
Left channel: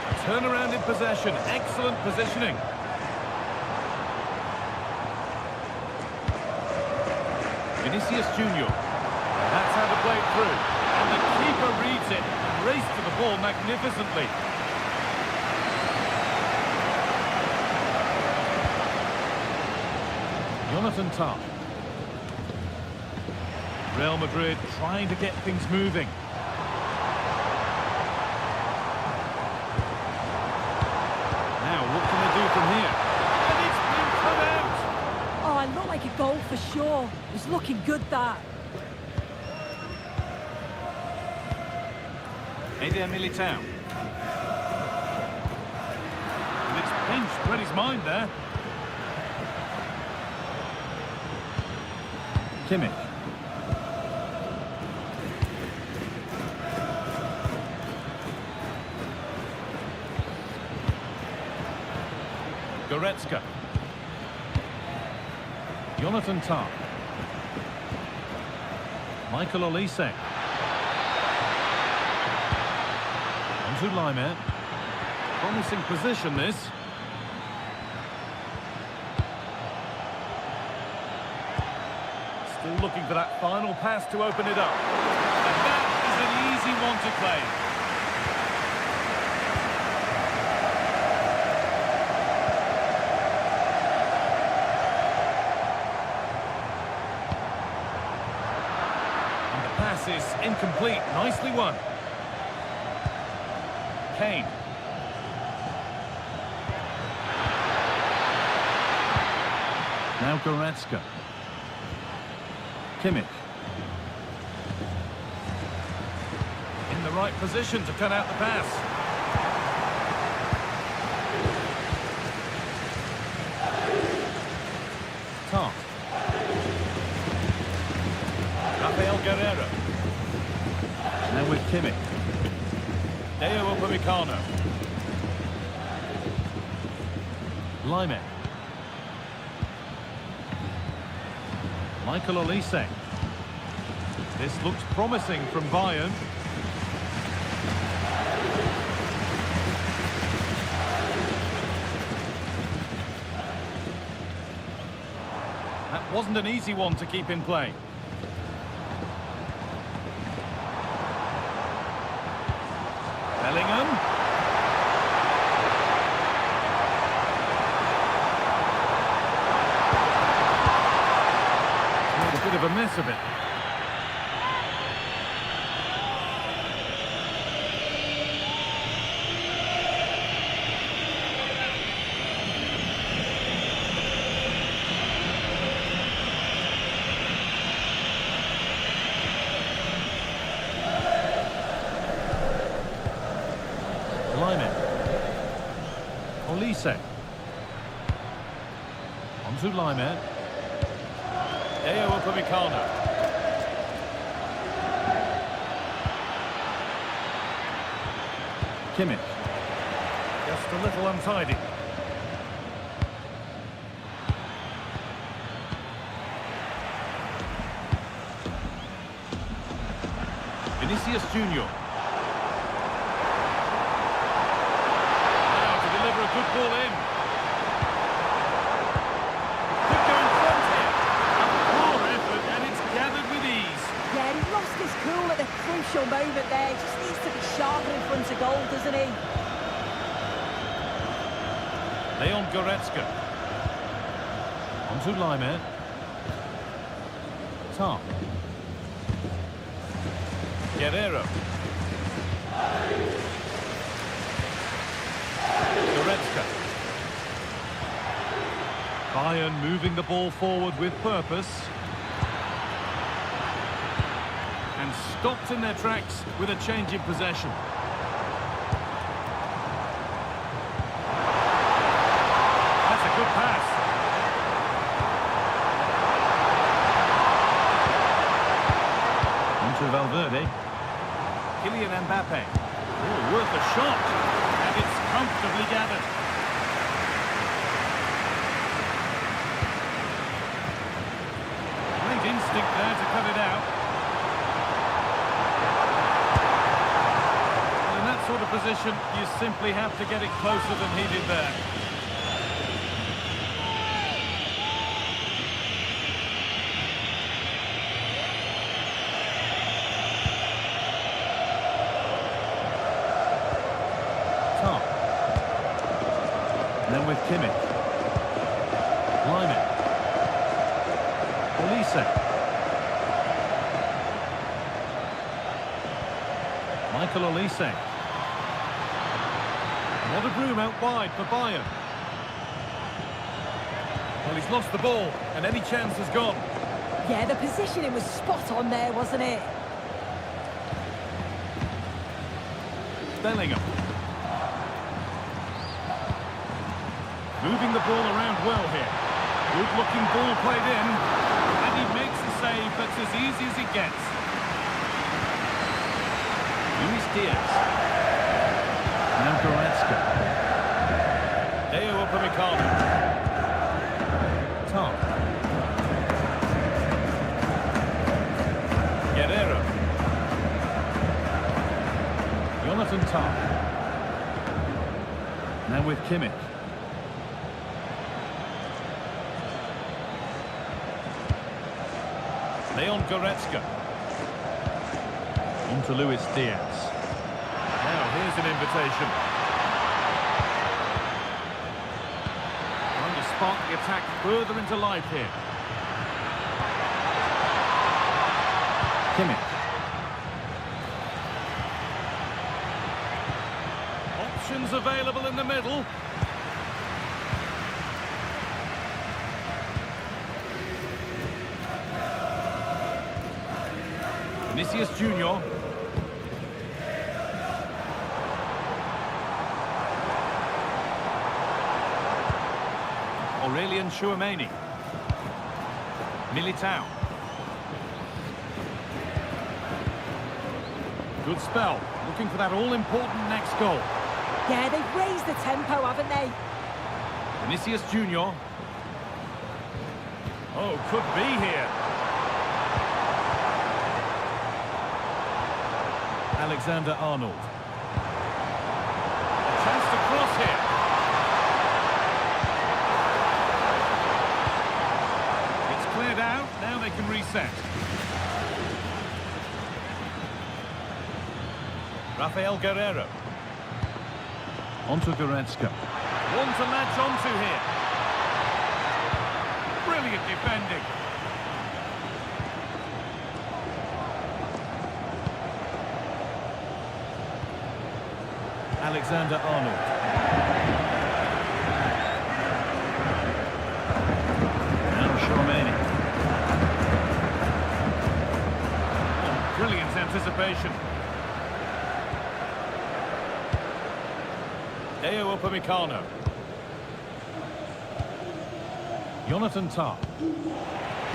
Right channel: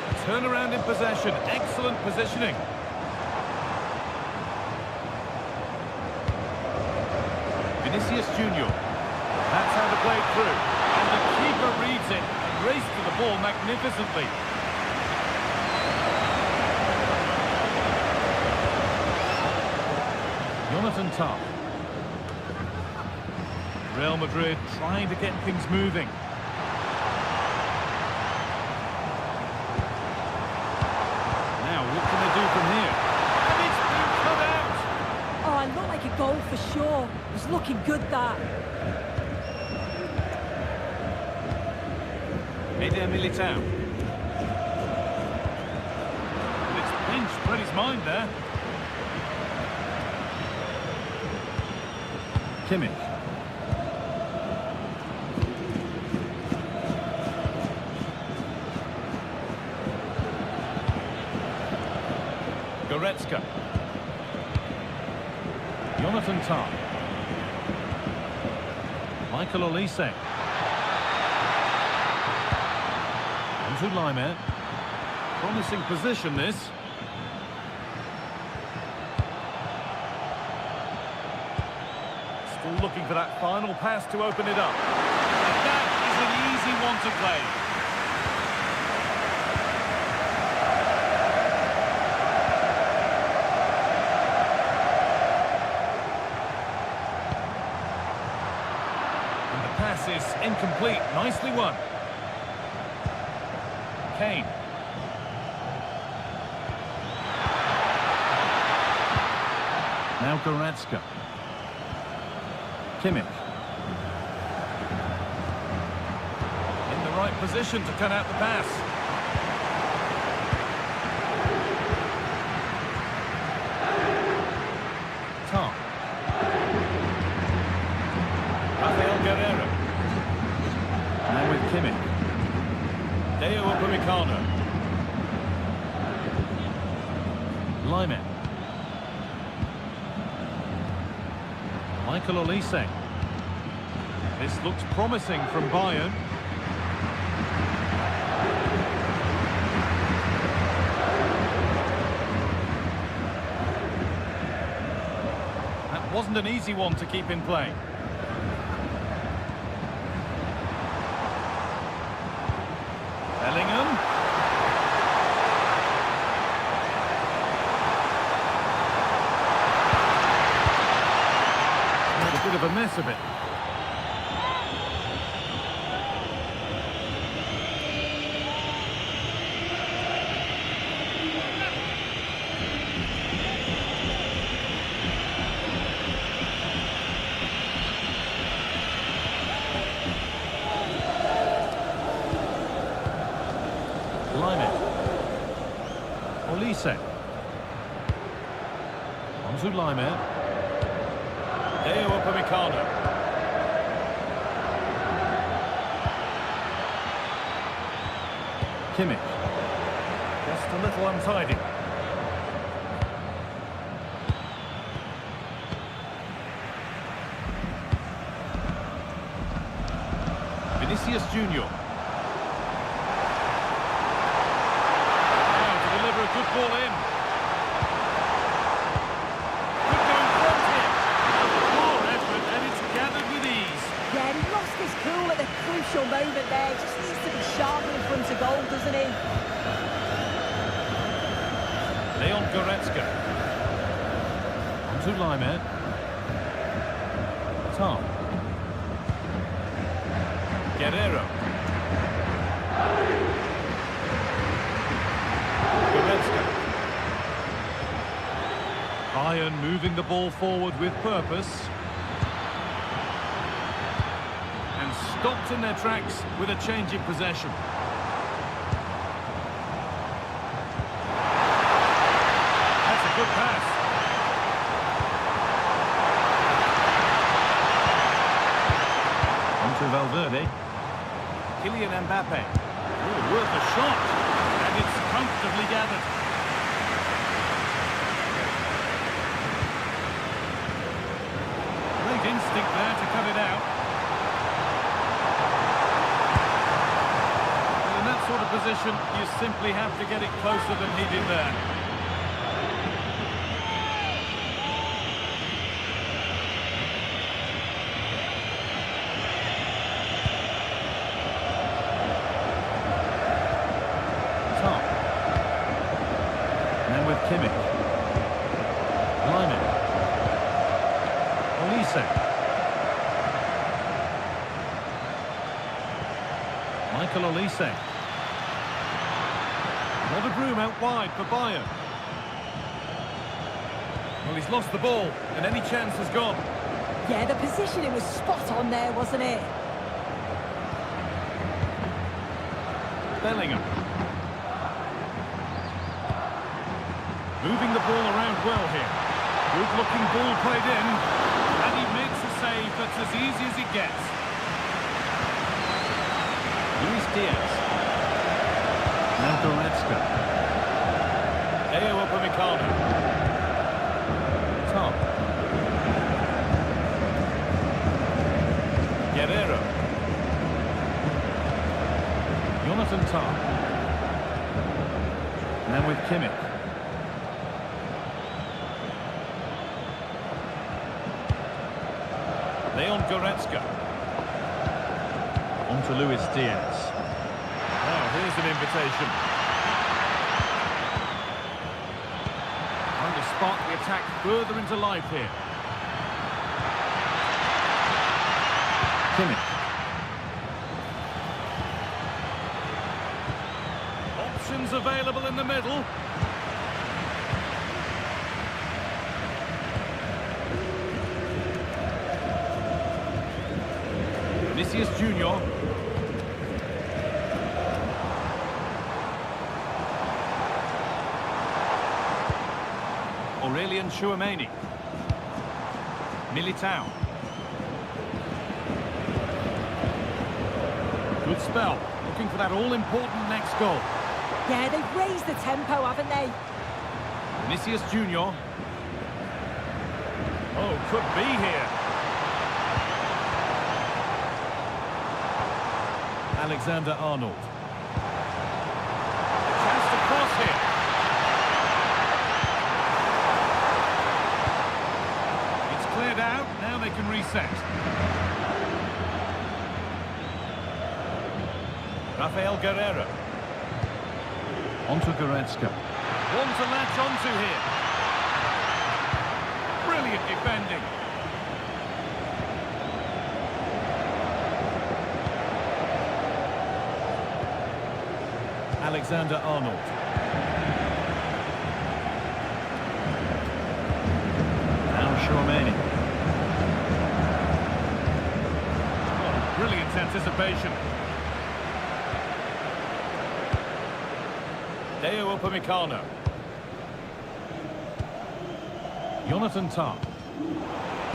A turnaround in possession. Excellent positioning. Vinicius Junior. That's how to play it through. And the keeper reads it and raced to the ball magnificently. Jonathan Tah. Real Madrid trying to get things moving. Now, what can they do from here? And it's been cut out! Oh, it looked like a goal for sure. It was looking good, that. Eder Militao. And it's pinched, read his mind there. Kimmich. Goretzka. Jonathan Tah. Michael Olise. On to Laimer. Promising position, this. Still looking for that final pass to open it up. And that is an easy one to claim. And the pass is incomplete. Nicely won. Kane. Now Goretzka. Kimmich. In the right position to cut out the pass. Tom. Rafael Guerreiro. Now with Kimmich. Deo Upamecano. Lyman. Michael Olise. This looks promising from Bayern. That wasn't an easy one to keep in play. Bellingham. Made a bit of a mess of it. Lyman. Olise. On to Lyman. Deo Upamecano. Kimmich. Just a little untidy. Vinicius Junior. Deliver a good ball in. Could go in front here. A poor effort, and it's gathered with ease. Yeah, he lost his cool at the crucial moment there. He just needs to be sharper in front of goal, doesn't he? Leon Goretzka. On to Lyman. Tom. Guerreiro. Goretzka. Bayern moving the ball forward with purpose. And stopped in their tracks with a change in possession. That's a good pass. On to Valverde. Kylian Mbappe. Oh, worth a shot. And it's comfortably gathered. Great instinct there to cut it out. Well, in that sort of position, you simply have to get it closer than he did there. Tom. And then with Kimmich. Lyman. Olise. Michael Olise. A lot of room out wide for Bayern. Well, he's lost the ball, and any chance has gone. Yeah, the positioning was spot on there, wasn't it? Bellingham. Moving the ball around well here. Good-looking ball played in. And he makes a save that's as easy as it gets. Luis Diaz. Now Goretzka. Deo Upamecano. Tom. Guerreiro. Jonathan Tah. Now with Kimmich. Leon Goretzka. On to Luis Diaz. Now here's an invitation. Trying to spark the attack further into life here. Kimmich. Options available in the middle. Vinicius Junior. Aurelian Tchouameni. Militao. Good spell. Looking for that all-important next goal. Yeah, they've raised the tempo, haven't they? Vinicius Junior. Oh, could be here. Alexander-Arnold. A chance to cross here. It's cleared out. Now they can reset. Rafael Guerreiro. Onto Goretzka. One to latch onto here. Brilliant defending. Alexander-Arnold. Now Tchouameni. Oh, brilliant anticipation. Deo Upamecano. Jonathan Tah.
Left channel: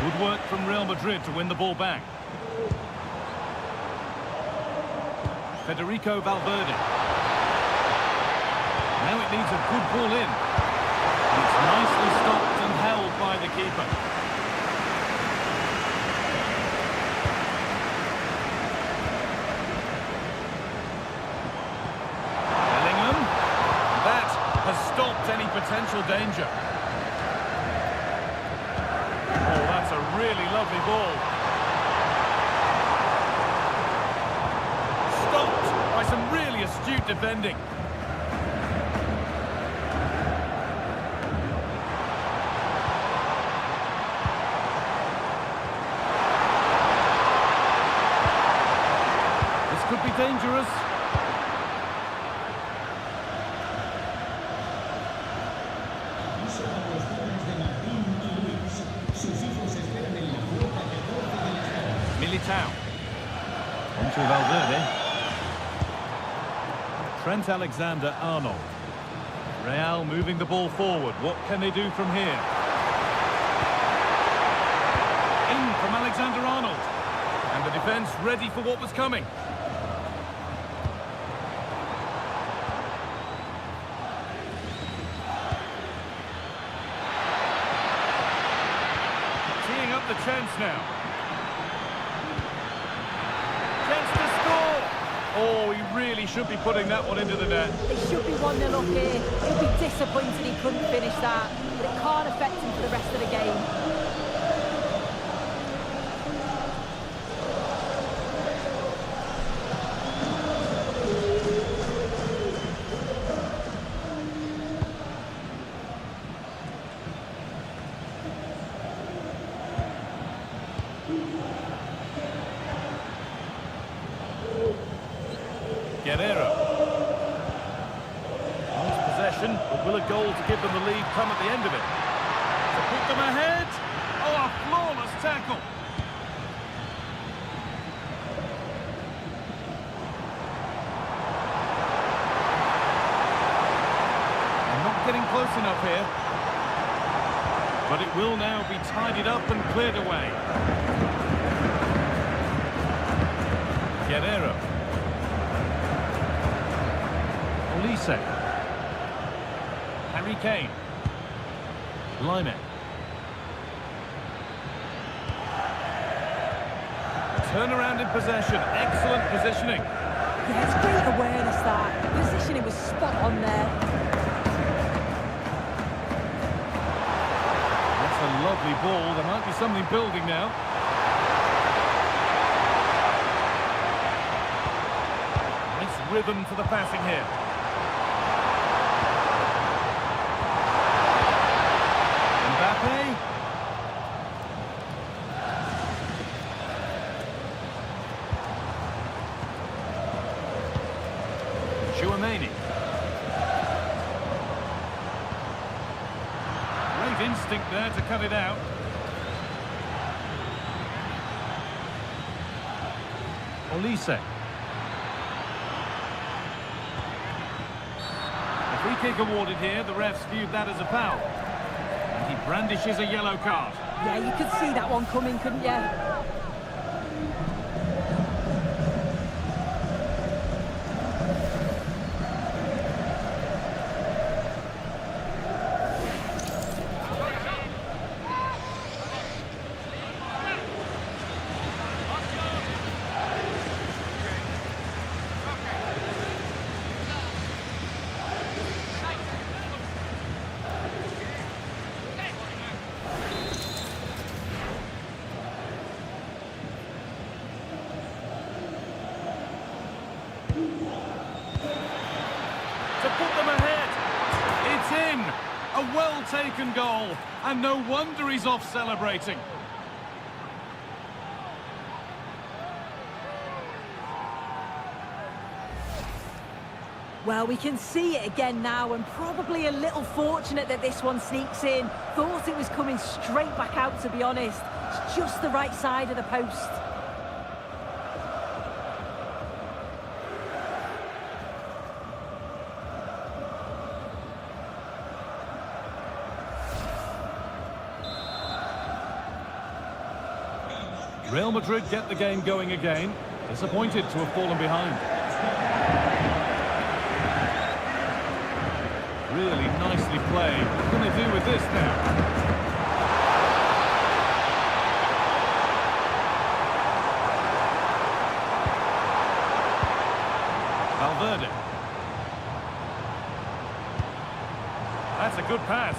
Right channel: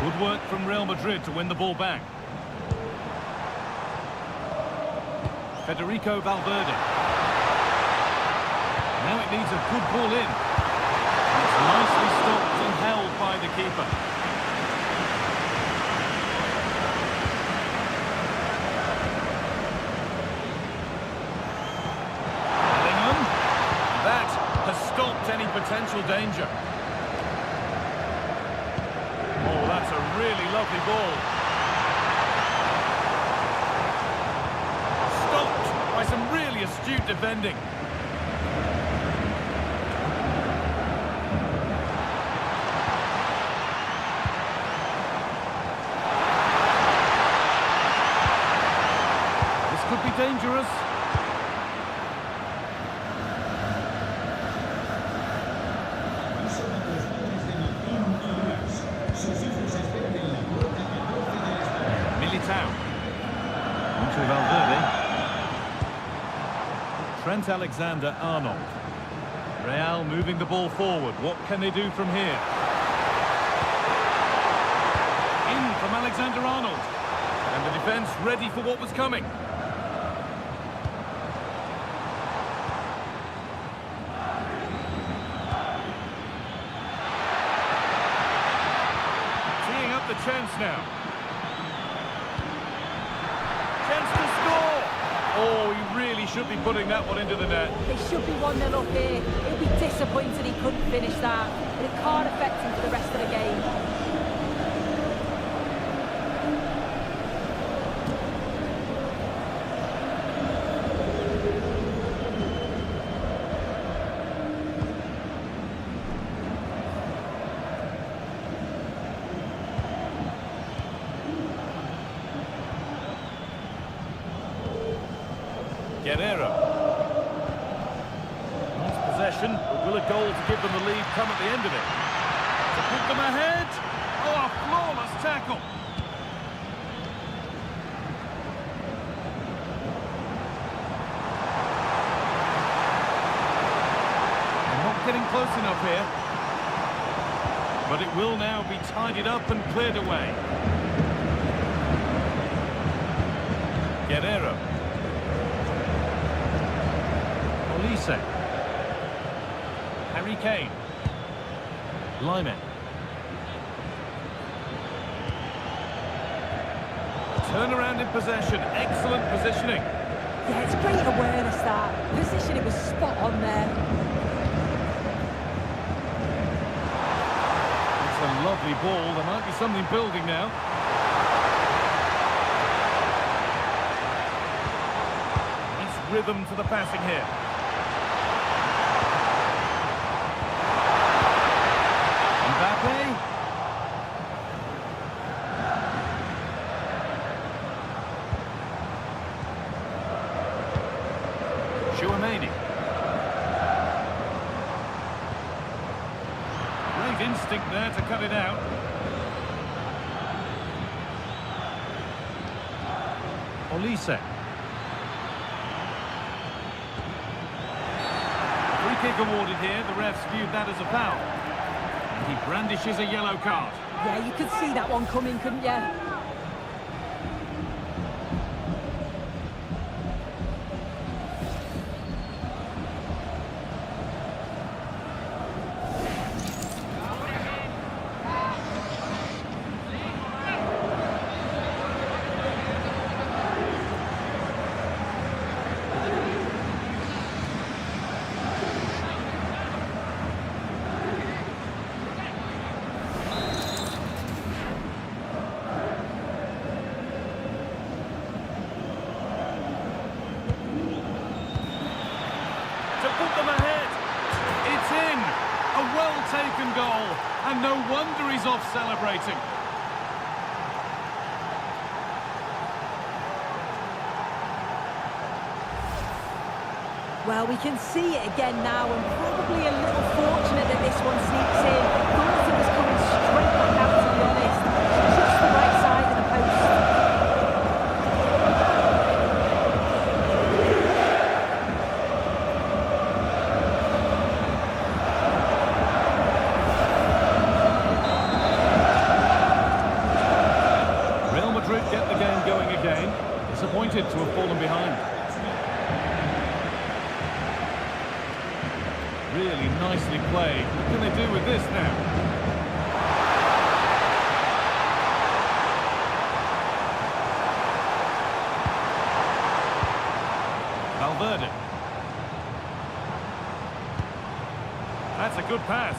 Good work from Real Madrid to win the ball back. Federico Valverde. Now it needs a good ball in. And it's nicely stopped and held by the keeper. Bellingham. That has stopped any potential danger. Oh, that's a really lovely ball. Stopped by some really astute defending. This could be dangerous. Militao. Onto Valverde. Trent Alexander-Arnold. Real moving the ball forward. What can they do from here? In from Alexander-Arnold. And the defence ready for what was coming. Teeing up the chance now. Chance to score! Oh, he really should be putting that one into the net. They should be 1-0 up here. He'll be disappointed he couldn't finish that, but it can't affect him for the rest of the game. Guerreiro. Nice possession, but will a goal to give them the lead come at the end of it? To put them ahead. Oh, a flawless tackle. They're not getting close enough here. But it will now be tidied up and cleared away. Guerreiro. Olise. Harry Kane. Lyman. A turnaround in possession. Excellent positioning. Yeah, it's great awareness that. Positioning was spot on there. That's a lovely ball. There might be something building now. Nice rhythm to the passing here. Mbappe. Tchouameni. Great instinct there to cut it out. Olise. A free kick awarded here. The refs viewed that as a foul. And he brandishes a yellow card. Yeah, you could see that one coming, couldn't you? To put them ahead. It's in. A well-taken goal. And no wonder he's off celebrating. Well, we can see it again now, and probably a little fortunate that this one sneaks in. Thought it was coming straight back out, to be honest. It's just the right side of the post. Real Madrid get the game going again. Disappointed to have fallen behind. Really nicely played. What can they do with this now? Valverde. That's a good pass.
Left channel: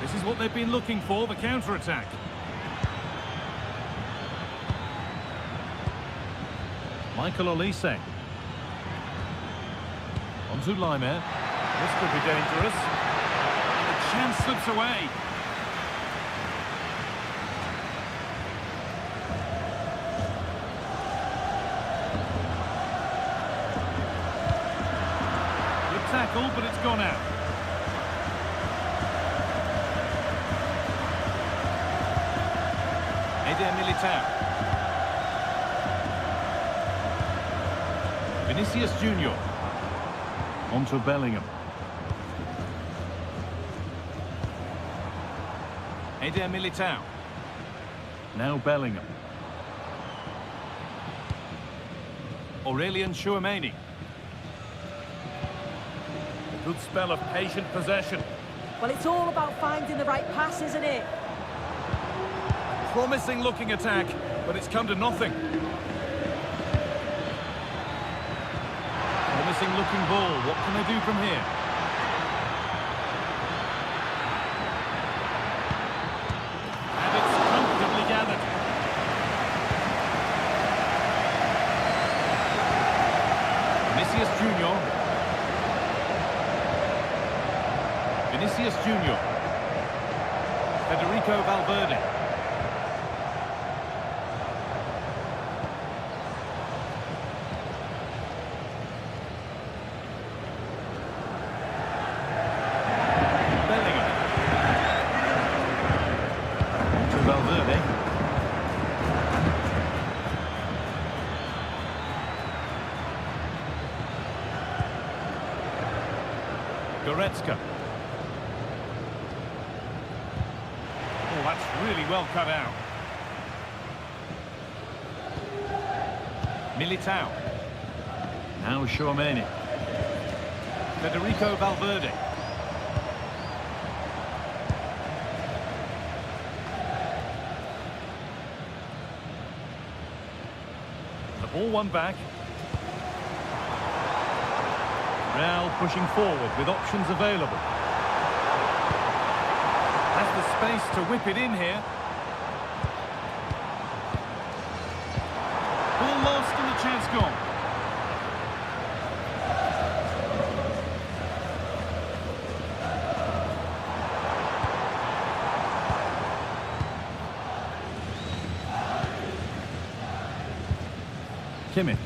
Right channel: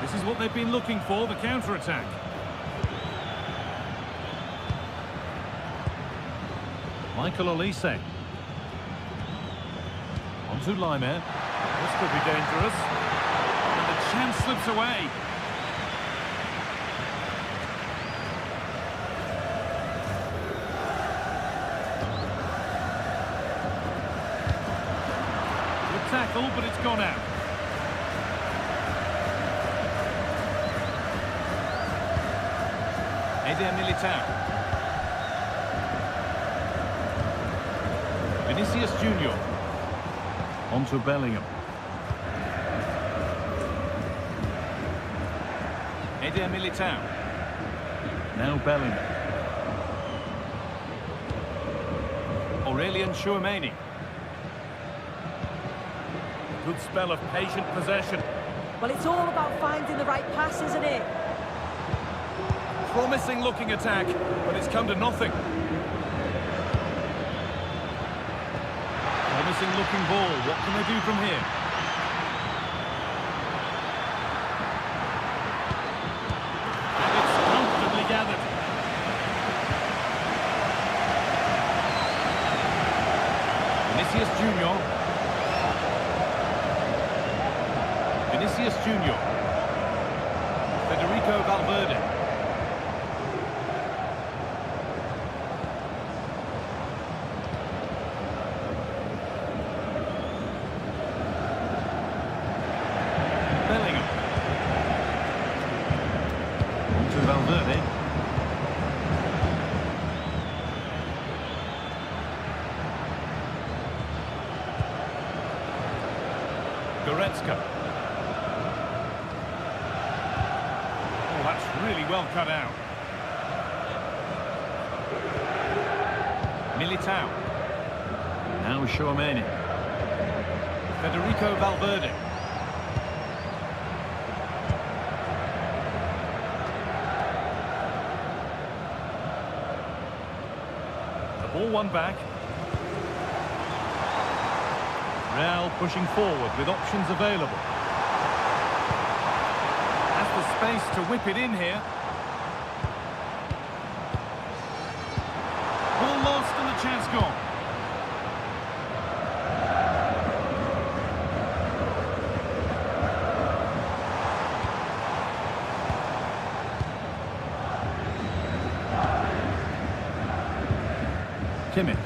This is what they've been looking for, the counter-attack. Michael Olise. On to Laimer. This could be dangerous. And the chance slips away. Good tackle, but it's gone out. Eder Militao. Vinicius Junior. On to Bellingham. Eder Militao. Now Bellingham. Aurelian Tchouameni. A good spell of patient possession. Well, it's all about finding the right pass, isn't it? Promising looking attack, but it's come to nothing. Promising looking ball. What can they do from here? And it's comfortably gathered. Vinicius Junior. Vinicius Junior. Federico Valverde. Bellingham. On to Valverde. Goretzka. Oh, that's really well cut out. Militao. Now Tchouameni. Federico Valverde. Ball won back. Real pushing forward with options available. Has the space to whip it in here. Ball lost and the chance gone. Kimmich.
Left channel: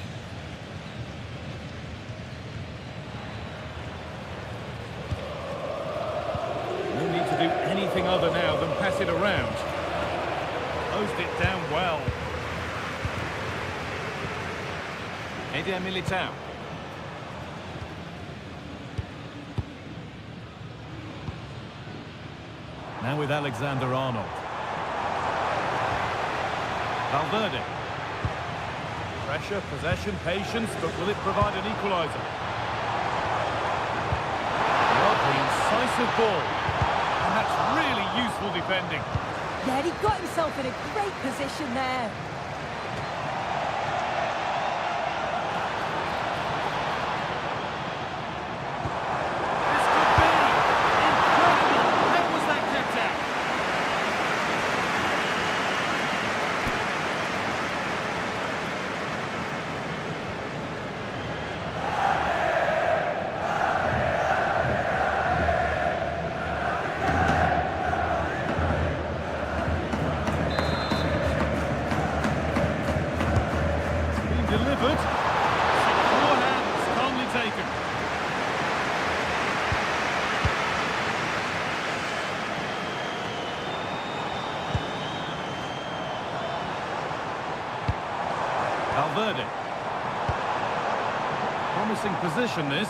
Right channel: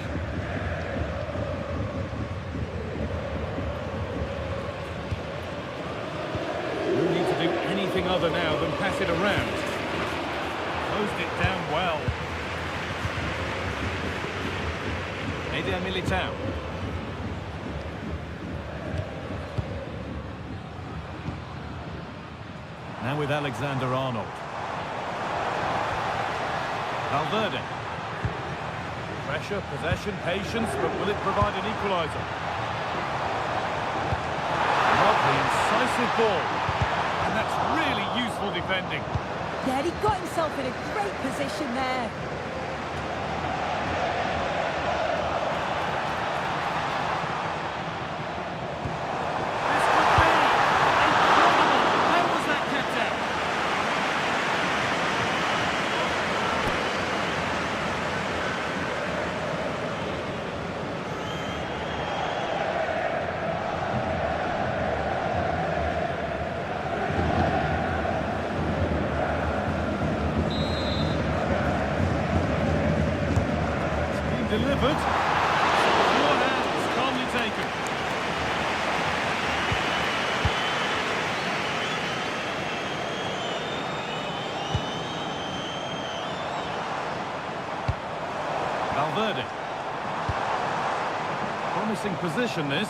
anything other now than pass it around. Closed it down well. Eder Militao. Now with Alexander-Arnold. Valverde. Pressure, possession, patience, but will it provide an equaliser? Lovely, incisive ball. And that's really useful defending. Yeah, he got himself in a great position there. This could be incredible. How was that kept out? Delivered. Secure hands, calmly taken. Valverde. Promising position, this.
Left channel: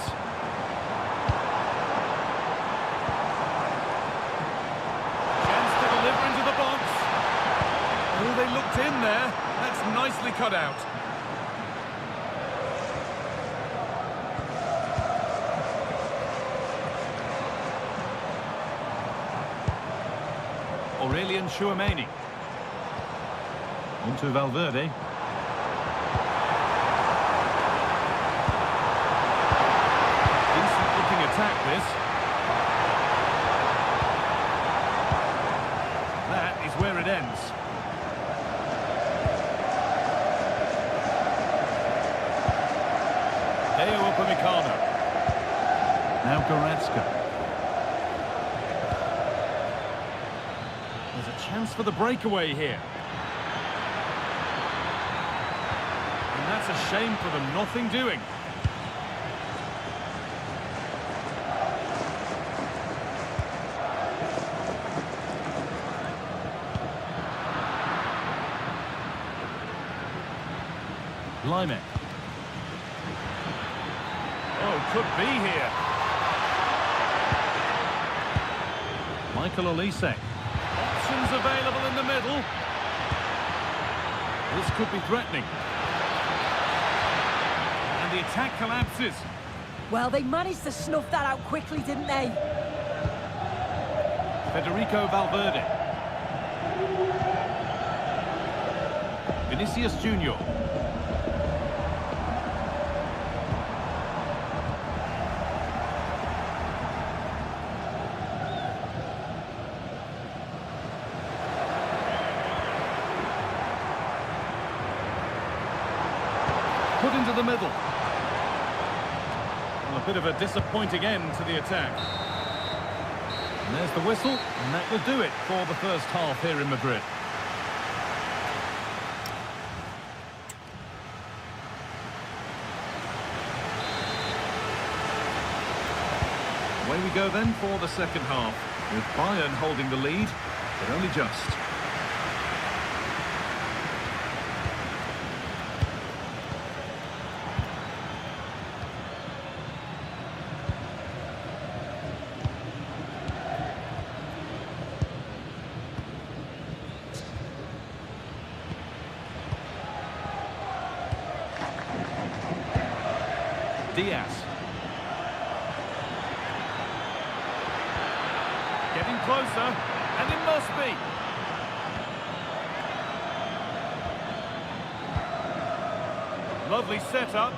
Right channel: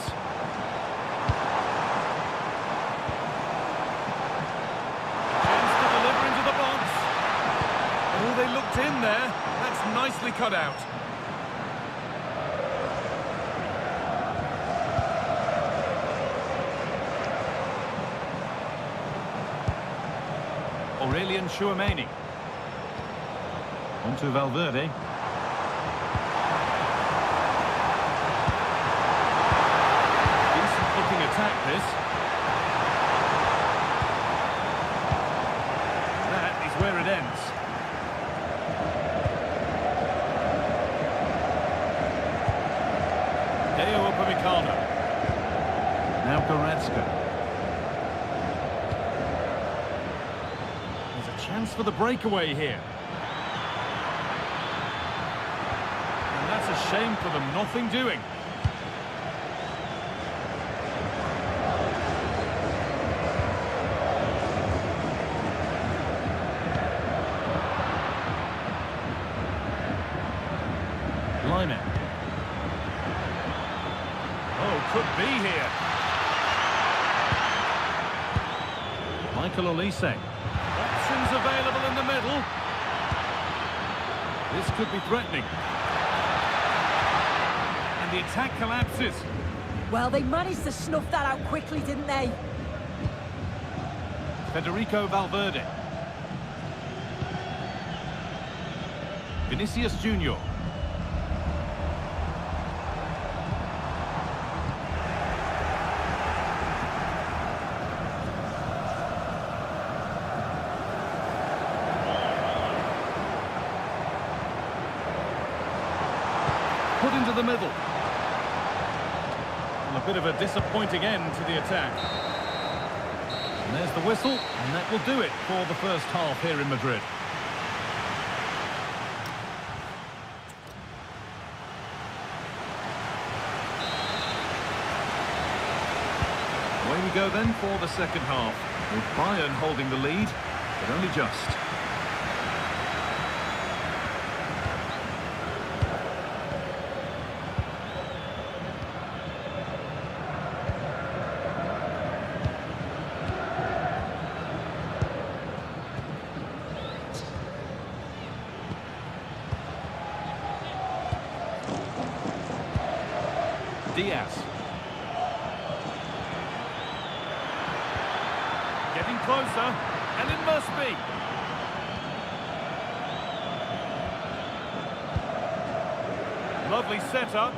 Chance to deliver into the box. Oh, they looked in there. That's nicely cut out. Aurelian Chouameni. On to Valverde. Decent looking attack, this. That is where it ends. Deo Upamecano. Now Goretzka. There's a chance for the breakaway here. And that's a shame for them, nothing doing. Lyman. Oh, could be here. Michael Olise. Options available in the middle. This could be threatening. And the attack collapses. Well, they managed to snuff that out quickly, didn't they? Federico Valverde. Vinicius Junior. Put into the middle. Well, a bit of a disappointing end to the attack. And there's the whistle, and that will do it for the first half here in Madrid. Away we go then for the second half, with Bayern holding the lead, but only just. Diaz. Getting closer, and it must be. Lovely setup.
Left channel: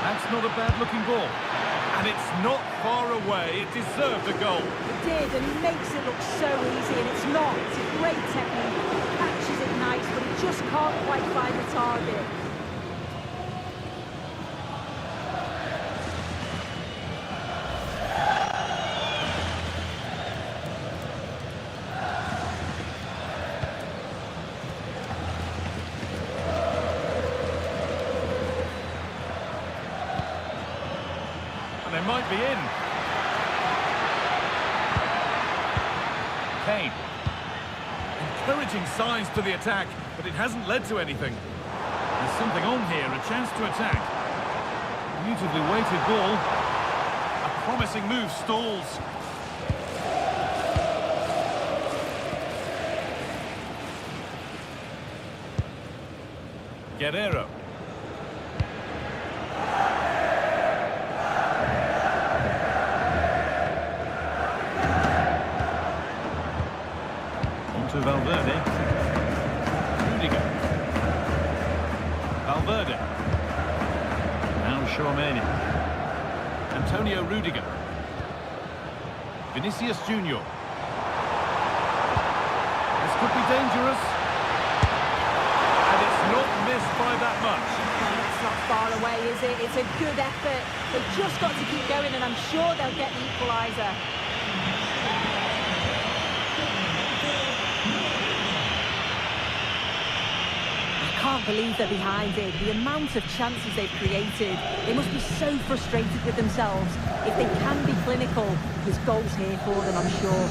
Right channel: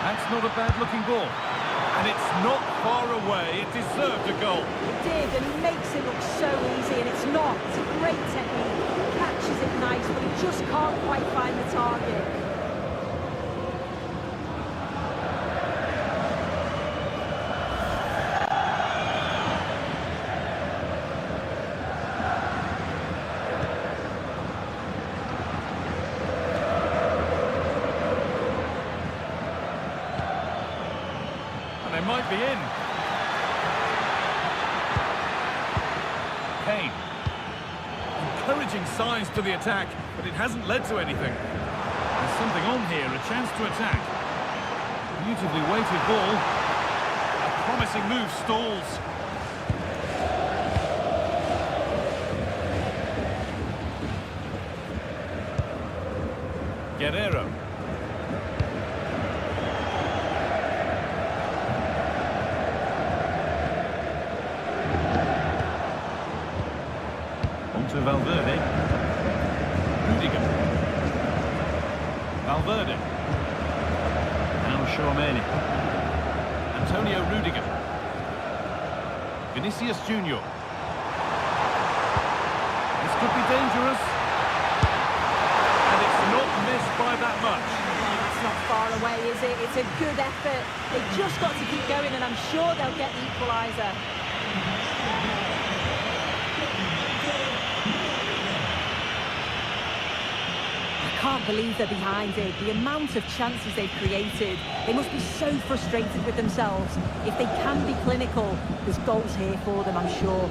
That's not a bad-looking ball. And it's not far away. It deserved a goal. It did, and he makes it look so easy, and it's not. It's a great technique. He catches it nice, but he just can't quite find the target. And they might be in. Kane. Encouraging signs to the attack, but it hasn't led to anything. There's something on here, a chance to attack. Beautifully weighted ball. A promising move stalls. Guerrero. On to Valverde. Rudiger. Valverde. Now Tchouaméni. Antonio Rudiger. Vinicius Junior. This could be dangerous. And it's not missed by that much. Well, that's not far away, is it? It's a good effort. They've just got to keep going, and I'm sure they'll get the equaliser. I can't believe they're behind it. The amount of chances they've created. They must be so frustrated with themselves. If they can be clinical, there's goals here for them, I'm sure.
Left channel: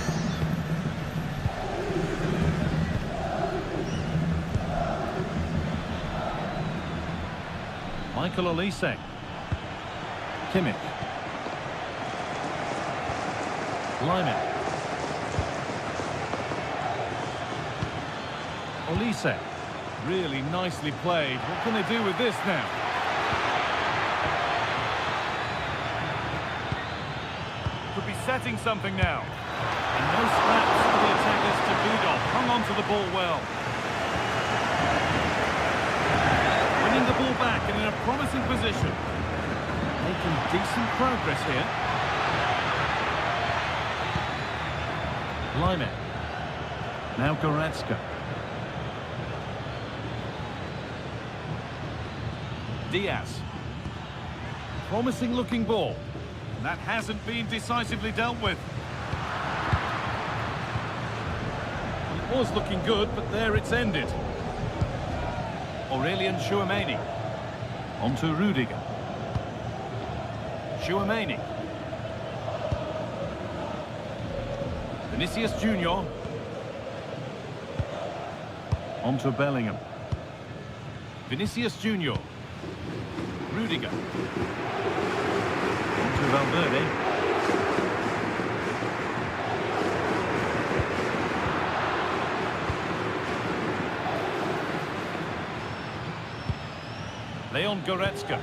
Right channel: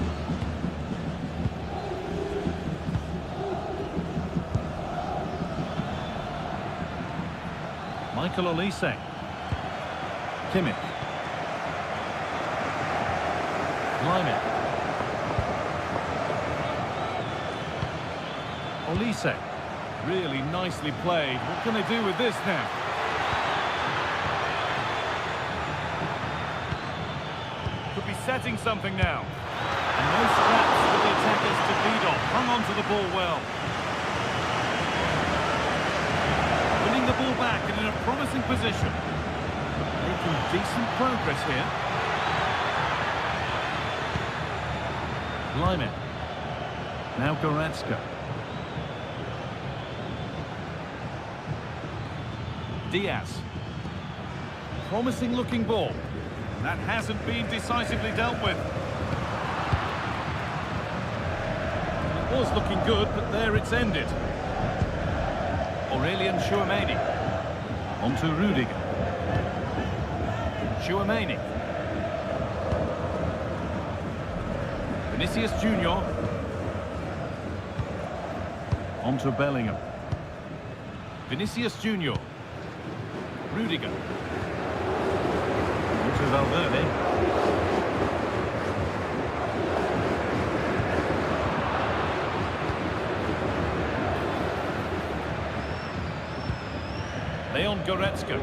Michael Olise. Kimmich. Lyman. Olise. Really nicely played. What can they do with this now? Could be setting something now. And no scraps for the attackers to feed off. Hung on to the ball well. Winning the ball back and in a promising position. Making decent progress here. Lyman. Now Goretzka. Diaz. Promising looking ball. And that hasn't been decisively dealt with. Well, it was looking good, but there it's ended. Aurelien Tchouaméni. On to Rudiger. Tchouaméni. Vinicius Junior. On to Bellingham. Vinicius Junior. Rudiger. On to Valverde. Leon Goretzka.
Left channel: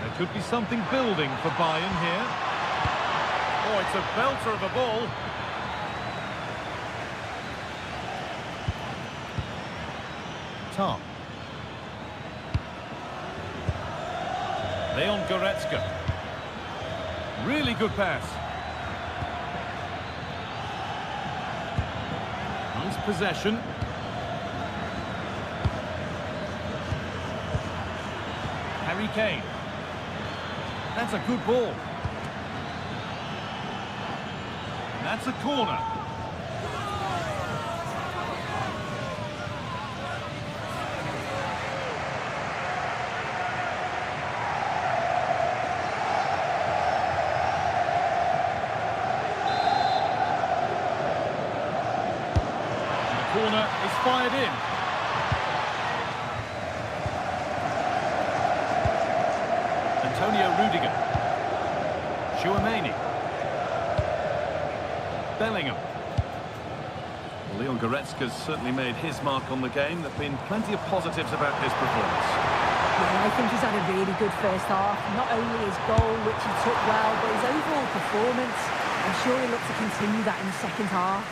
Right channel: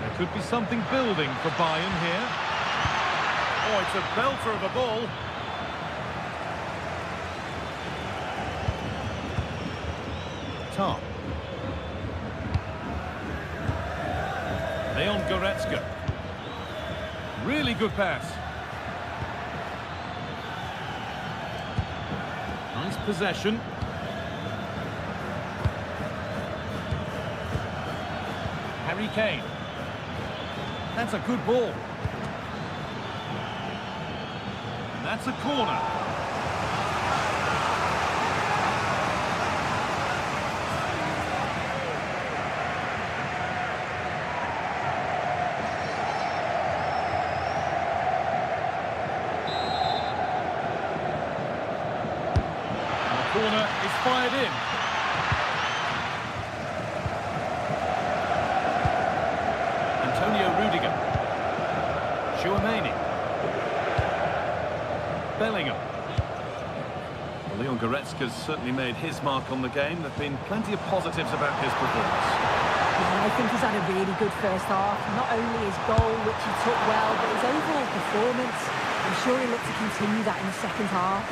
There could be something building for Bayern here. Oh, it's a belter of a ball. Tom. Leon Goretzka. Really good pass. Nice possession. Harry Kane. That's a good ball. And that's a corner. And the corner is fired in. Antonio Rudiger. Tchouaméni. Bellingham. Well, Leon Goretzka's certainly made his mark on the game. There have been plenty of positives about his performance. Yeah, I think he's had a really good first half. Not only his goal, which he took well, but his overall performance. I'm sure he'll look to continue that in the second half.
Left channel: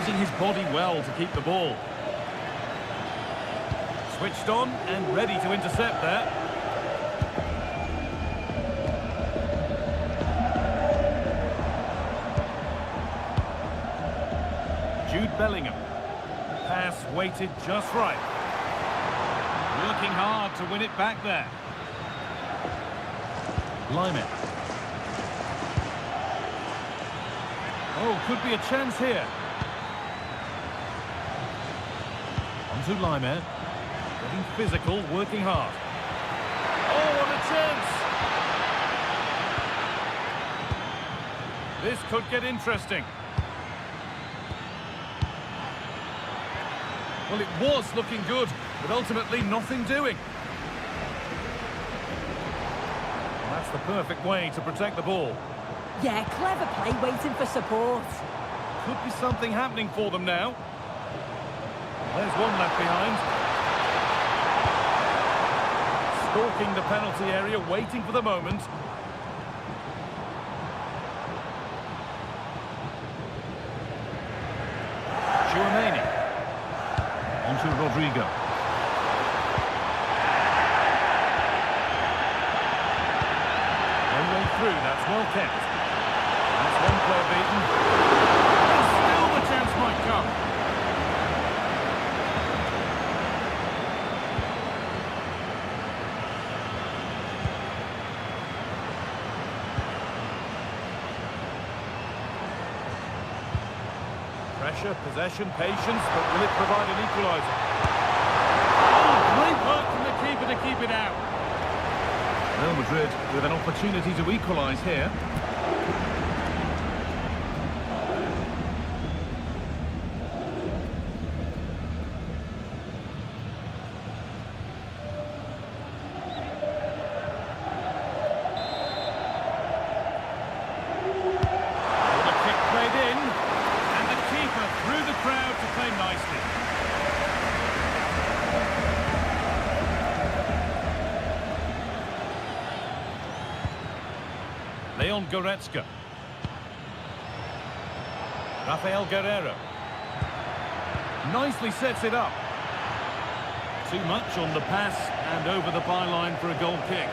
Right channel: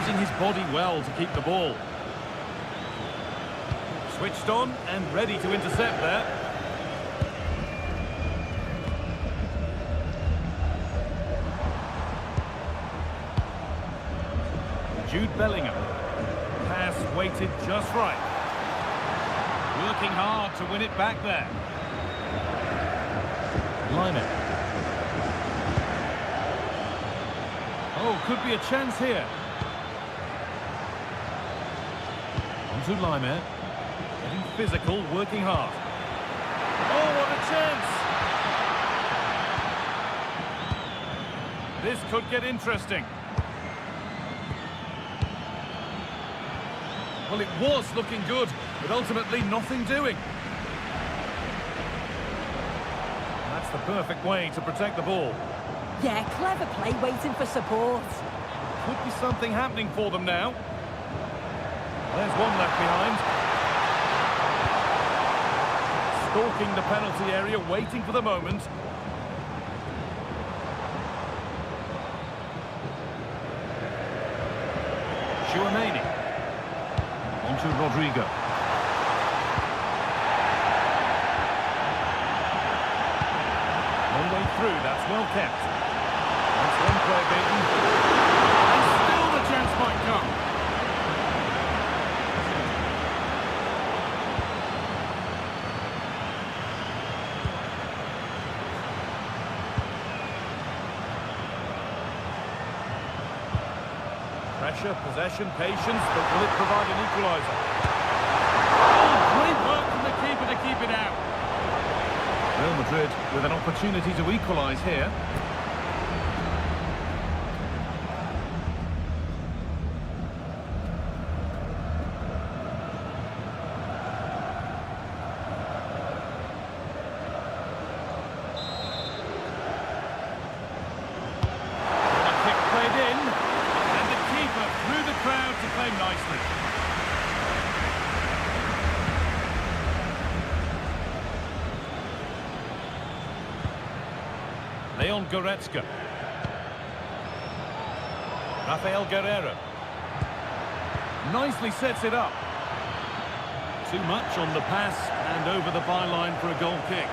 Using his body well to keep the ball. Switched on and ready to intercept there. Jude Bellingham. Pass weighted just right. Working hard to win it back there. Lyman. Oh, could be a chance here. On to Lyman. Getting physical, working hard. Oh, what a chance! This could get interesting. Well, it was looking good, but ultimately nothing doing. That's the perfect way to protect the ball. Yeah, clever play waiting for support. Could be something happening for them now. There's one left behind. Stalking the penalty area, waiting for the moment. Chouameni. On to Rodrigo. No way through, that's well kept. That's one player beaten. And still the chance might come. Pressure, possession, patience, but will it provide an equaliser? Oh, great work from the keeper to keep it out. Real Madrid with an opportunity to equalise here. Corner kick played in, and the keeper through the crowd to claim nicely. Leon Goretzka. Rafael Guerreiro. Nicely sets it up. Too much on the pass and over the byline for a goal kick.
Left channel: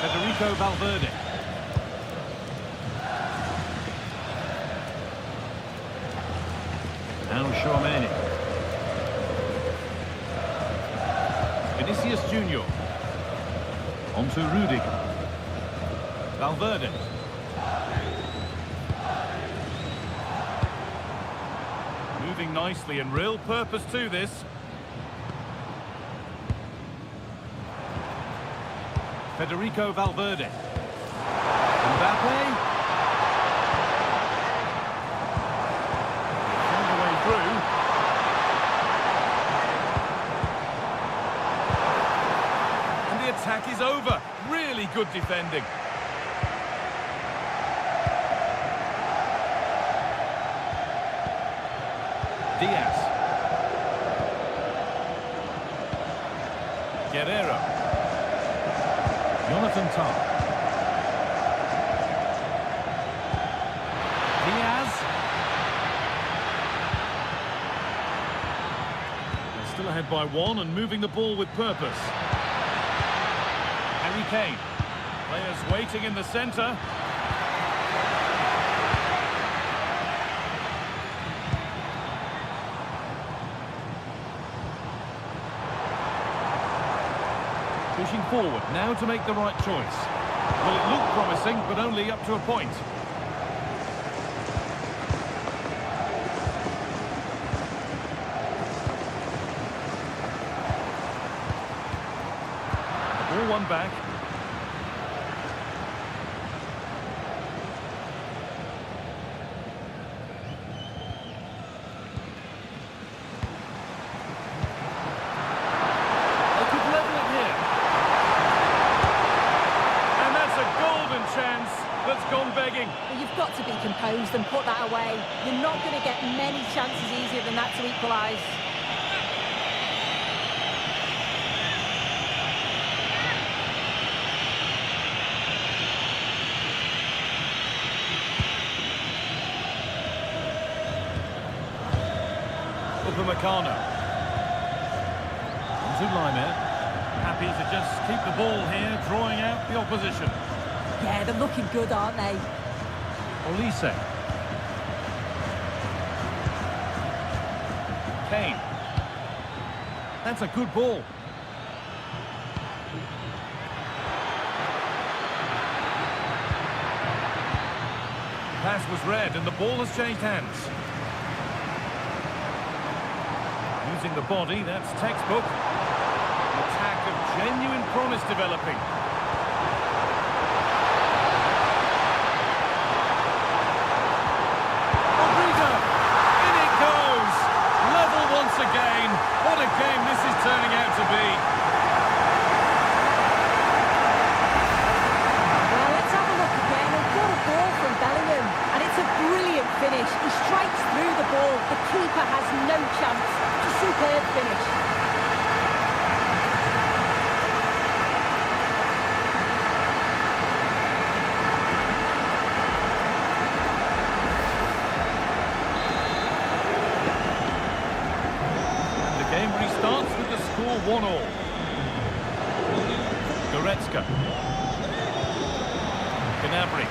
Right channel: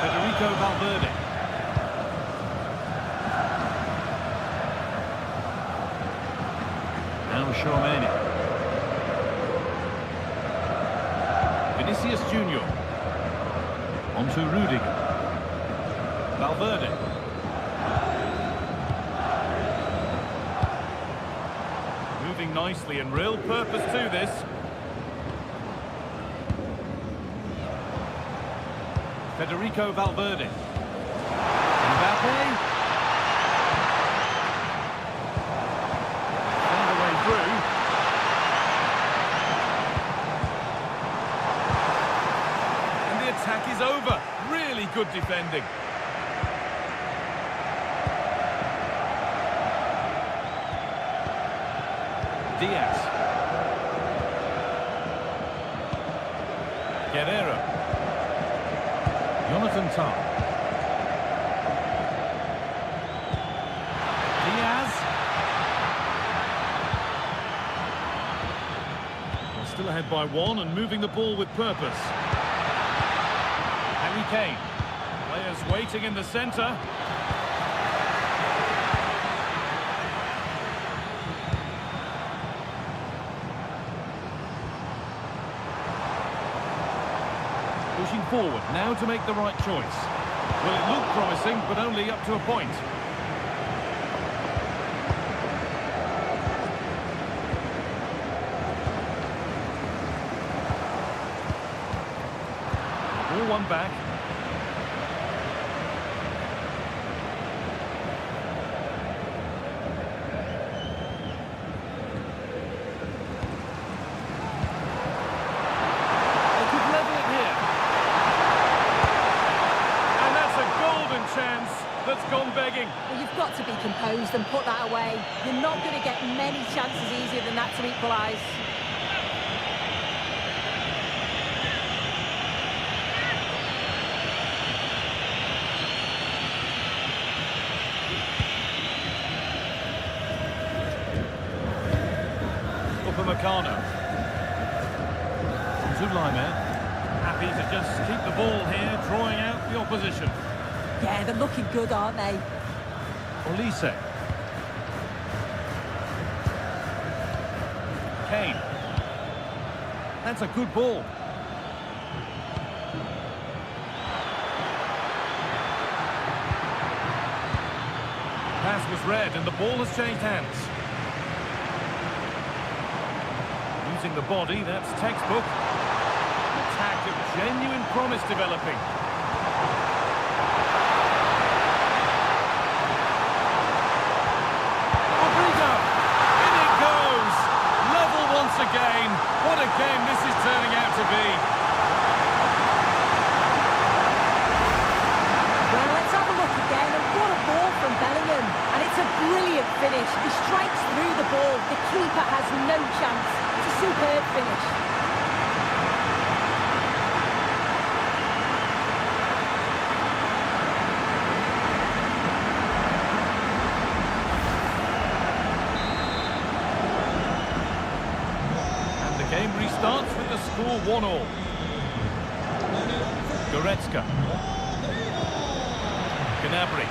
Federico Valverde. Now Chouameni. Vinicius Junior. On to Rudiger. Valverde. Moving nicely and real purpose to this. Federico Valverde. Mbappe. They found a way through. And the attack is over. Really good defending. Diaz. Guerreiro. Jonathan Tah. Diaz. They're still ahead by one and moving the ball with purpose. Harry Kane. Players waiting in the centre. Pushing forward, now to make the right choice. Well, it looked promising, but only up to a point. The ball won back. They could level it here. Chance that's gone begging. Well, you've got to be composed and put that away. You're not going to get many chances easier than that to equalise. Upamecano. Zulaimer. Happy to just keep the ball here, drawing out the opposition. Yeah, they're looking good, aren't they? Olise. Kane. That's a good ball. Pass was read and the ball has changed hands. Using the body, that's textbook. An attack of genuine promise developing. Rodrigo! In it goes! Level once again. What a game this is turning out to be. Well, let's have a look again, and what a ball from Bellingham. And it's a brilliant finish. He strikes through the ball. The keeper has no chance. It's a superb finish. And the game restarts with the score 1-1. Goretzka. Gnabry.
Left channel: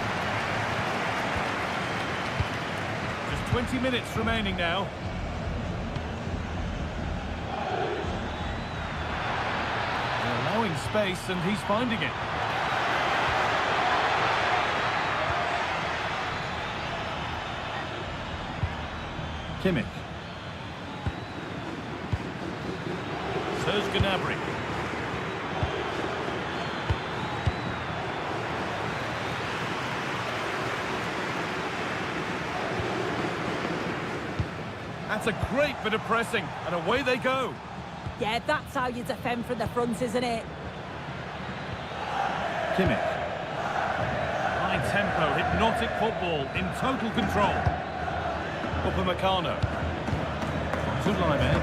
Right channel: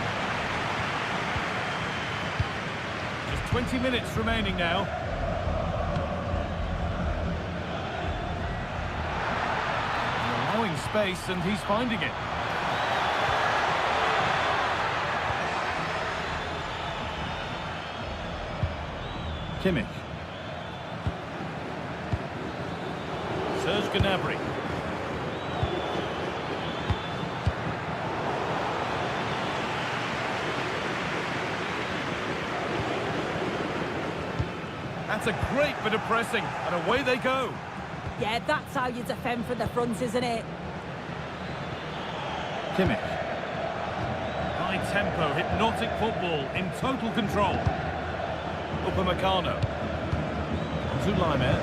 Just 20 minutes remaining now. And allowing space, and he's finding it. Kimmich. Serge Gnabry. That's a great bit of pressing, and away they go. Yeah, that's how you defend from the front, isn't it? Kimmich. High tempo, hypnotic football in total control. Upamecano. On to Laimer.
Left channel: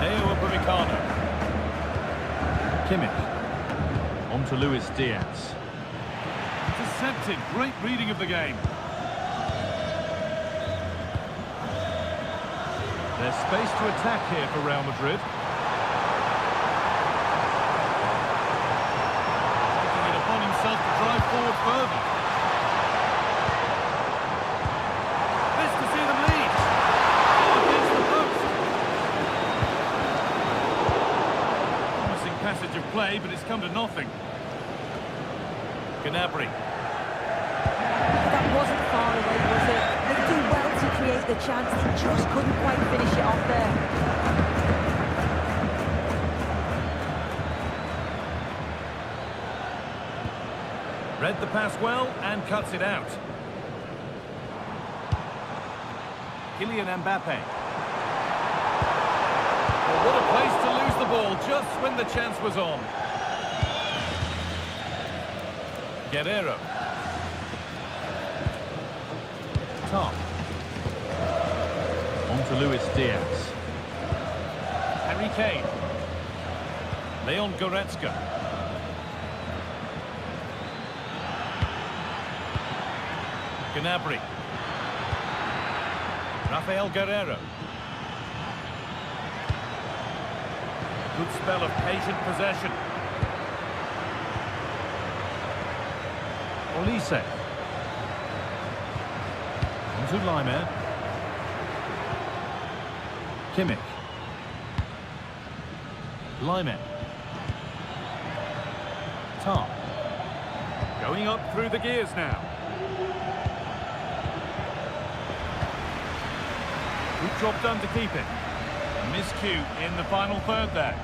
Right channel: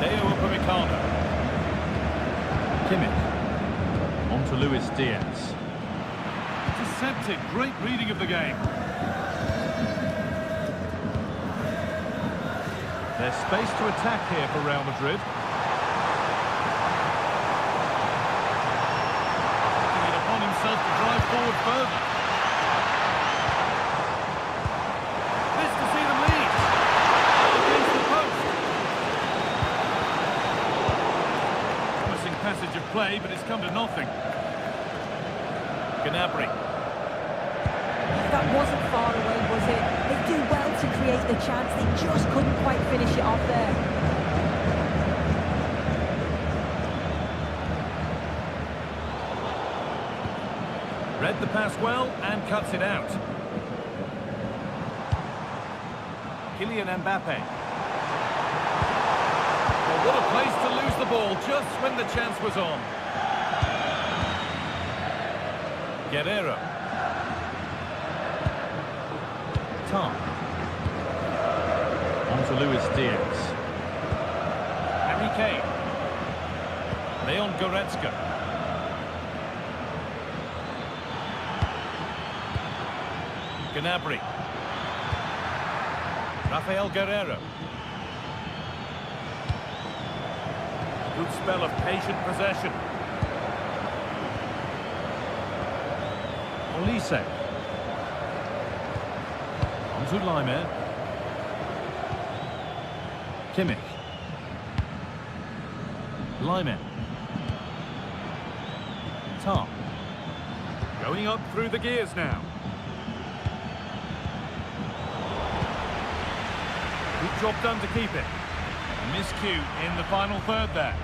Deo Upamecano. Kimmich. On to Luis Diaz. Intercepted, great reading of the game. There's space to attack here for Real Madrid. Taking it upon himself to drive forward further. This to see them lead. Oh, against the post. Promising passage of play, but it's come to nothing. Gnabry. That wasn't far away, was it? They do well to create the chance. They just couldn't quite finish it off there. Read the pass well and cuts it out. Kylian Mbappe. Well, what a place to lose the ball just when the chance was on. Guerrero. Top. On to Luis Diaz. Harry Kane. Leon Goretzka. Gnabry. Rafael Guerrero. A good spell of patient possession. Olise. On to Laimer. Kimmich. Laimer. Top. Going up through the gears now. Good job done to keep it. A miscue in the final third there.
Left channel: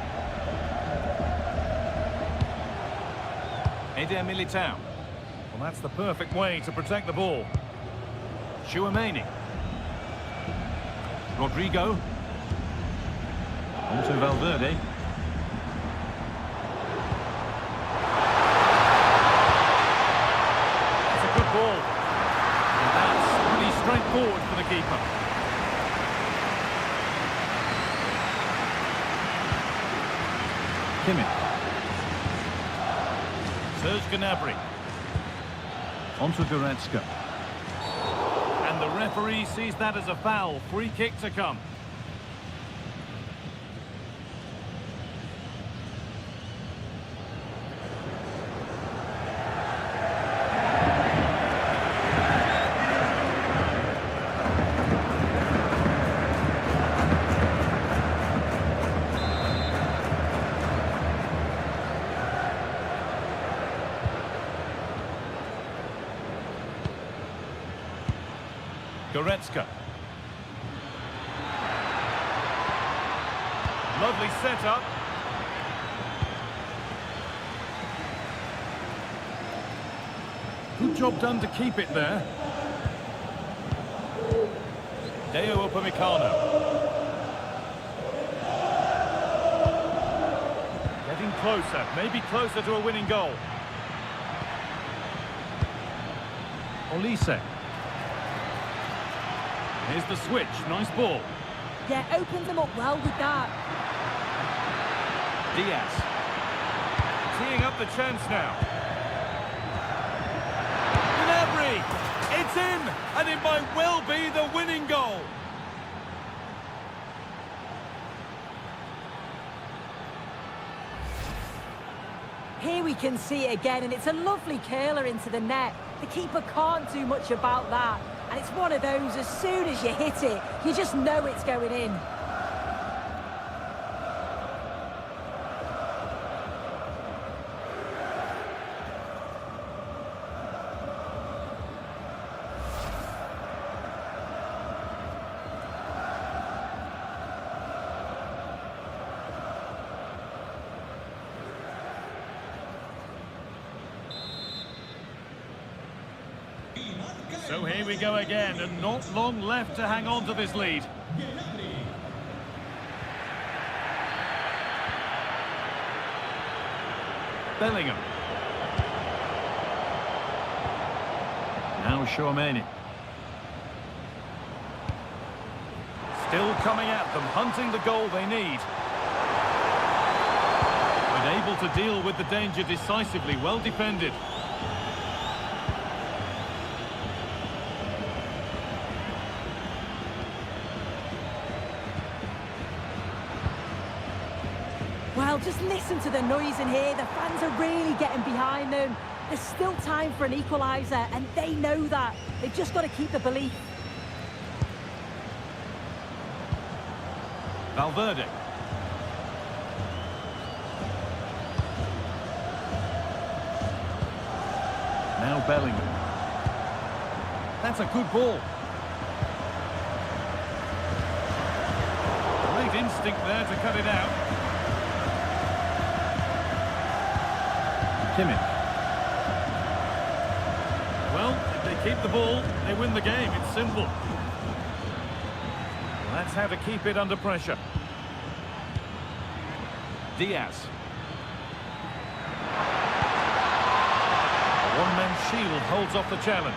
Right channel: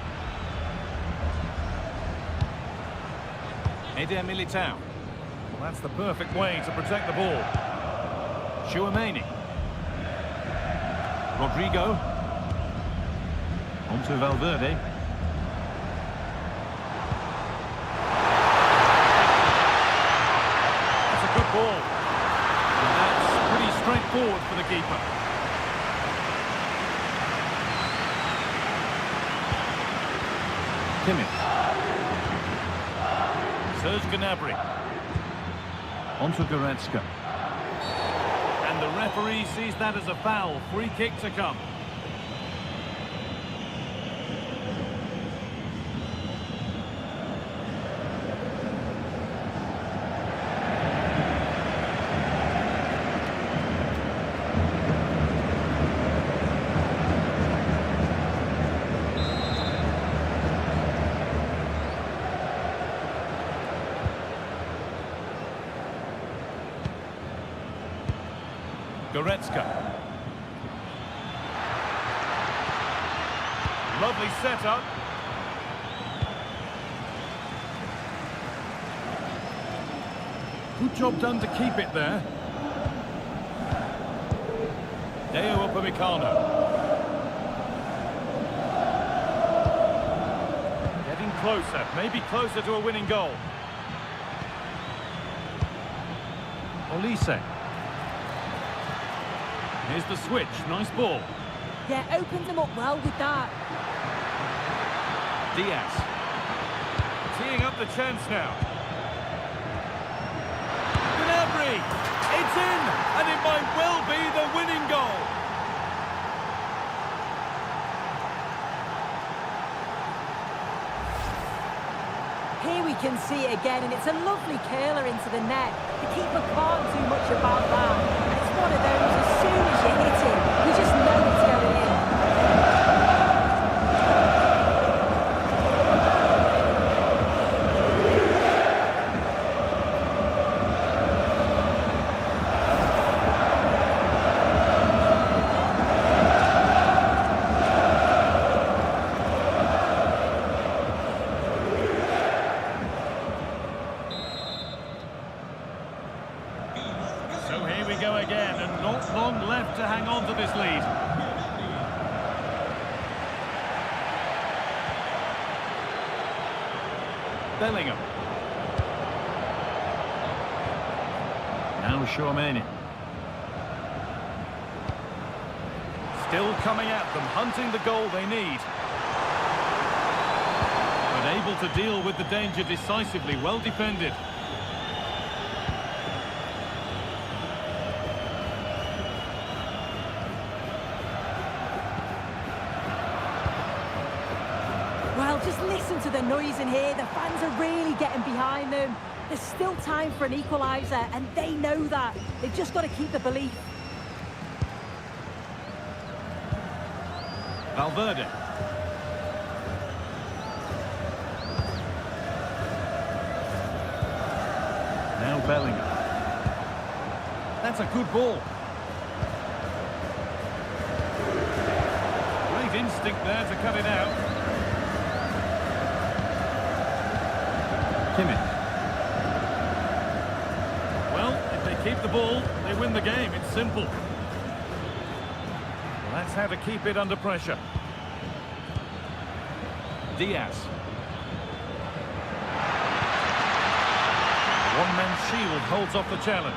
Eder Militao. Well, that's the perfect way to protect the ball. Chouameni. Rodrigo. On to Valverde. That's a good ball. And that's pretty straightforward for the keeper. Kimmich. Serge Gnabry. On to Goretzka. And the referee sees that as a foul. Free kick to come. Goretzka. Lovely setup. Good job done to keep it there. Deo Upamecano. Getting closer, maybe closer to a winning goal. Olise. Here's the switch, nice ball. Yeah, opened them up well with that. Diaz. Teeing up the chance now. Gnabry! It's in! And it might well be the winning goal! Here we can see it again, and it's a lovely curler into the net. The keeper can't do much about that. And it's one of those, as soon as you hit it, you just know it's going in. So here we go again, and not long left to hang on to this lead. Bellingham. Now Tchouaméni. Still coming at them, hunting the goal they need. But able to deal with the danger decisively, well defended. Well, just listen to the noise in here. The fans are really getting behind them. There's still time for an equaliser, and they know that. They've just got to keep the belief. Valverde. Now Bellingham. That's a good ball. Great instinct there to cut it out. Kimmich. Well, if they keep the ball, they win the game. It's simple. Well, that's how to keep it under pressure. Diaz. A one-man shield holds off the challenge.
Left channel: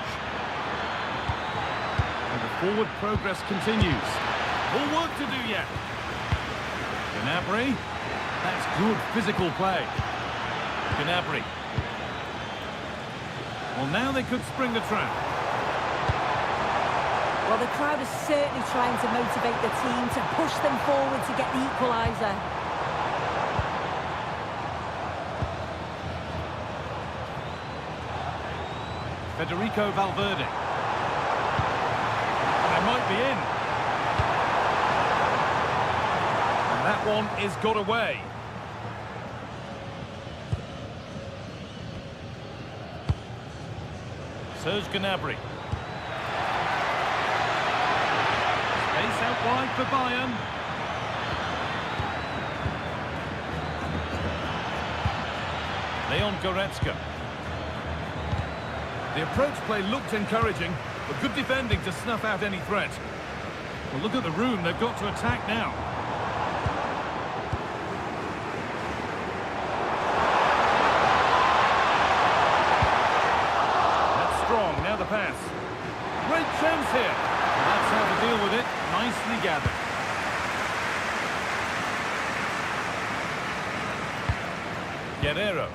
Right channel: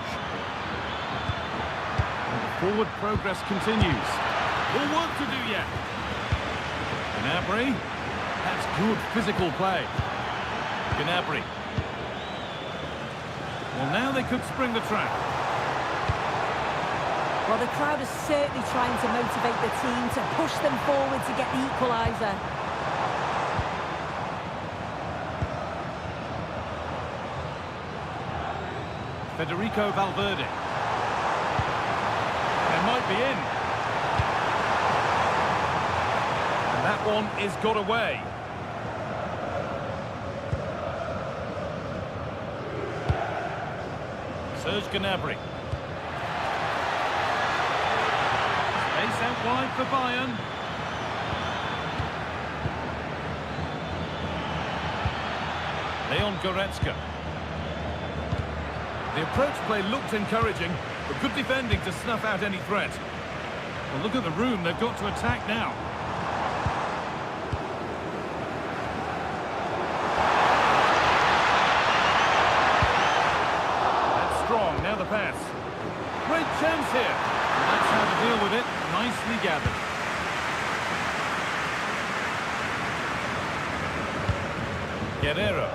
And the forward progress continues. More work to do yet. Gnabry. That's good physical play. Gnabry. Well, now they could spring the trap. Well, the crowd is certainly trying to motivate the team to push them forward to get the equaliser. Federico Valverde. They might be in. And that one is got away. Serge Gnabry. Space out wide for Bayern. Leon Goretzka. The approach play looked encouraging, but good defending to snuff out any threat. Well, look at the room they've got to attack now. Strong, now the pass. Great chance here. Well, that's how to deal with it. Nicely gathered. Guerrero.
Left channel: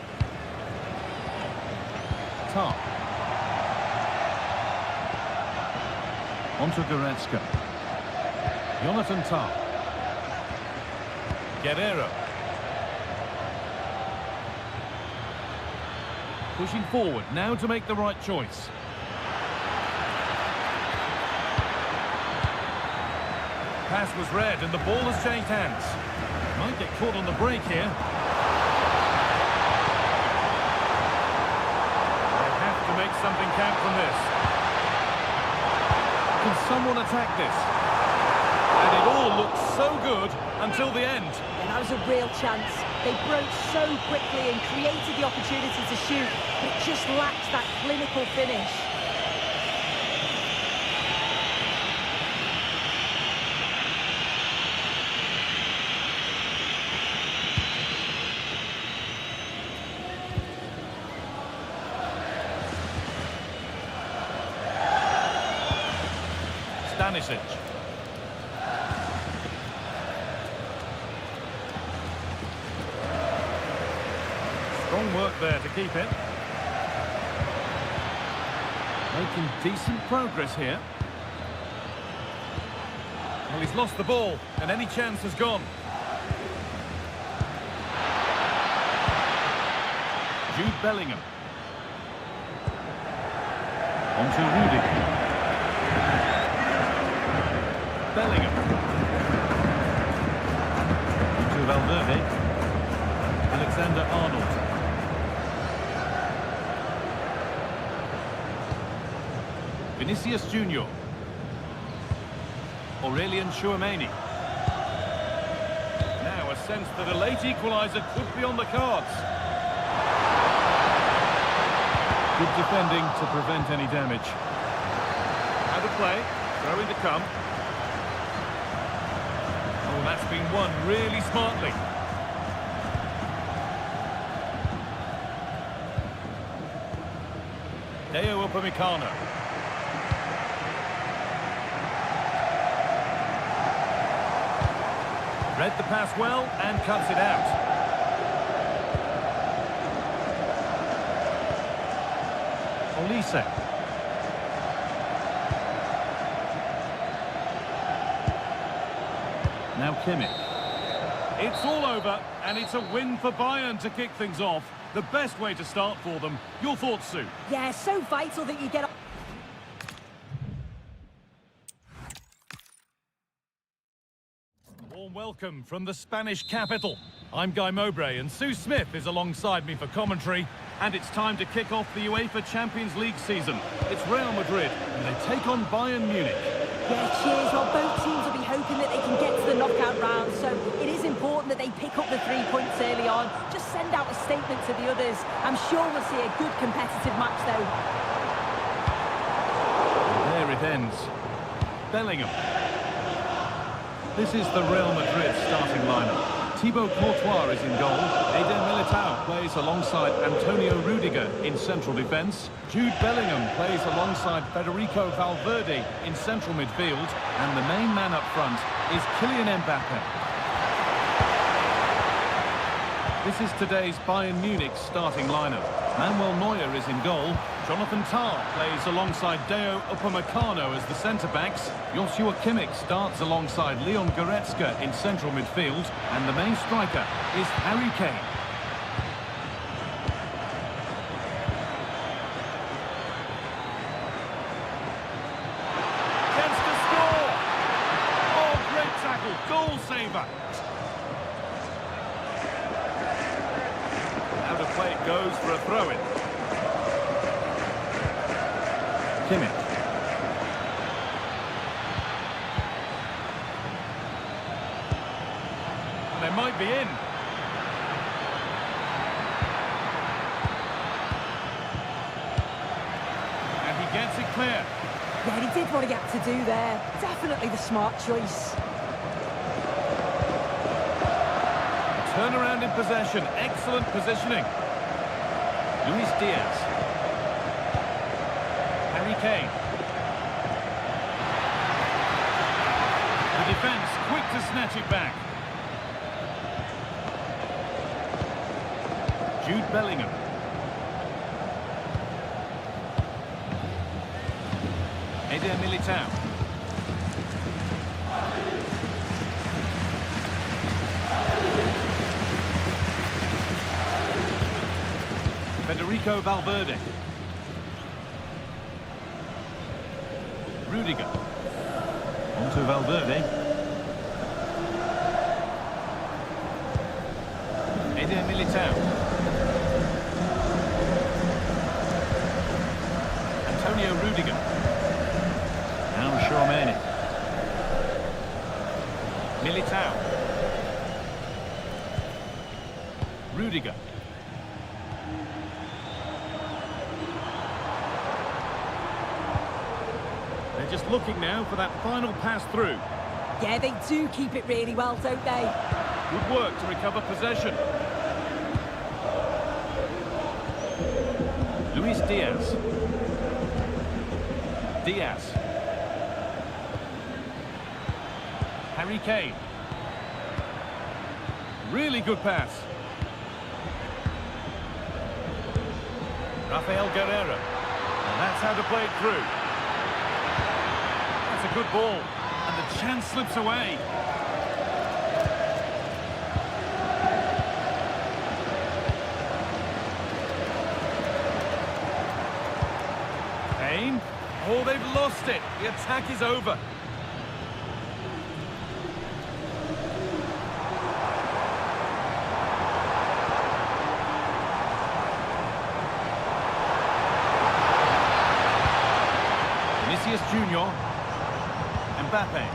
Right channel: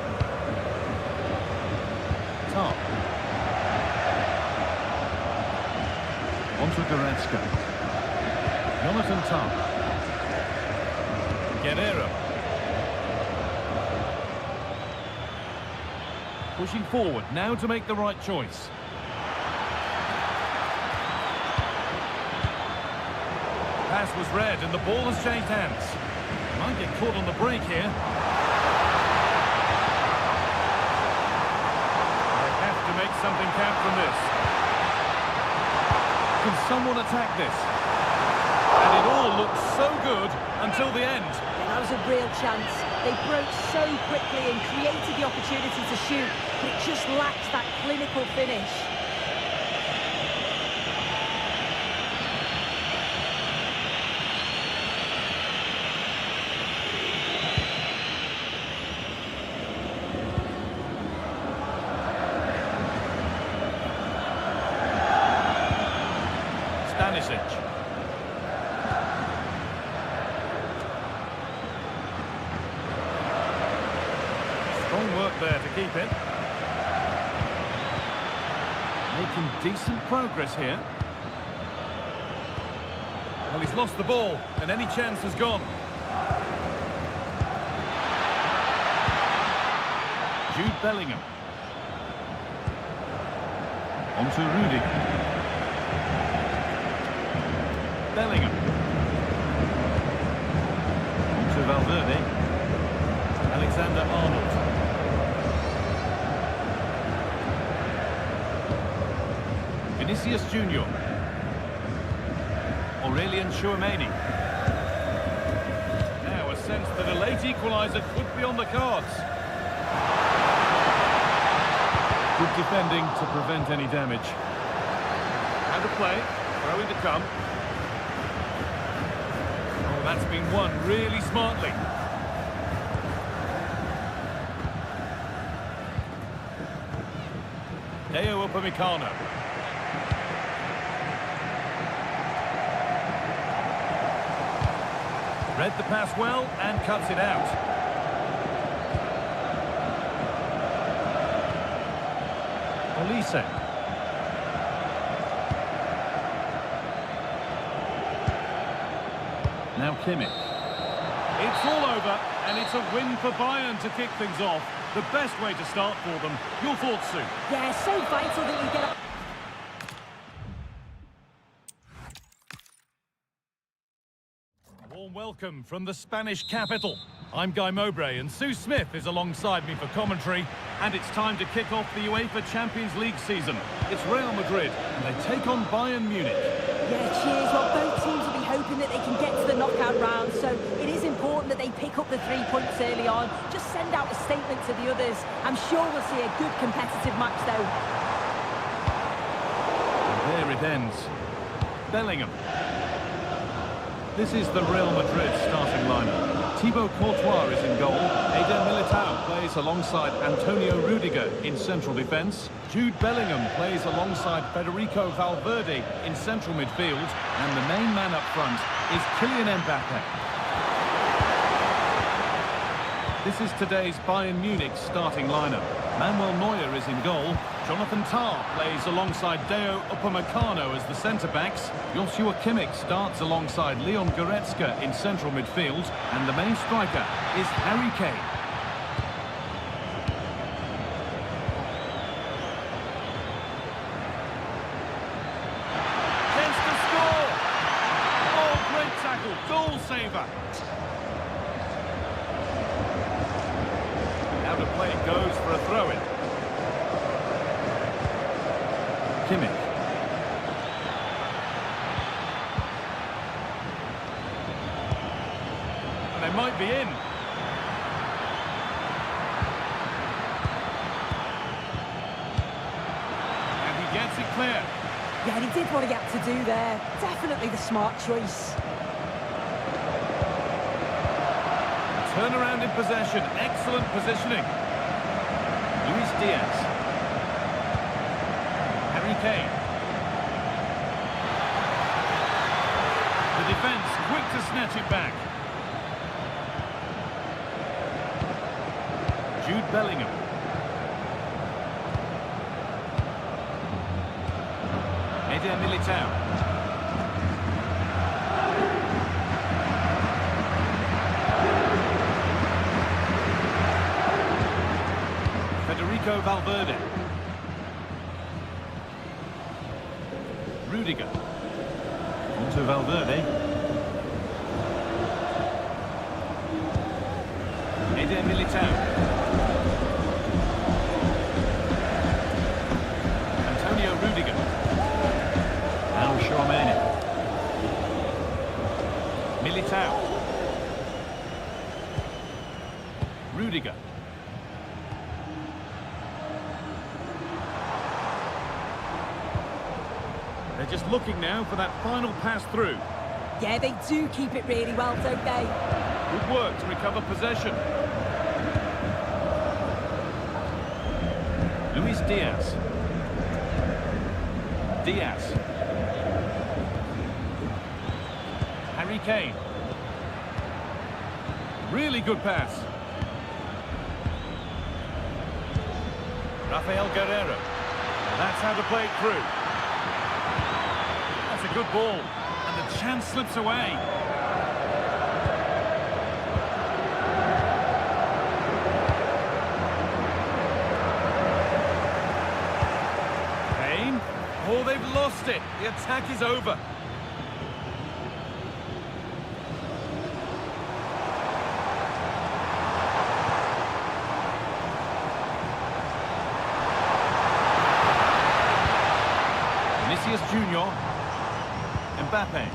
Top. Onto Goretzka. Jonathan Top. Guerrero. Pushing forward, now to make the right choice. Pass was read and the ball has changed hands. Might get caught on the break here. They have to make something count from this. Can someone attack this? And it all looked so good until the end. Yeah, that was a real chance. They broke so quickly and created the opportunity to shoot, but it just lacked that clinical finish. Stanisic. Strong work there to keep it. Making decent progress here. Well, he's lost the ball, and any chance has gone. Jude Bellingham. On to Rudiger. Bellingham. On to Valverde. Alexander-Arnold. Vinicius Junior. Aurelien Tchouameni. Now a sense that a late equaliser could be on the cards. Good defending to prevent any damage. How to play, throw in to come. Oh, that's been won really smartly. Deo Upamecano. Read the pass well and cuts it out. Olise. Now Kimmich. It's all over, and it's a win for Bayern to kick things off. The best way to start for them. Your thoughts, Sue? Yeah, so vital that you get... Warm welcome from the Spanish capital. I'm Guy Mowbray, and Sue Smith is alongside me for commentary. And it's time to kick off the UEFA Champions League season. It's Real Madrid, and they take on Bayern Munich. Yeah, cheers. Well, both teams will be hoping that they can get to the knockout round, so it is important that they pick up the 3 points early on. Just send out a statement to the others. I'm sure we'll see a good competitive match, though. And there it ends. Bellingham. This is the Real Madrid starting lineup. Thibaut Courtois is in goal. Eder Militao plays alongside Antonio Rudiger in central defence. Jude Bellingham plays alongside Federico Valverde in central midfield. And the main man up front is Kylian Mbappe. This is today's Bayern Munich starting lineup. Manuel Neuer is in goal. Jonathan Tah plays alongside Deo Upamecano as the centre-backs. Joshua Kimmich starts alongside Leon Goretzka in central midfield. And the main striker is Harry Kane. Chance to score! Oh, great tackle, goal saver! Out of play it goes for a throw-in. Kimmich. And they might be in. And he gets it clear. Yeah, he did what he had to do there. Definitely the smart choice. Turnaround in possession, excellent positioning. Luis Diaz. Harry Kane. The defence quick to snatch it back. Jude Bellingham. Eder Militao. Federico Valverde. Rudiger. On to Valverde. Eder Militao. Antonio Rudiger. Now Tchouaméni. Militao. Rudiger. They're just looking now for that final pass through. Yeah, they do keep it really well, don't they? Good work to recover possession. Luis Diaz. Diaz. Harry Kane. Really good pass. Rafael Guerreiro. Now that's how to play it through. That's a good ball. And the chance slips away. Kane. Oh, they've lost it. The attack is over. Vinicius Junior. Mbappe.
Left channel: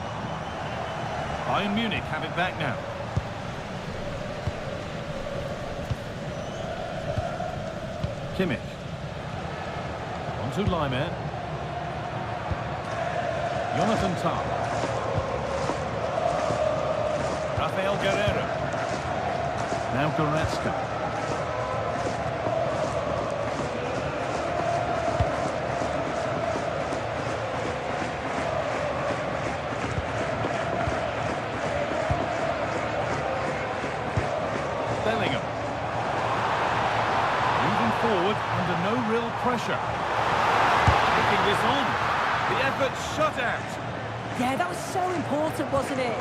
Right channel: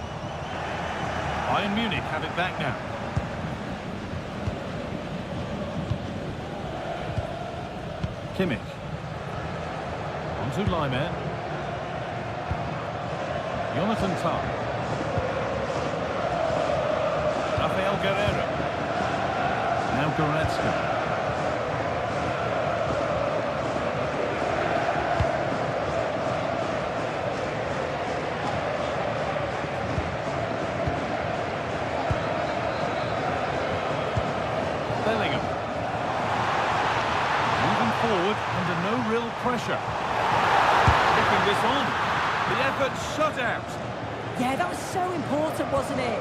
Bayern Munich have it back now. Kimmich. On to Laimer. Jonathan Tah. Rafael Guerreiro. Now Goretzka. Bellingham. Moving forward under no real pressure. Picking this on. The effort shut out. Yeah, that was so important, wasn't it?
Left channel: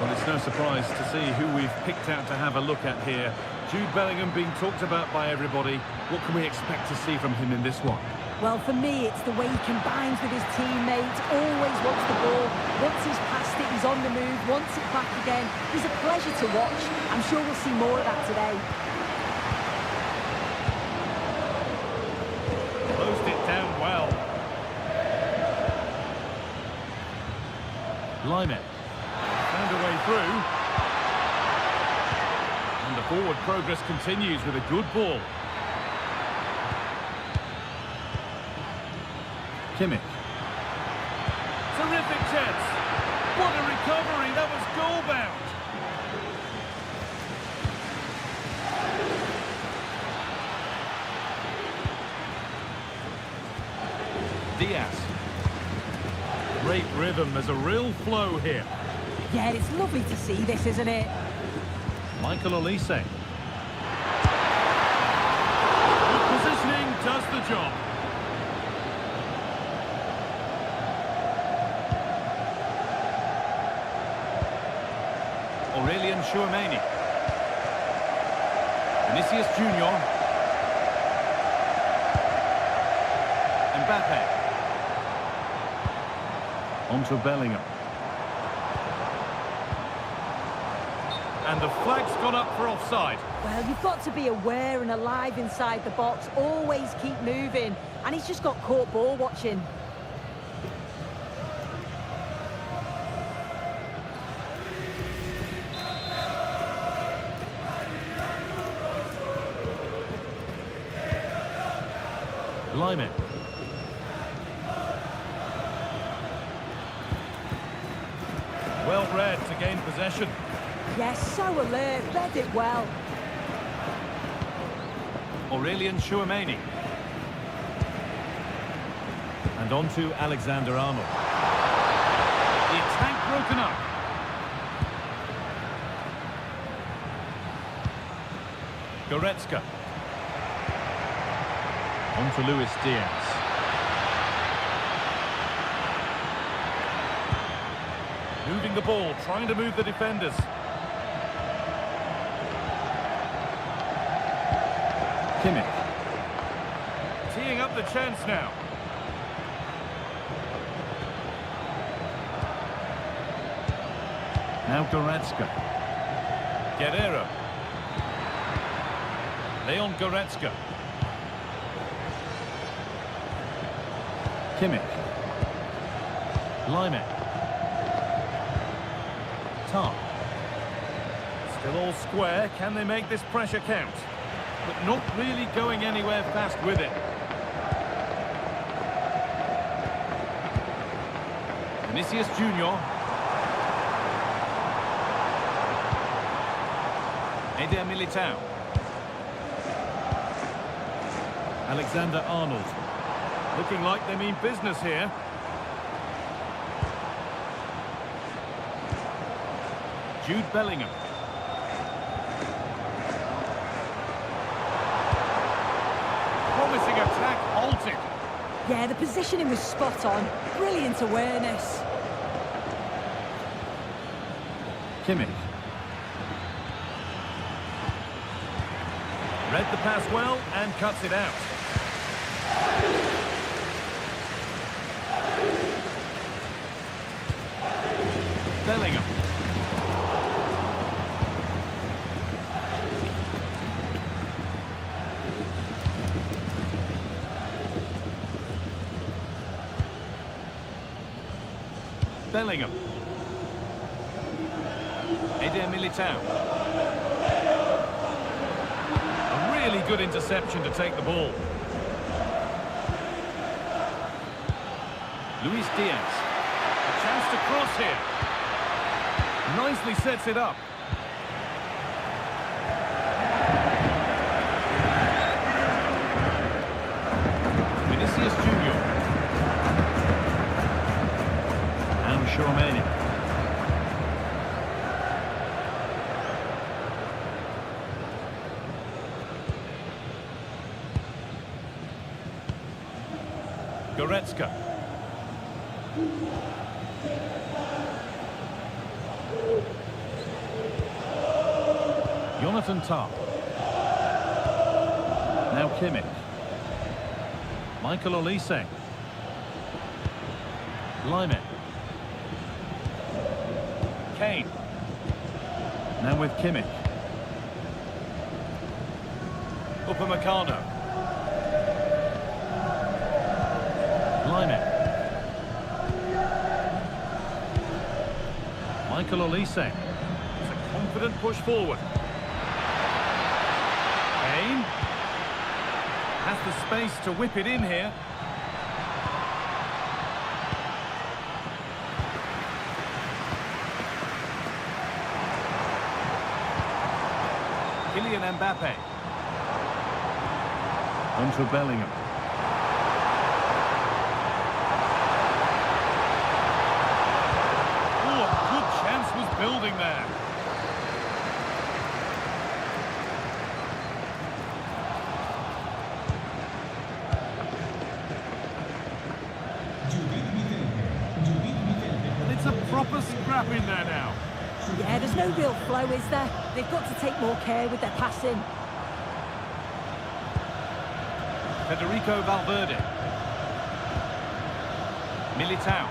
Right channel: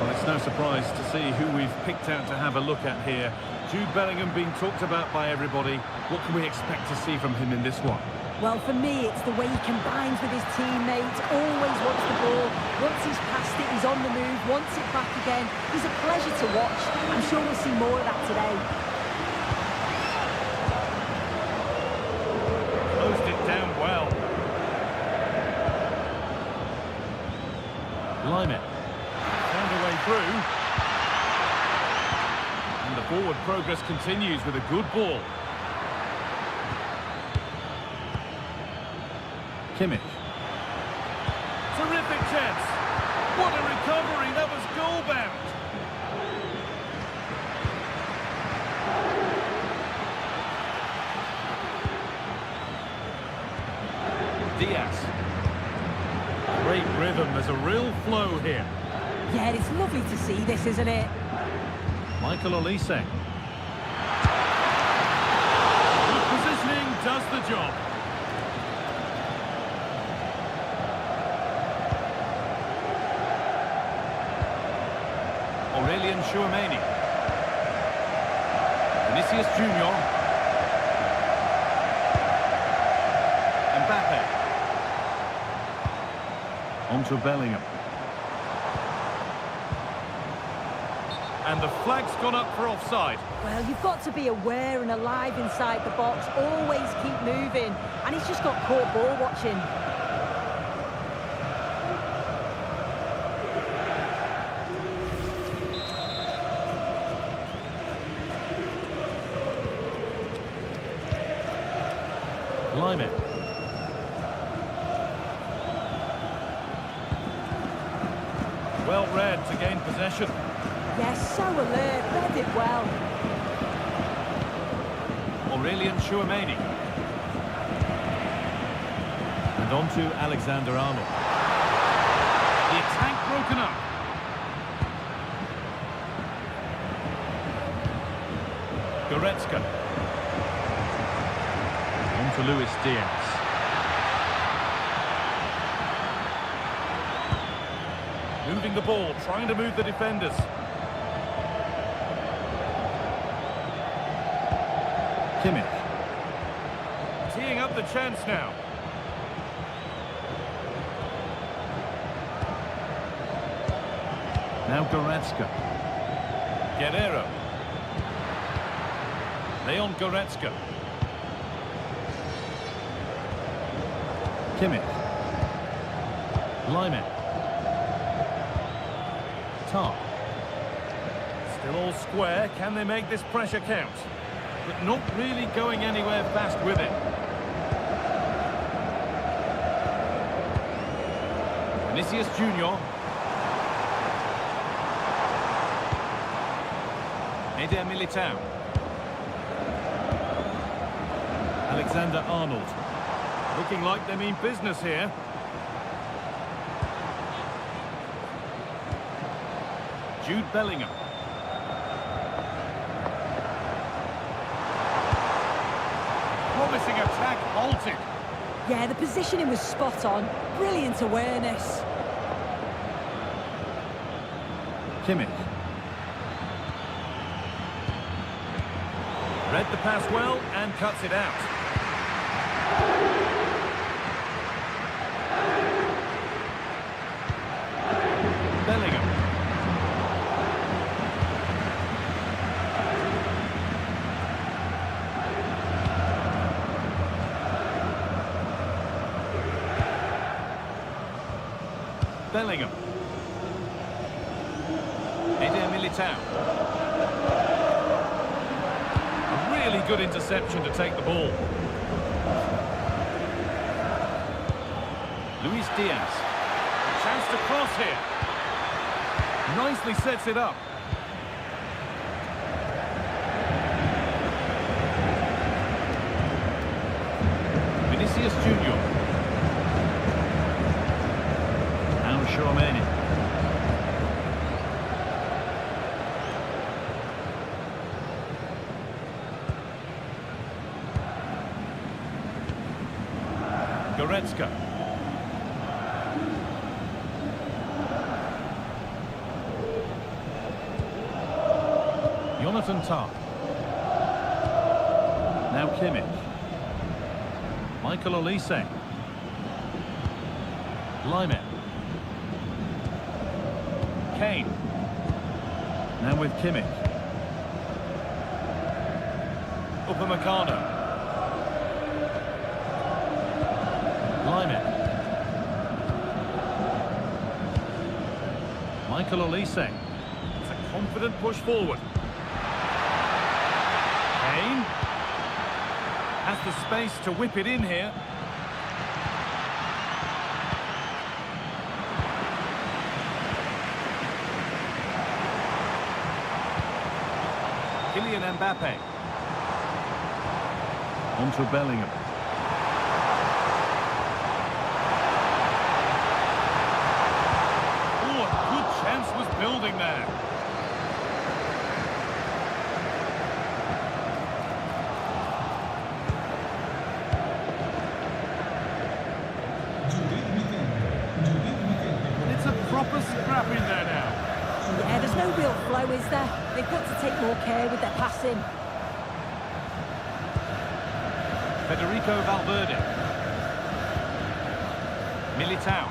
Well, it's no surprise to see who we've picked out to have a look at here. Jude Bellingham being talked about by everybody. What can we expect to see from him in this one? Well, for me, it's the way he combines with his teammates, always wants the ball. Once he's passed it, he's on the move, wants it back again. He's a pleasure to watch. I'm sure we'll see more of that today. Closed it down well. Laimer. Found a way through. And the forward progress continues with a good ball. Kimmich. Terrific chance. What a recovery. That was goal-bound. Diaz. Great rhythm. There's a real flow here. Yeah, it's lovely to see this, isn't it? Michael Olise. Good positioning does the job. Aurelien Tchouaméni. Vinicius Junior. Mbappe. On to Bellingham. And the flag's gone up for offside. Well, you've got to be aware and alive inside the box. Always keep moving. And he's just got caught ball watching. Laimer. Well read to gain possession. Yes, so alert, read it well. Aurelien Tchouaméni. And on to Alexander-Arnold. The attack broken up. Goretzka. On to Luis Diaz. Moving the ball, trying to move the defenders. Kimmich. Teeing up the chance now. Now Goretzka. Guerreiro. Leon Goretzka. Kimmich. Lime. Top. Still all square. Can they make this pressure count? But not really going anywhere fast with it. Vinicius Junior. Eder Militao. Alexander-Arnold. Looking like they mean business here. Jude Bellingham. Promising attack halted. Yeah, the positioning was spot on. Brilliant awareness. Kimmich. Read the pass well and cuts it out. Bellingham. Bellingham. Eder Militao. A really good interception to take the ball. Luis Diaz. A chance to cross here. Nicely sets it up. Vinicius Junior. Now Chouameni. Goretzka. Jonathan Tah. Now Kimmich. Michael Olise. Lime. Kane. Now with Kimmich. Upamecano. Lime. Michael Olise. It's a confident push forward. Kane. Has the space to whip it in here. Kylian Mbappe. On to Bellingham. Oh, a good chance was building there. And it's a proper scrap in there now. Yeah, there's no real flow, is there? They've got to take more care with their passing. Federico Valverde. Militao.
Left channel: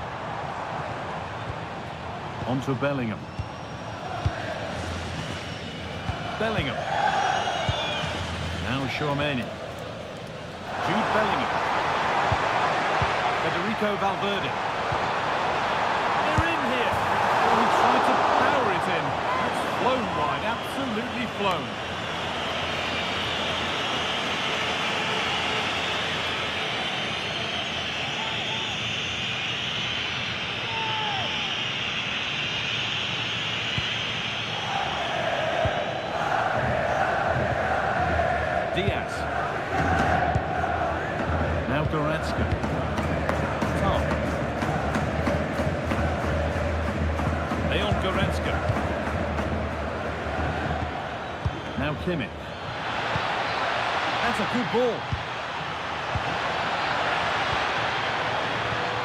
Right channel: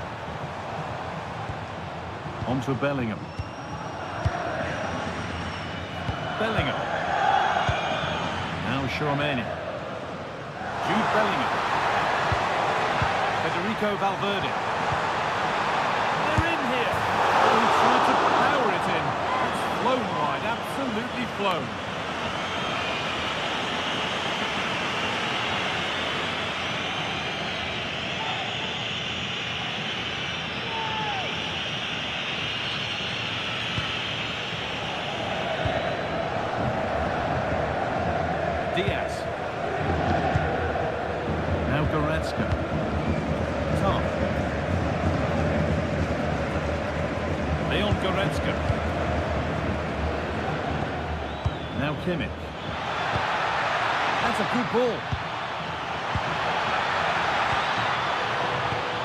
On to Bellingham. Bellingham. Now Chouameni. Jude Bellingham. Federico Valverde. They're in here. Oh, he tried to power it in. That's flown wide, absolutely flown. Diaz. Now Goretzka. Top. Leon Goretzka. Now Kimmich. That's a good ball.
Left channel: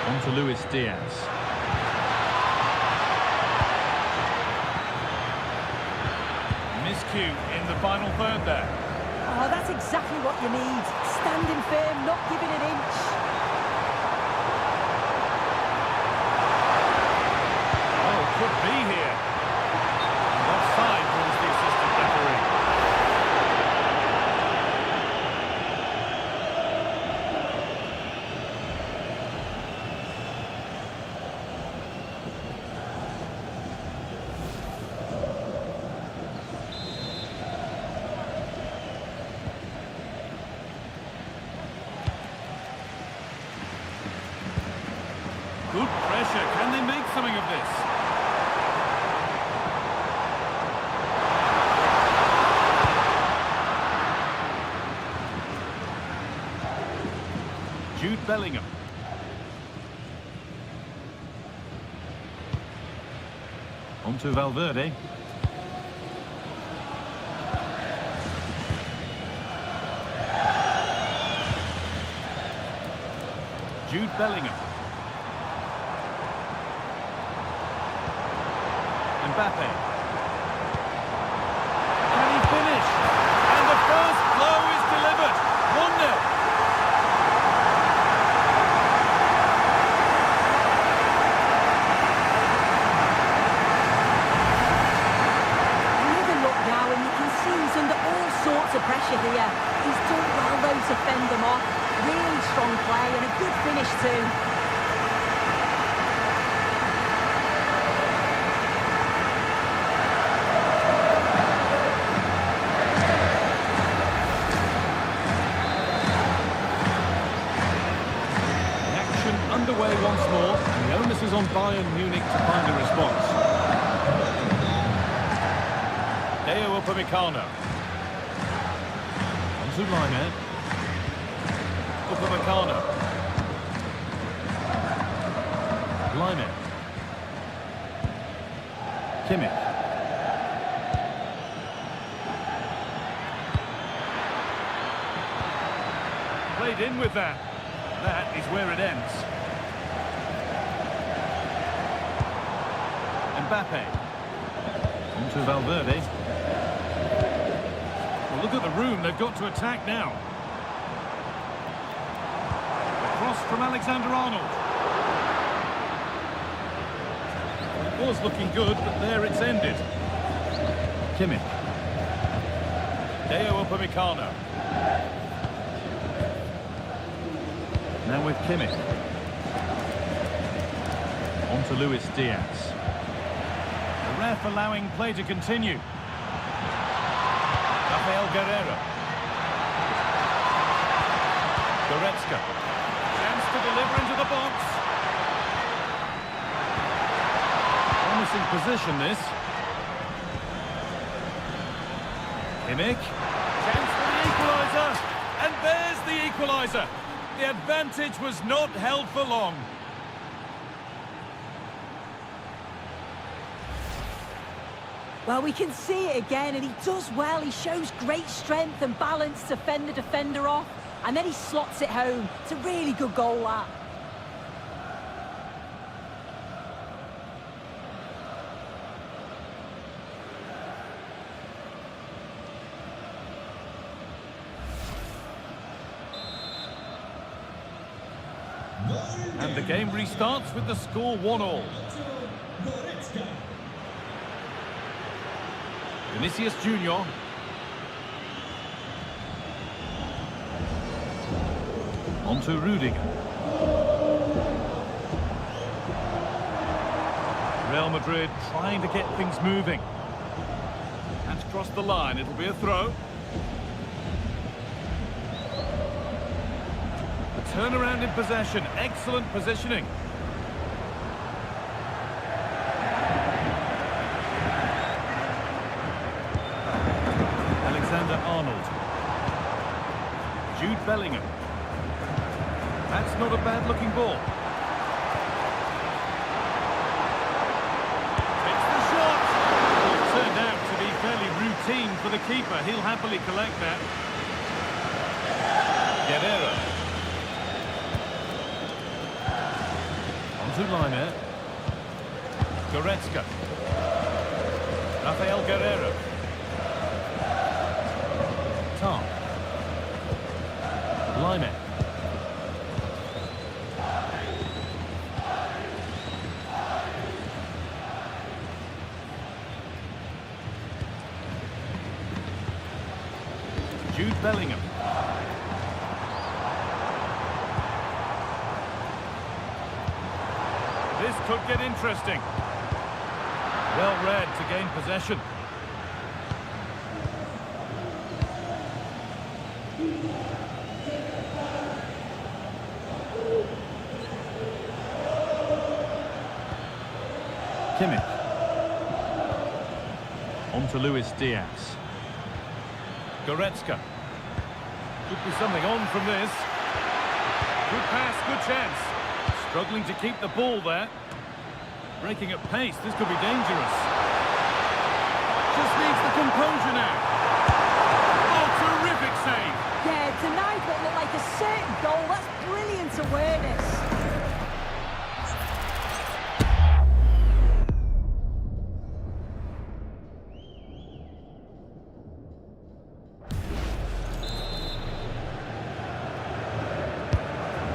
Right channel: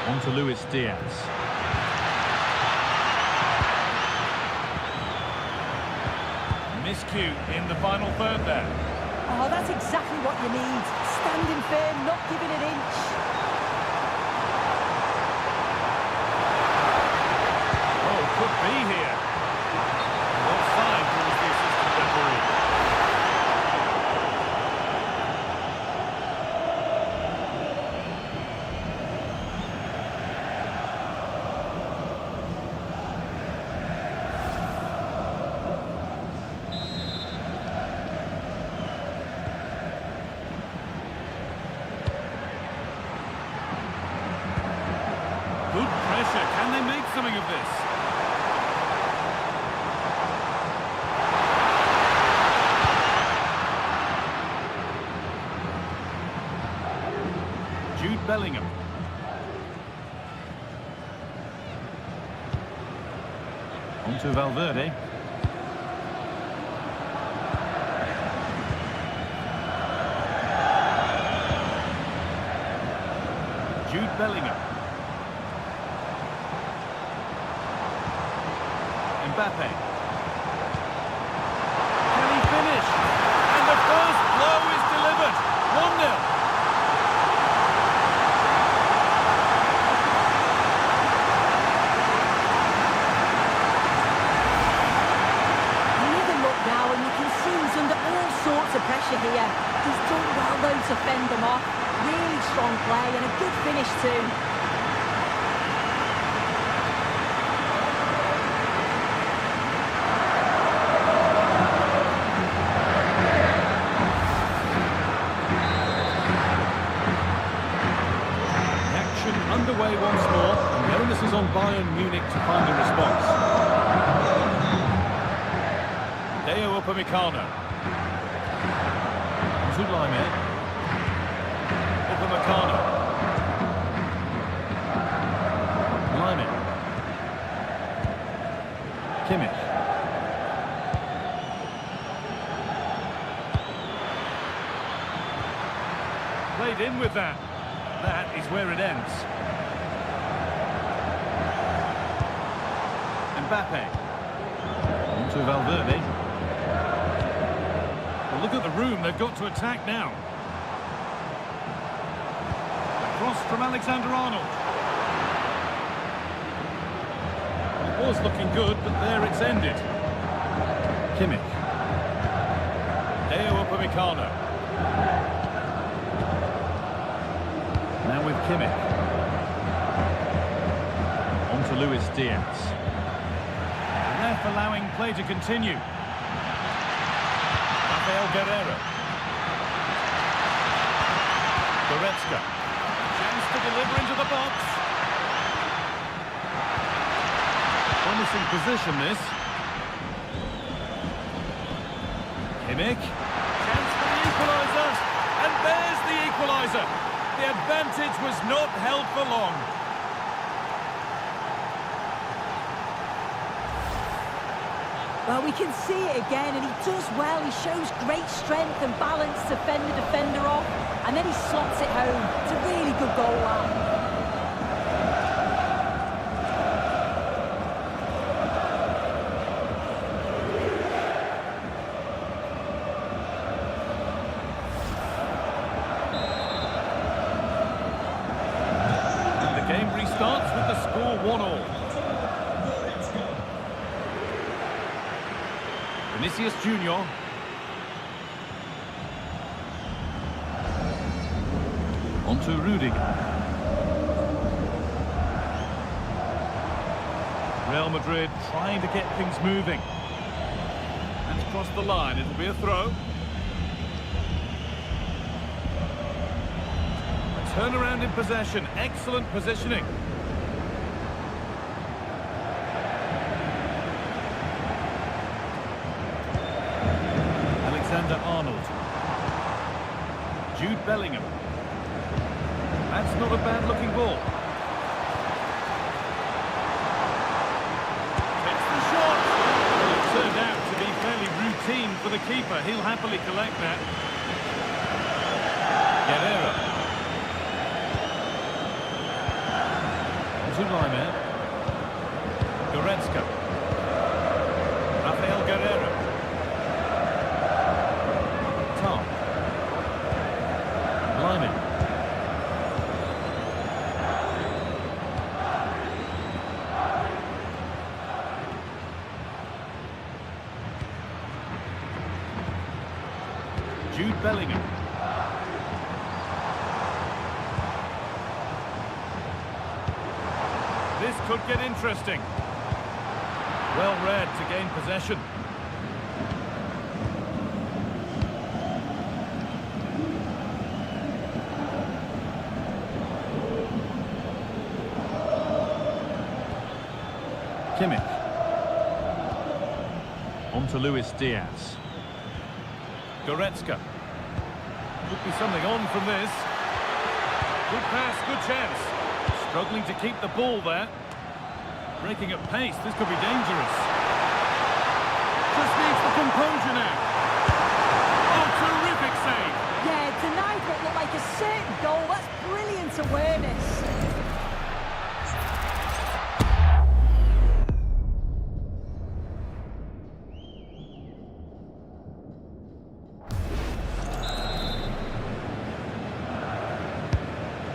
On to Luis Diaz. Miscue in the final third there. Oh, that's exactly what you need. Standing firm, not giving an inch. Oh, could be here. Offside rules the assistant referee. pressure. Can they make something of this? Jude Bellingham. On to Valverde. Jude Bellingham. Mbappe. Can he finish? And the first blow is delivered. 1-0. Now, and you can see he's under all sorts of pressure here. He's done well, though, to fend them off. Really strong play and a good finish, too. The action underway once more, and the onus is on Bayern Munich to find a response. Deo Upamecano. On to Laimer. Upamecano. Laimer. Kimmich. Played in with that. That is where it ends. Mbappe. On to Valverde. Well, look at the room they've got to attack now. The cross from Alexander-Arnold. Well, it was looking good, but there it's ended. Kimmich. Deo Upamecano. Now with Kimmich. On to Luis Diaz. The ref allowing play to continue. Rafael Guerreiro. Goretzka. Chance to deliver into the box. Promising position, this. Kimmich. Chance for the equaliser. And there's the equaliser. The advantage was not held for long. Well, we can see it again, and he does well. He shows great strength and balance to fend the defender off, and then he slots it home. It's a really good goal, that. And the game restarts with the score 1-1. Vinicius Junior. On to Rudiger. Real Madrid trying to get things moving. That's crossed the line. It'll be a throw. A turnaround in possession. Excellent positioning. Alexander-Arnold. Jude Bellingham. That's not a bad-looking ball. Takes the shot. Well, it turned out to be fairly routine for the keeper. He'll happily collect that. Guerreiro. On to Laimer. Goretzka. Rafael Guerreiro. Tom. Laimer. Jude Bellingham. This could get interesting. Well read to gain possession. Kimmich. On to Luis Diaz. Goretzka. Could be something on from this. Good pass, good chance. Struggling to keep the ball there. Breaking at pace, this could be dangerous. Just needs the composure now. Oh, terrific save. Yeah, denied what looked like a certain goal. That's brilliant awareness.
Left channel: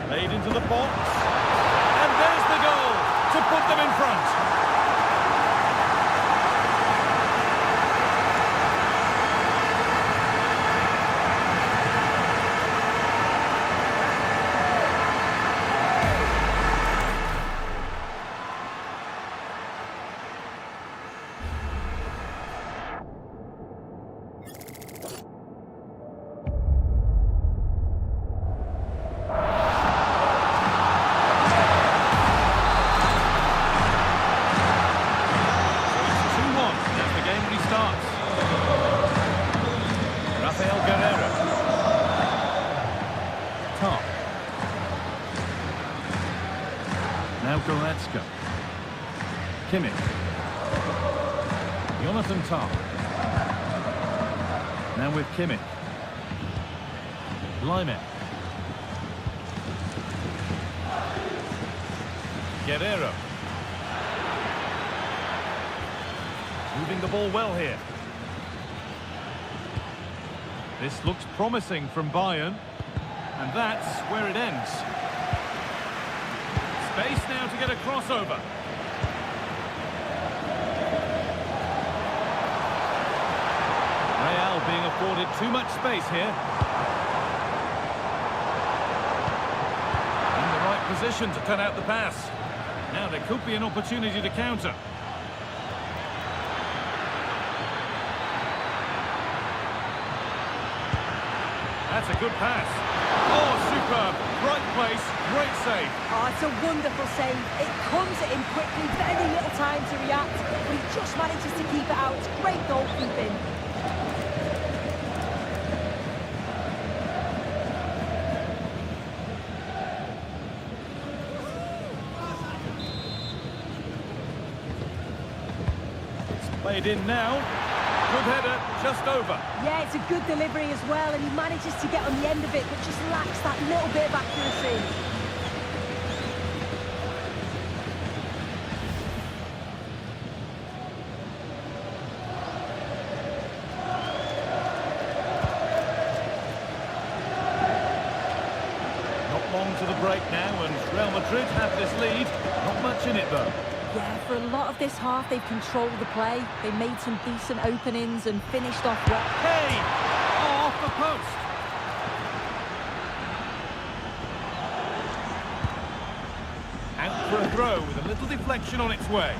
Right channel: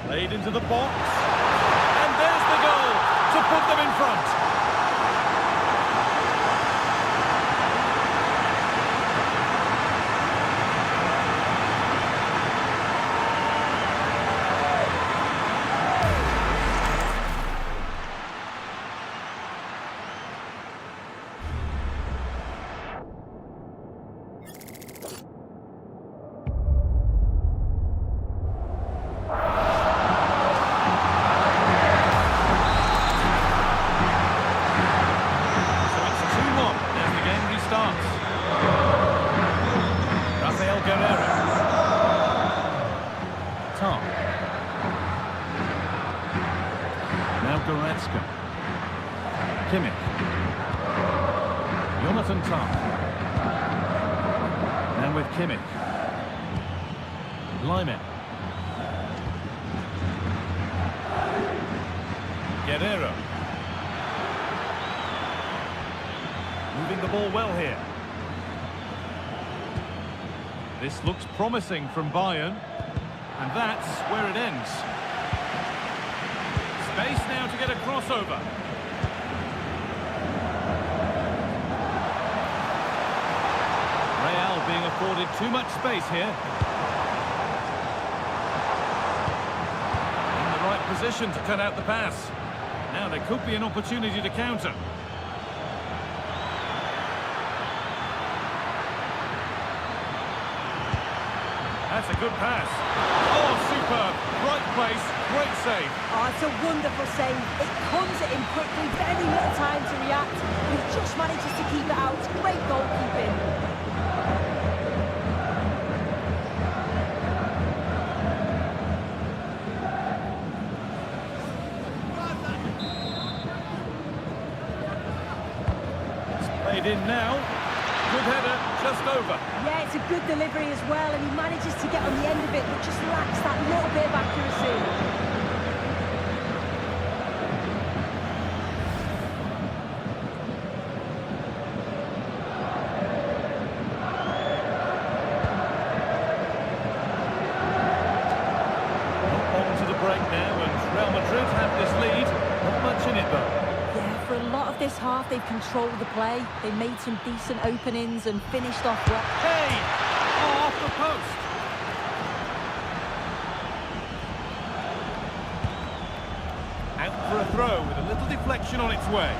Played into the box. And there's the goal to put them in front. Starts. Rafael Guerreiro. Top. Now Goretzka. Kimmich. Jonathan Tah. Now with Kimmich. Lyman. Guerreiro. Moving the ball well here. This looks promising from Bayern. And that's where it ends. Space now to get a crossover. Real being afforded too much space here. In the right position to cut out the pass. Now there could be an opportunity to counter. That's a good pass. Oh, superb. Right place, great save. Oh, it's a wonderful save. It comes at him quickly, very little time to react, but he just manages to keep it out. It's great goalkeeping. It's played in now. Good header, just over. Yeah, it's a good delivery as well, and he manages to get on the end of it, but just lacks that little bit of accuracy. Not long to the break now, and Real Madrid have this lead. Not much in it, though. Yeah, for a lot of this half, they've controlled the play. They made some decent openings and finished off well. Hey! Oh, off the post. Out for a throw with a little deflection on its way.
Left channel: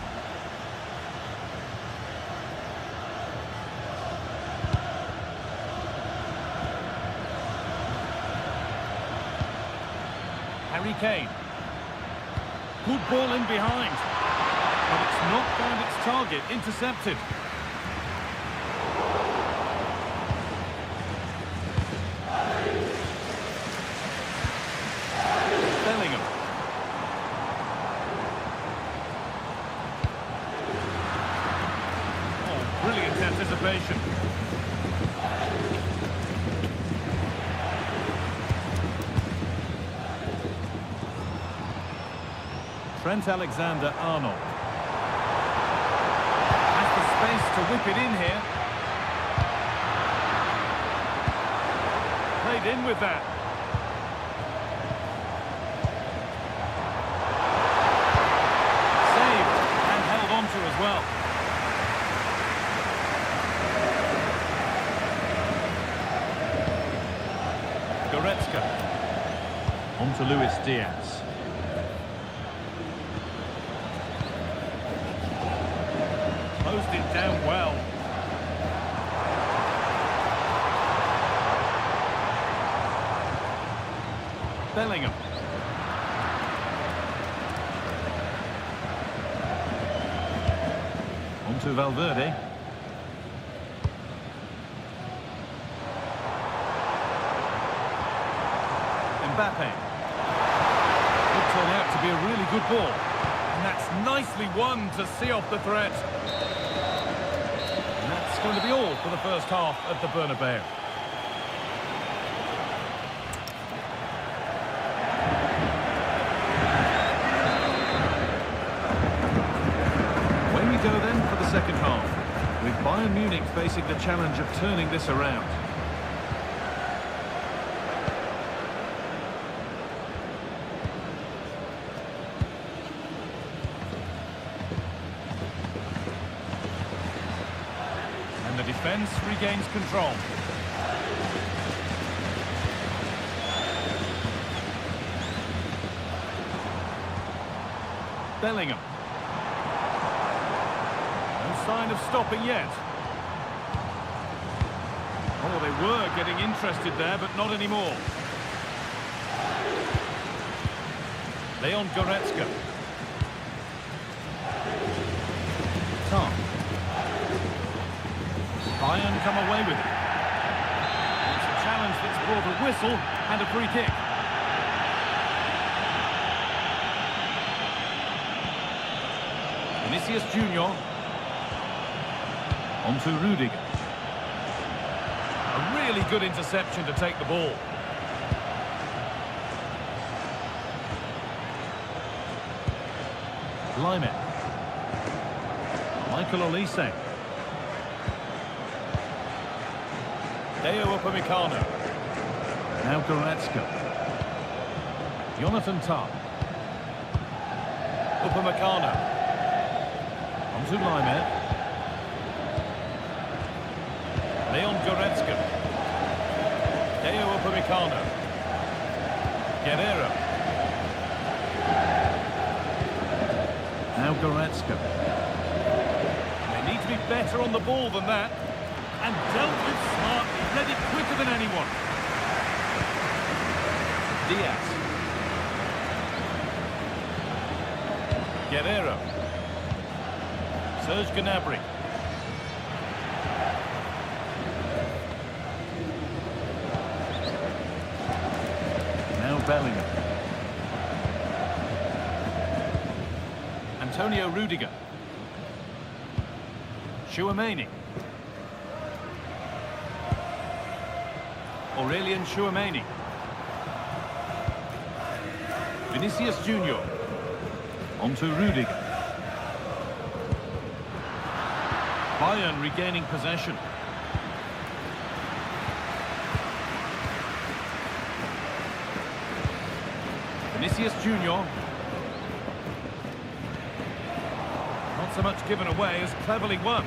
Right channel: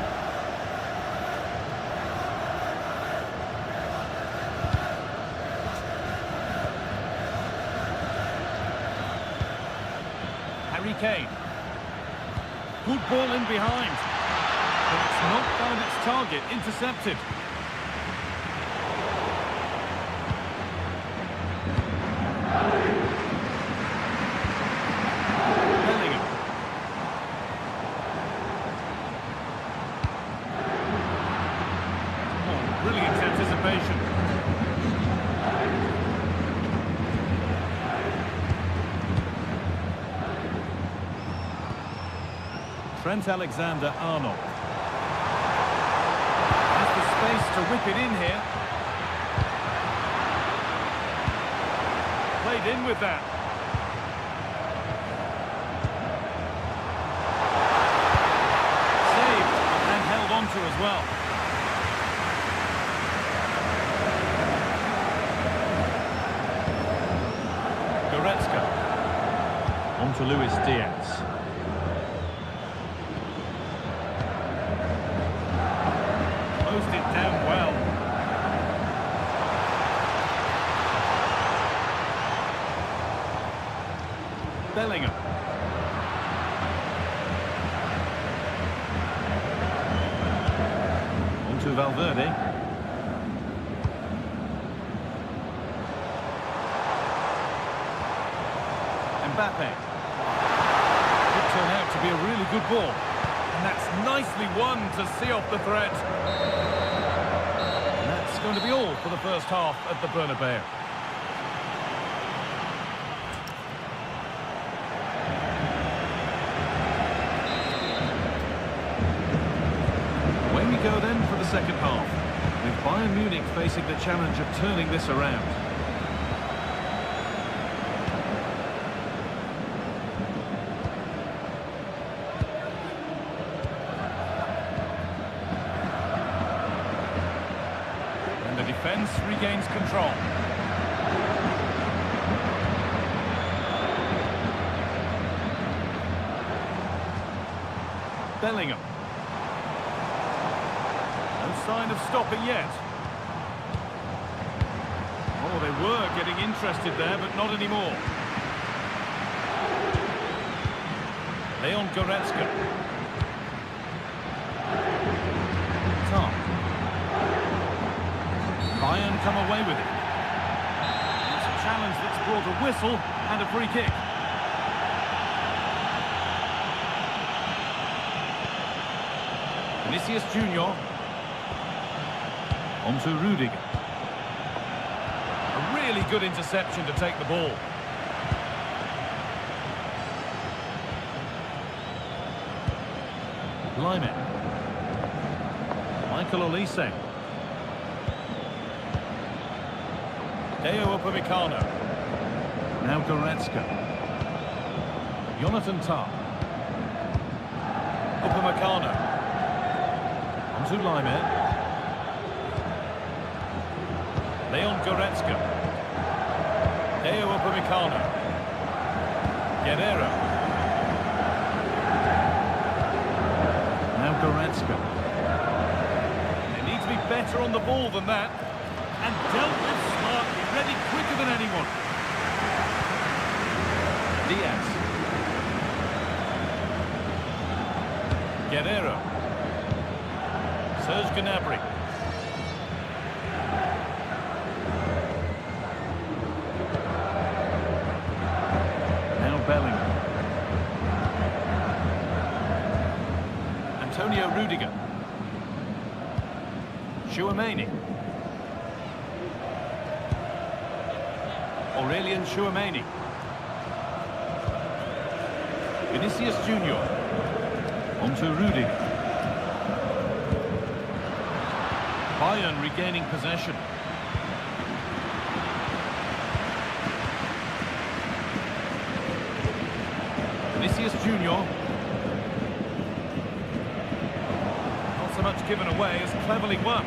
Harry Kane. Good ball in behind. But it's not found its target, intercepted. Bellingham. Oh, brilliant anticipation. Trent Alexander-Arnold. Has the space to whip it in here. Played in with that. Saved and held on to as well. Goretzka. On to Luis Diaz. Closed it down well. Bellingham. to Valverde. Mbappe. Could turn out to be a really good ball. And that's nicely won to see off the threat. And that's going to be all for the first half at the Bernabeu. Away we go then for the second half, with Bayern Munich facing the challenge of turning this around. And the defence regains control. Bellingham. No sign of stopping yet. Oh, they were getting interested there, but not anymore. Leon Goretzka. Tom. Bayern come away with it. It's a challenge that's brought a whistle and a free kick. Vinicius Junior. On to Rudiger. A really good interception to take the ball. Lyman. Michael Olise. Deo Upamecano. Now Goretzka. Jonathan Tah. Upamecano. On to Lyman. Leon Goretzka. Deo Upamecano. Guerrero. Now Goretzka. They need to be better on the ball than that. And dealt with smartly, ready quicker than anyone. Diaz. Guerrero. Serge Gnabry. Now Bellingham. Antonio Rudiger. Tchouaméni. Aurelien Tchouaméni. Vinicius Junior. On to Rudiger. Bayern regaining possession. Vinicius Junior. Not so much given away as cleverly won.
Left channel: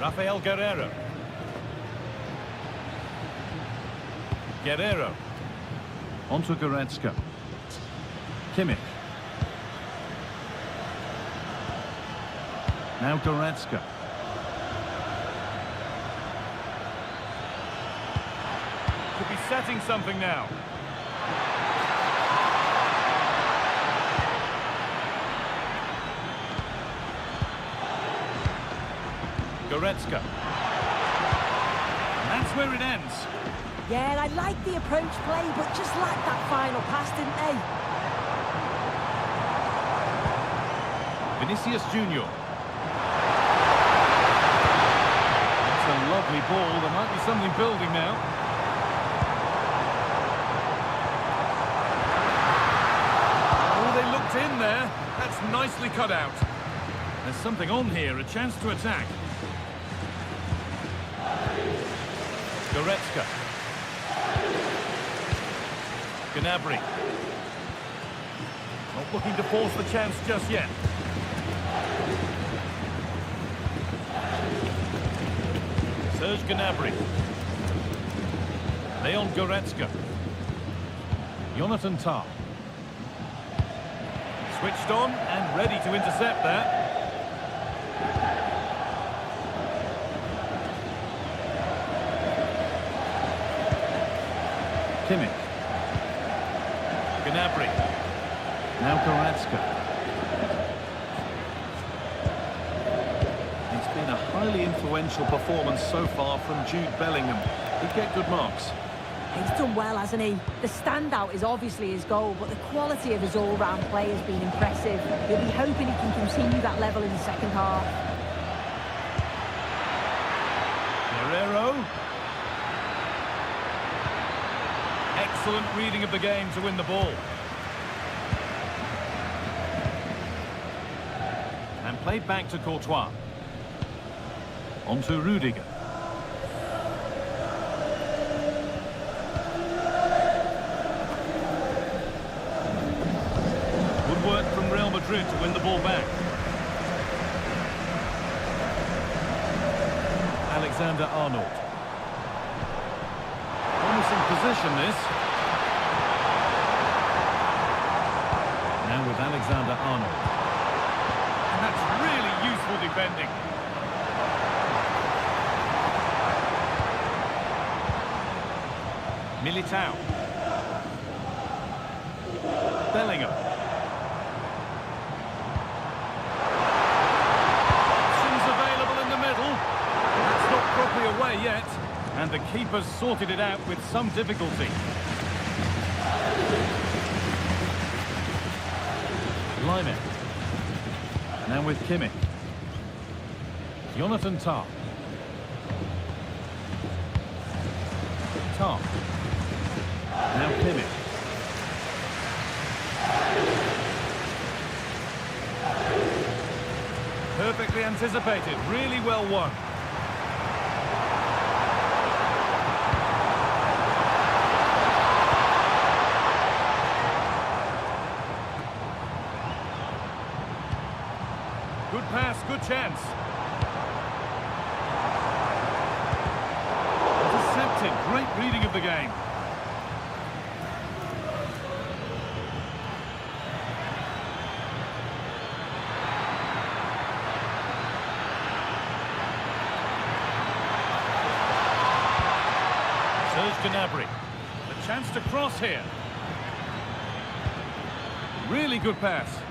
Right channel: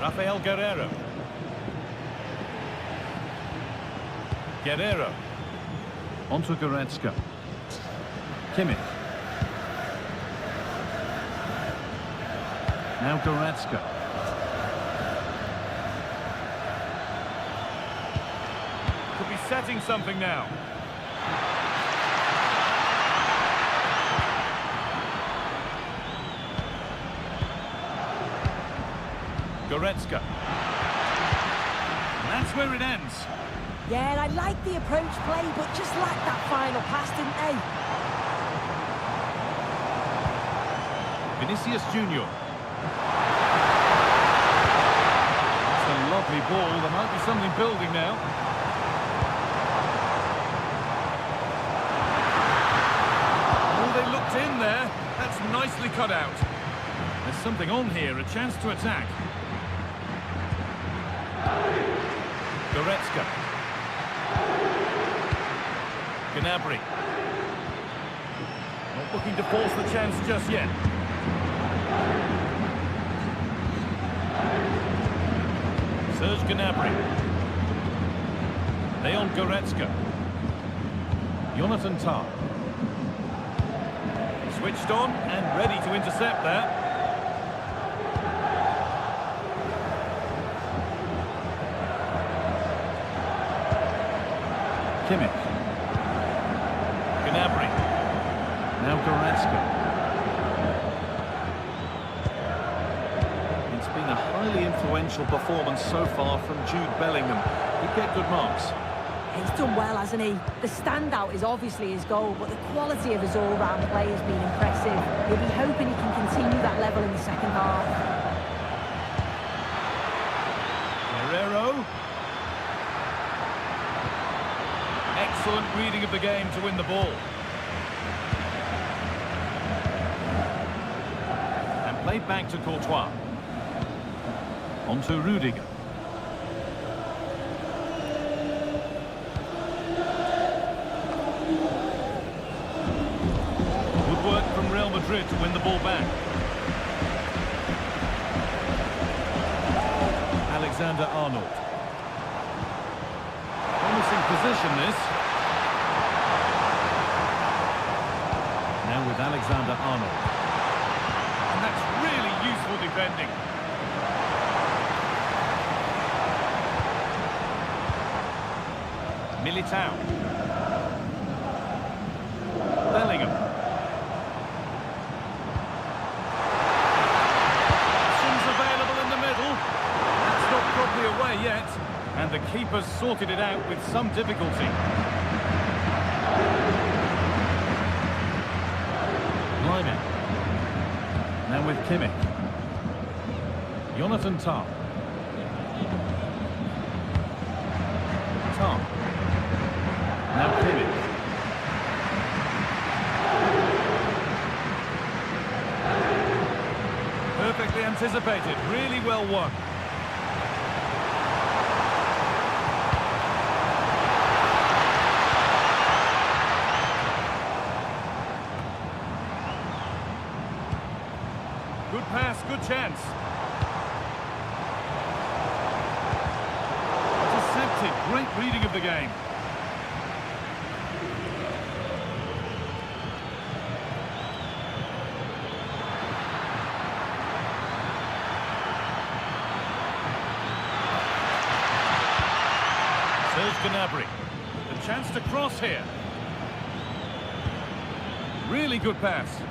Rafael Guerrero. Guerrero. On to Goretzka. Kimmich. Now Goretzka. Could be setting something now. Goretzka. And that's where it ends. Yeah, I like the approach play, but just lacked that final pass, didn't they? Vinicius Junior. That's a lovely ball. There might be something building now. Oh, they looked in there. That's nicely cut out. There's something on here, a chance to attack. Goretzka. Gnabry. Not looking to force the chance just yet. Serge Gnabry. Leon Goretzka. Jonathan Tah. Switched on and ready to intercept that. Kimmich. Gnabry. Now Goretzka. It's been a highly influential performance so far from Jude Bellingham. He'd get good marks. He's done well, hasn't he? The standout is obviously his goal, but the quality of his all-round play has been impressive. He'll be hoping he can continue that level in the second half. Guerrero. Excellent reading of the game to win the ball. And played back to Courtois. On to Rudiger. Good work from Real Madrid to win the ball back. Alexander-Arnold. Promising position, this. Now with Alexander-Arnold. And that's really useful defending. Militao. Bellingham. Options available in the middle. That's not properly away yet. And the keeper's sorted it out with some difficulty. Lime. Now with Kimmich. Jonathan Tah. Tah. Now Kimmich. Perfectly anticipated, really well won. Good pass, good chance. Intercepted, great reading of the game. Serge Gnabry, the chance to cross here. Really good pass.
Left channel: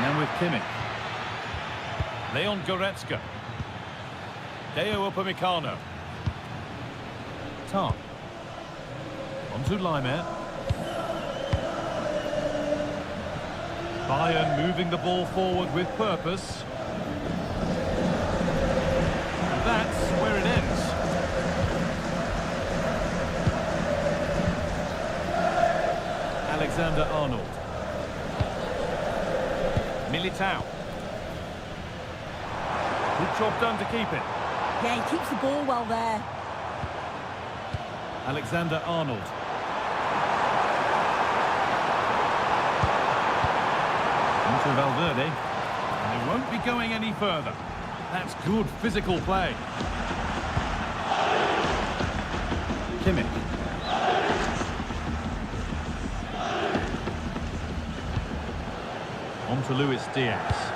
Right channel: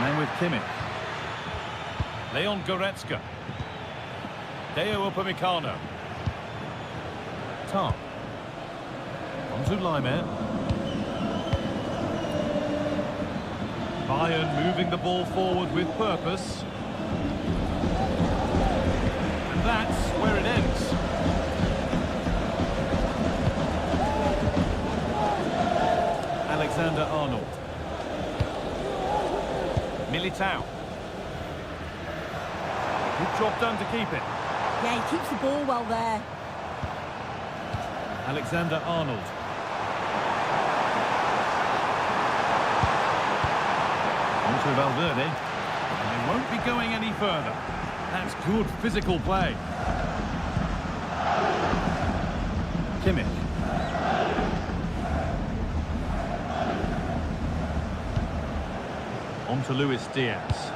Now with Kimmich. Leon Goretzka. Deo Upamecano. Tah. On to Lime. Bayern moving the ball forward with purpose. And that's where it ends. Alexander-Arnold. Militao. Good job done to keep it. Yeah, he keeps the ball well there. Alexander-Arnold. On to Valverde. And they won't be going any further. That's good physical play. Kimmich. On to Luis Diaz.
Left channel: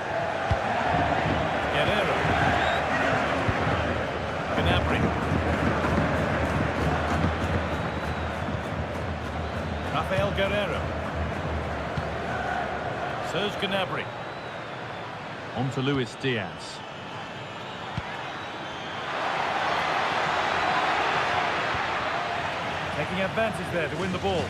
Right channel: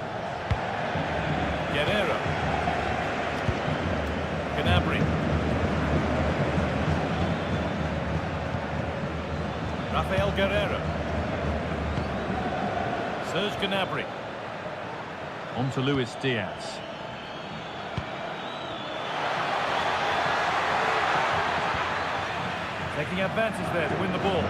Guerrero. Gnabry. Rafael Guerrero. Serge Gnabry. On to Luis Diaz. Taking advantage there to win the ball.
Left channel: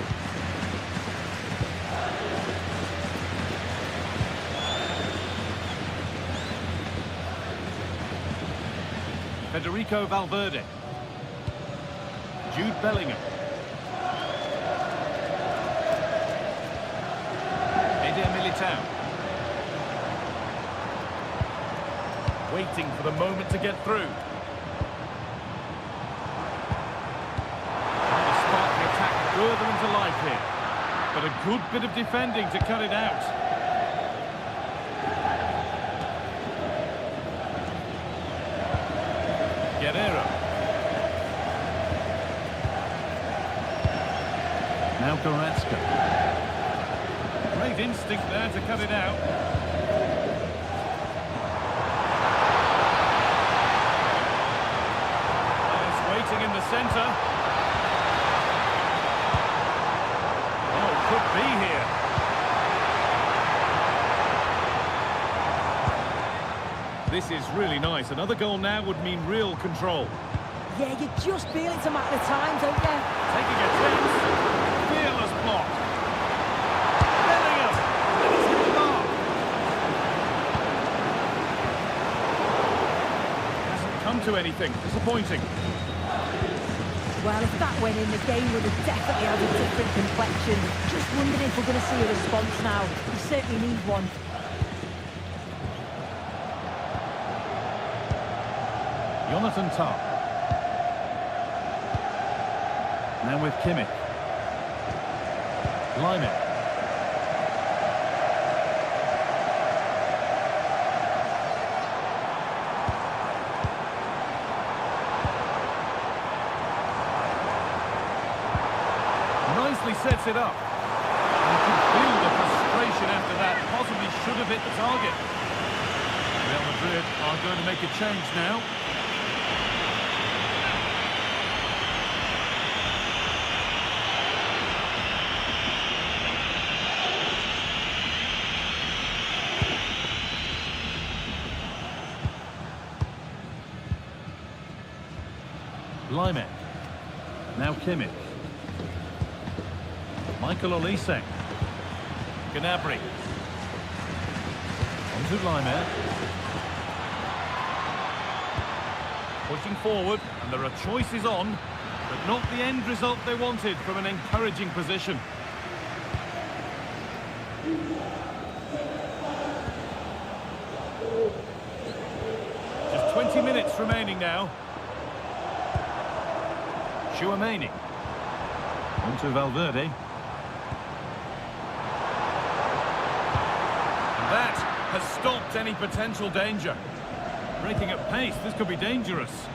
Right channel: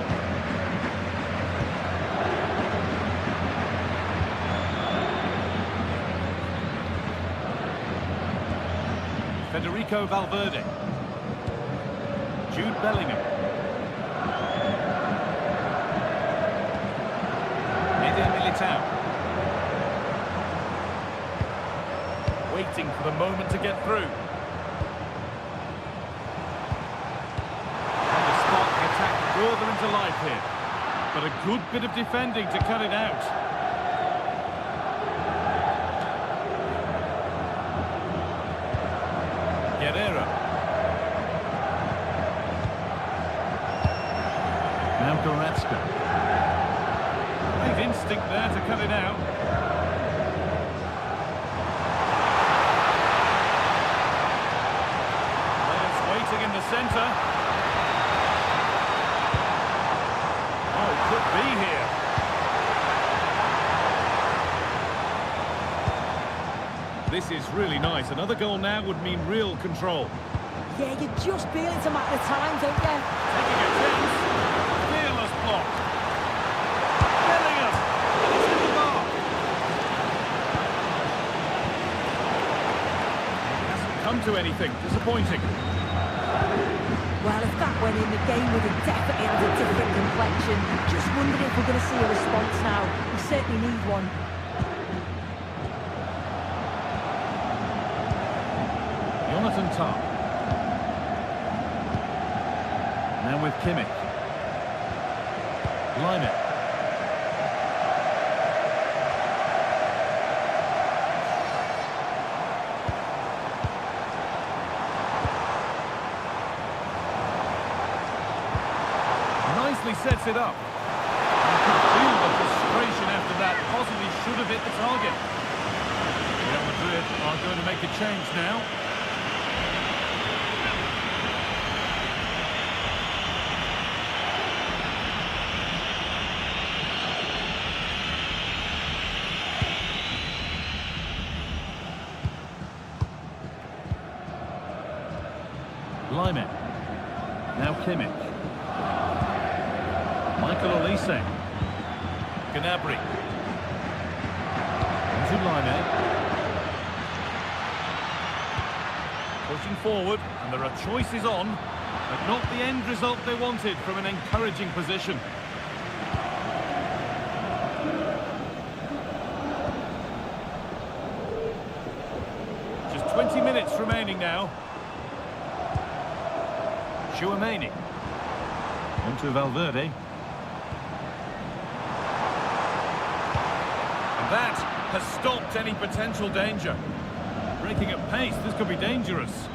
Federico Valverde. Jude Bellingham. Eder Militao. Waiting for the moment to get through. And to spark the attack further into life here. But a good bit of defending to cut it out. Guerrero. Now Goretzka. Great instinct there to cut it out. Players waiting in the centre. could be here. This is really nice. Another goal now would mean real control. Yeah, you just feel it's a matter of time, don't you? Taking a chance. Fearless block. Bellingham. And it's hit the mark. It hasn't come to anything. Disappointing. Well, if that went in, the game would have definitely had a different complexion. Just wondering if we're going to see a response now. We certainly need one. Jonathan Tah. Now with Kimmich. Leimer. Nicely sets it up. You can feel the frustration after that. Possibly should have hit the target. Real Madrid are going to make a change now. Leimer. Now Kimmich. Michael Olise. Gnabry. On to Leimer. Pushing forward, and there are choices on, but not the end result they wanted from an encouraging position. Just 20 minutes remaining now. Chouameni. On to Valverde. And that has stopped any potential danger. Breaking at pace, this could be dangerous.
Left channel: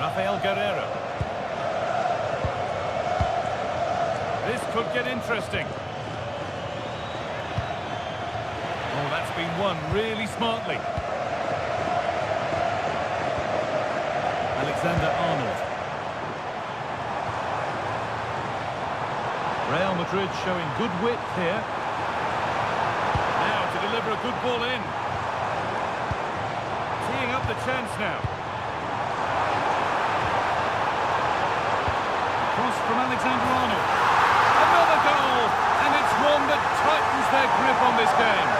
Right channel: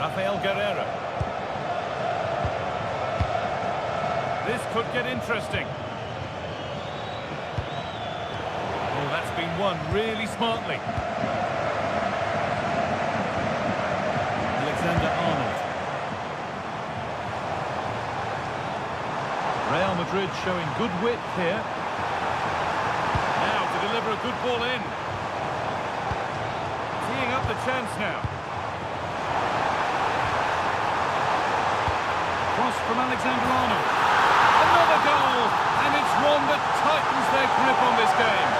Rafael Guerreiro. This could get interesting. Oh, that's been won really smartly. Alexander-Arnold. Real Madrid showing good width here. Now to deliver a good ball in. Teeing up the chance now. Cross from Alexander-Arnold. Another goal! And it's one that tightens their grip on this game.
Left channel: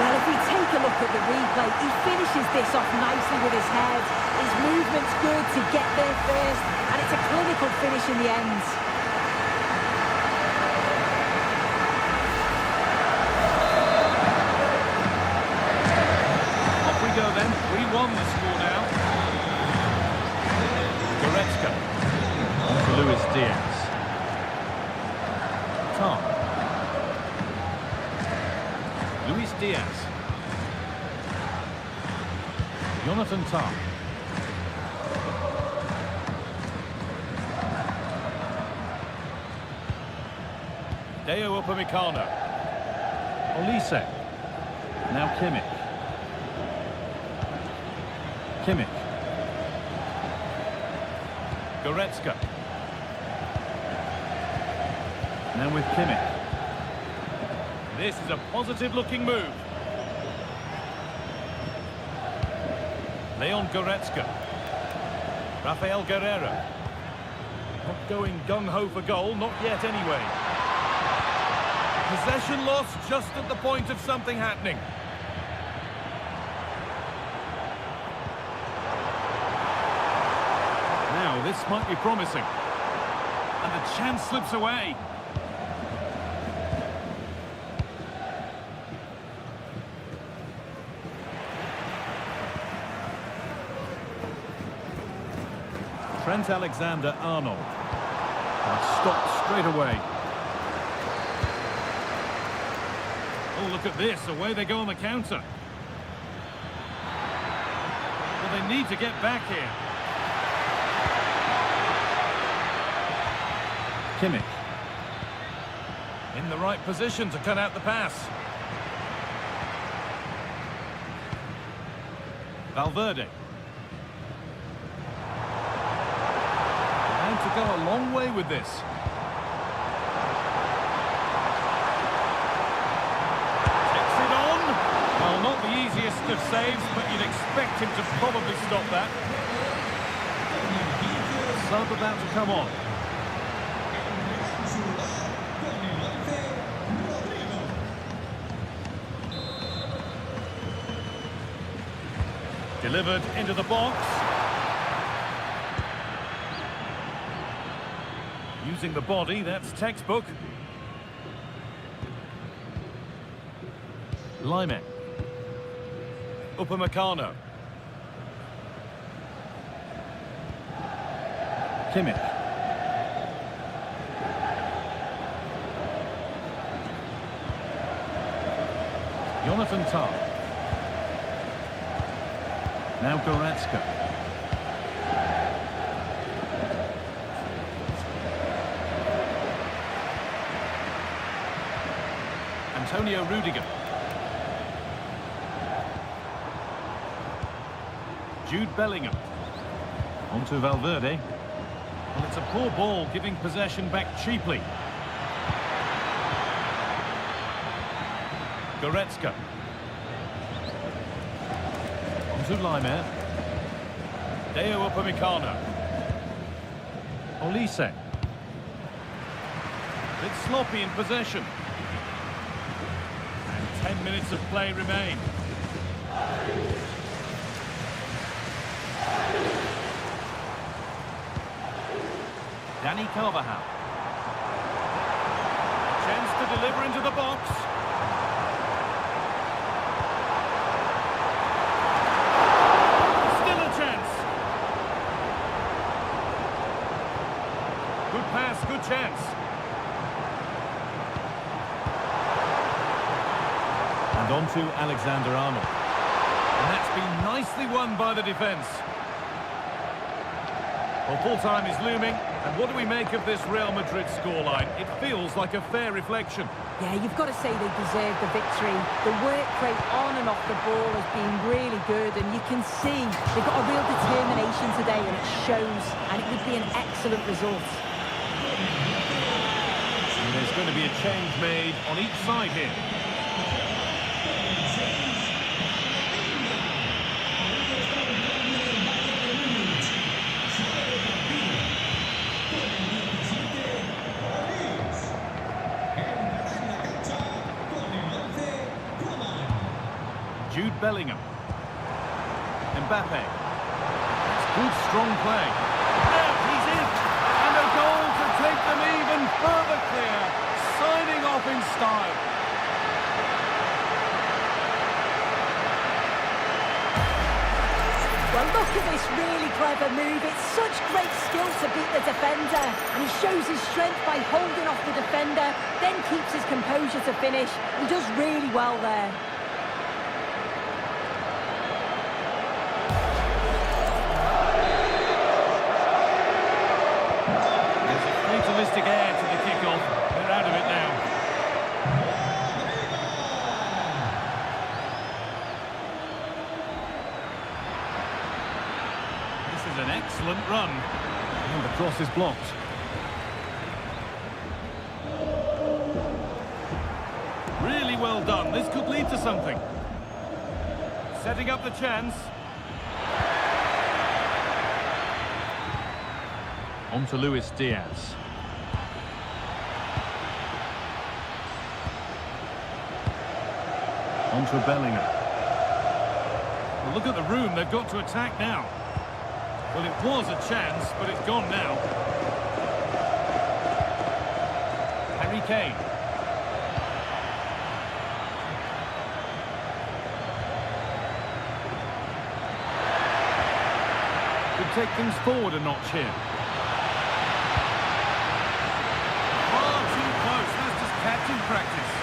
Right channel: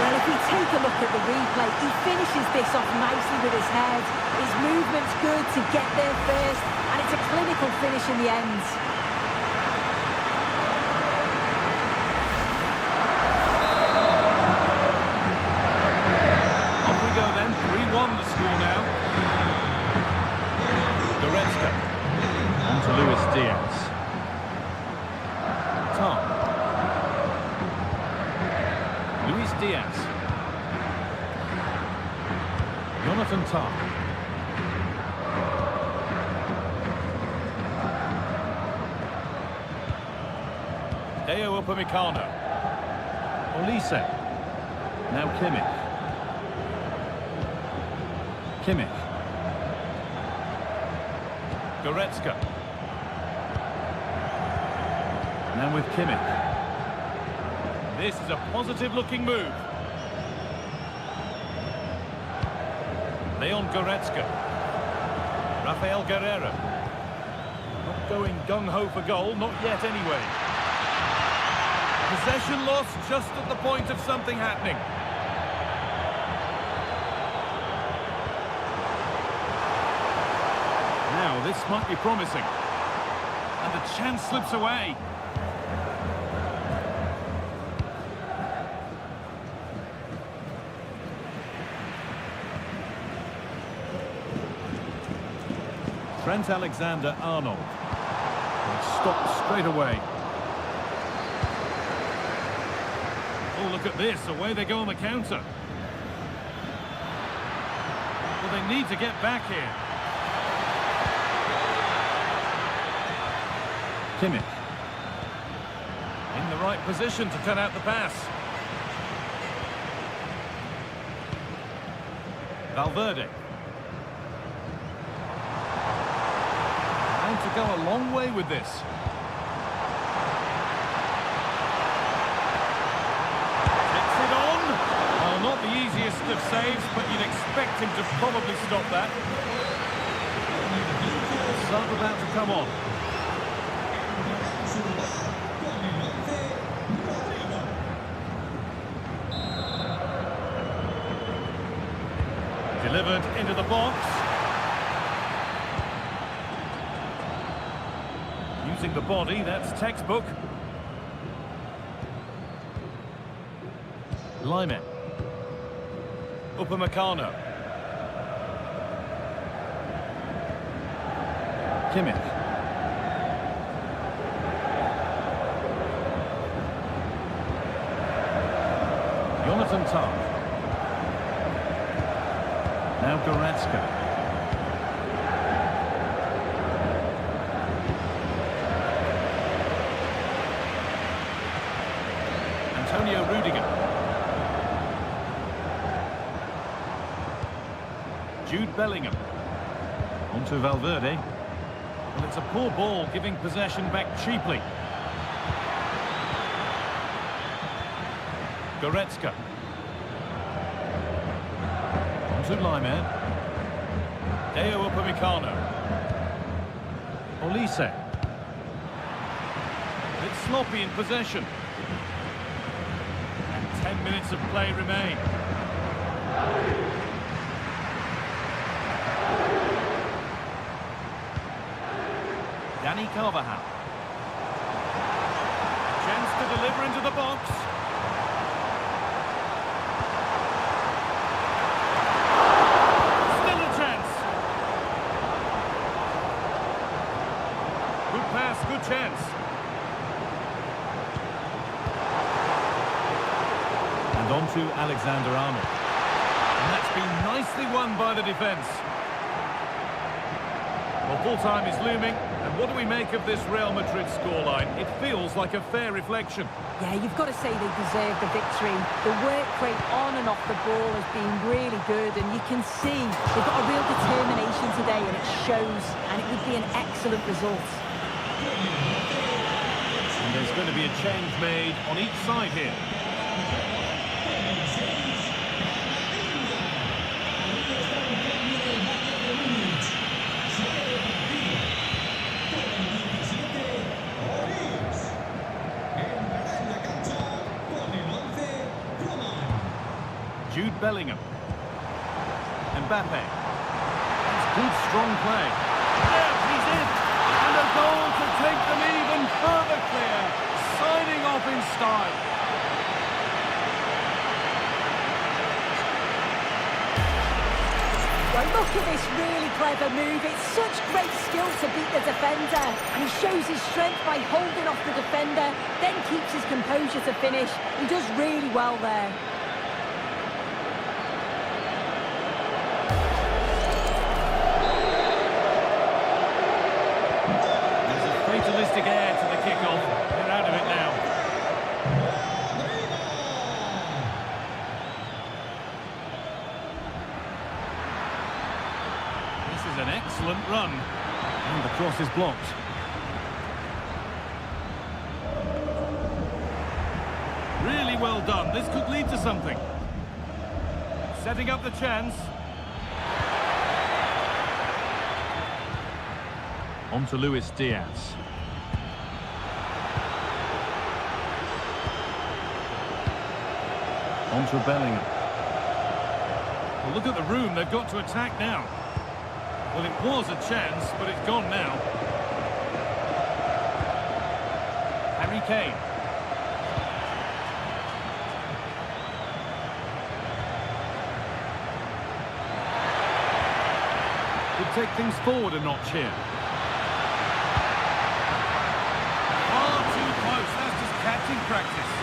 Well, if we take a look at the replay, he finishes this off nicely with his head. His movement's good to get there first, and it's a clinical finish in the end. Off we go then, 3-1 the score now. Goretzka. On to Luis Diaz. Tah. Luis Diaz. Jonathan Tah. Deo Upamecano. Olise. Now Kimmich. Kimmich. Goretzka. Now with Kimmich. This is a positive-looking move. Leon Goretzka. Rafael Guerreiro. Not going gung-ho for goal, not yet anyway. Possession lost just at the point of something happening. Now, this might be promising. And the chance slips away. Trent Alexander-Arnold. And stopped straight away. Oh, look at this. Away they go on the counter. Well, they need to get back here. Kimmich. In the right position to cut out the pass. Valverde. And to go a long way with this. Takes it on. Well, not the easiest of saves, but you'd expect him to probably stop that. Sub about to come on. Delivered into the box. Using the body, that's textbook. Lime. Upamecano. Kimmich. Jonathan Tah. Now Goretzka. Antonio Rudiger. Jude Bellingham. On to Valverde. Well, it's a poor ball, giving possession back cheaply. Goretzka. On to Lime. Deo Upamecano. Olise. A bit sloppy in possession. And 10 minutes of play remain. Dani Carvajal. Chance to deliver into the box. Still a chance. Good pass, good chance. And on to Alexander-Arnold. And that's been nicely won by the defence. Well, full-time is looming, and what do we make of this Real Madrid scoreline? It feels like a fair reflection. Yeah, you've got to say they deserve the victory. The work rate on and off the ball has been really good, and you can see they've got a real determination today, and it shows, and it would be an excellent result. And there's going to be a change made on each side here. Jude Bellingham. Mbappe. That's good, strong play. There, he's in. And a goal to take them even further clear. Signing off in style. Well, look at this really clever move. It's such great skill to beat the defender. And he shows his strength by holding off the defender, then keeps his composure to finish. He does really well there. Fatalistic air to the kickoff. They're out of it now. This is an excellent run. And the cross is blocked. Really well done. This could lead to something. Setting up the chance. On to Luis Diaz. On to Bellingham. Well, look at the room they've got to attack now. Well, it was a chance, but it's gone now. Harry Kane. Could take things forward a notch here. Far too close. That's just catching practice.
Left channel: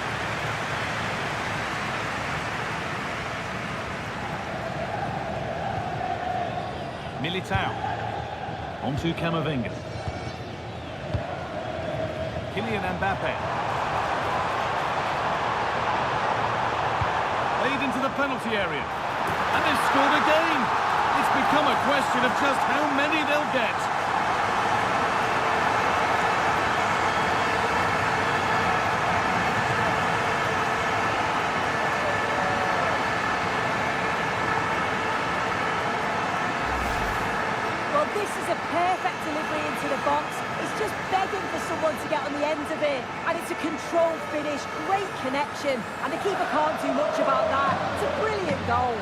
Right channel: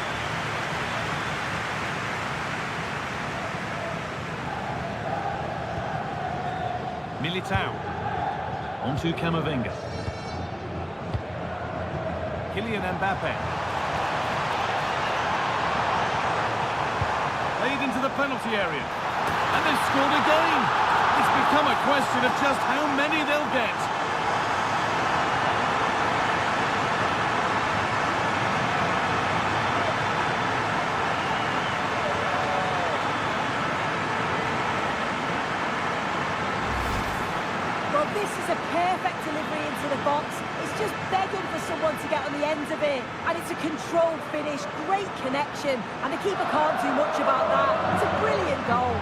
Militao. On to Camavinga. Kylian Mbappe. Played into the penalty area. And they've scored again. It's become a question of just how many they'll get. Well, this is a perfect delivery into the box. It's just begging for someone to get on the end of it. And it's a controlled finish, great connection. And the keeper can't do much about that. It's a brilliant goal.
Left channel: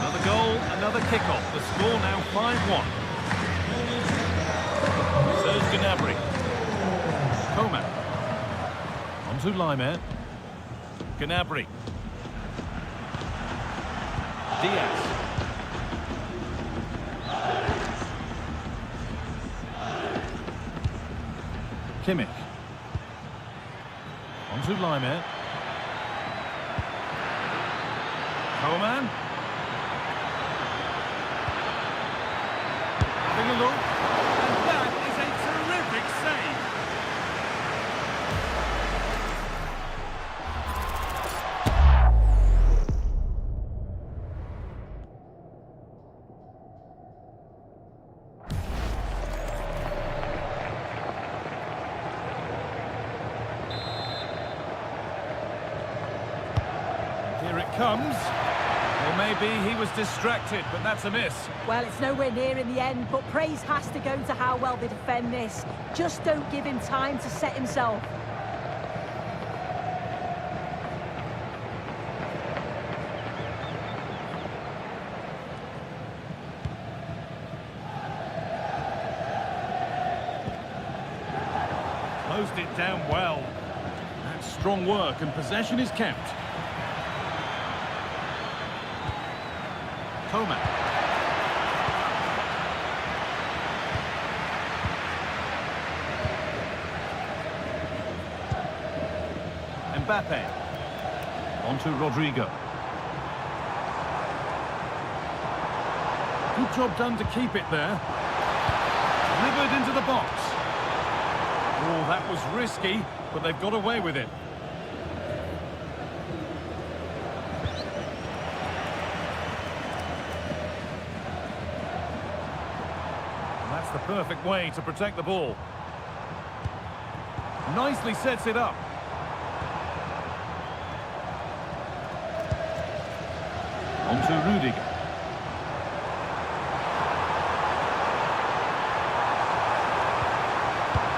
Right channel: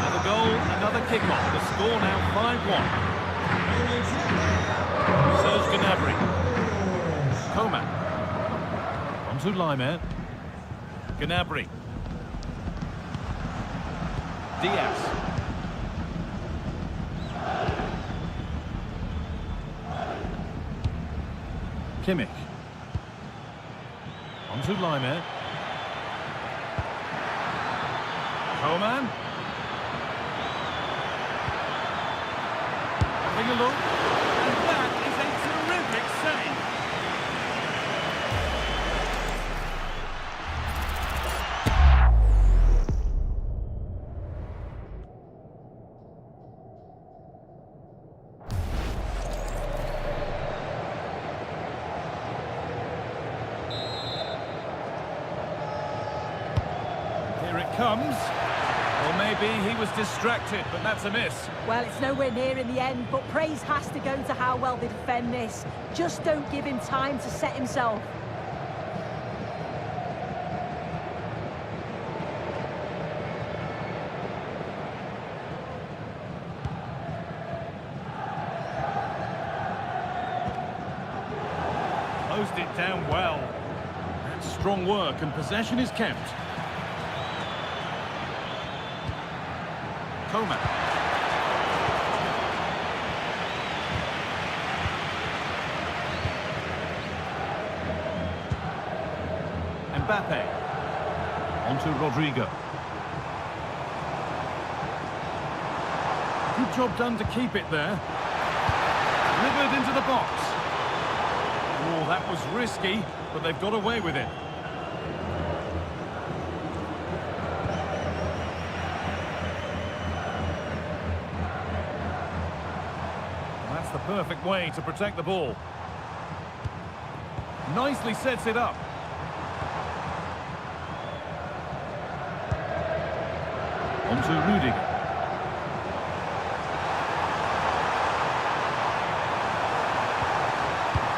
Another goal, another kick-off. The score now 5-1. Serge Gnabry. Coman. On to Laimer. Gnabry. Diaz. Kimmich. On to Laimer. Coman. Having a look. And that is a terrific save. Here it comes. Well, maybe he was distracted, but that's a miss. Well, it's nowhere near in the end, but praise has to go to how well they defend this. Just don't give him time to set himself. Closed it down well. That's strong work, and possession is kept. Coman. Mbappe. On to Rodrigo. Good job done to keep it there. Delivered into the box. Oh, that was risky, but they've got away with it. That's the perfect way to protect the ball. Nicely sets it up. On to Rudiger.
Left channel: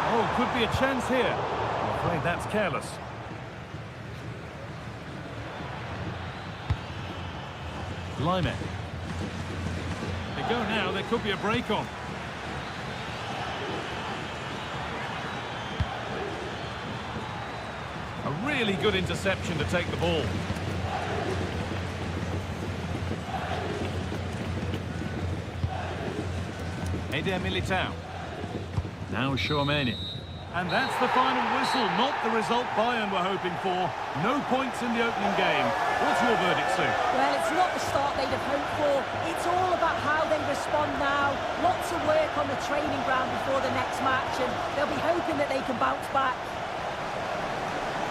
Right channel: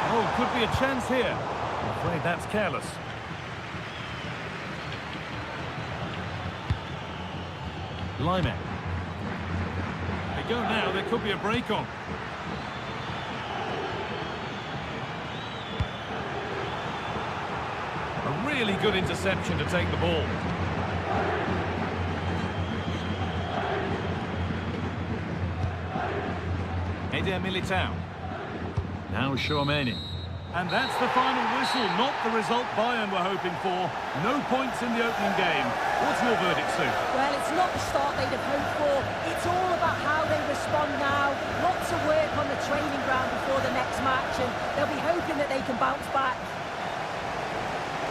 Oh, could be a chance here. I'm afraid that's careless. Laimer. They go now, there could be a break on. A really good interception to take the ball. Eder Militao. Now Tchouaméni. And that's the final whistle, not the result Bayern were hoping for. No points in the opening game. What's your verdict, Sue? Well, it's not the start they'd have hoped for. It's all about how they respond now. Lots of work on the training ground before the next match, and they'll be hoping that they can bounce back.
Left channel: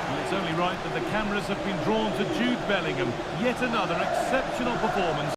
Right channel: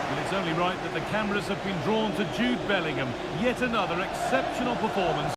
Well, it's only right that the cameras have been drawn to Jude Bellingham. Yet another exceptional performance.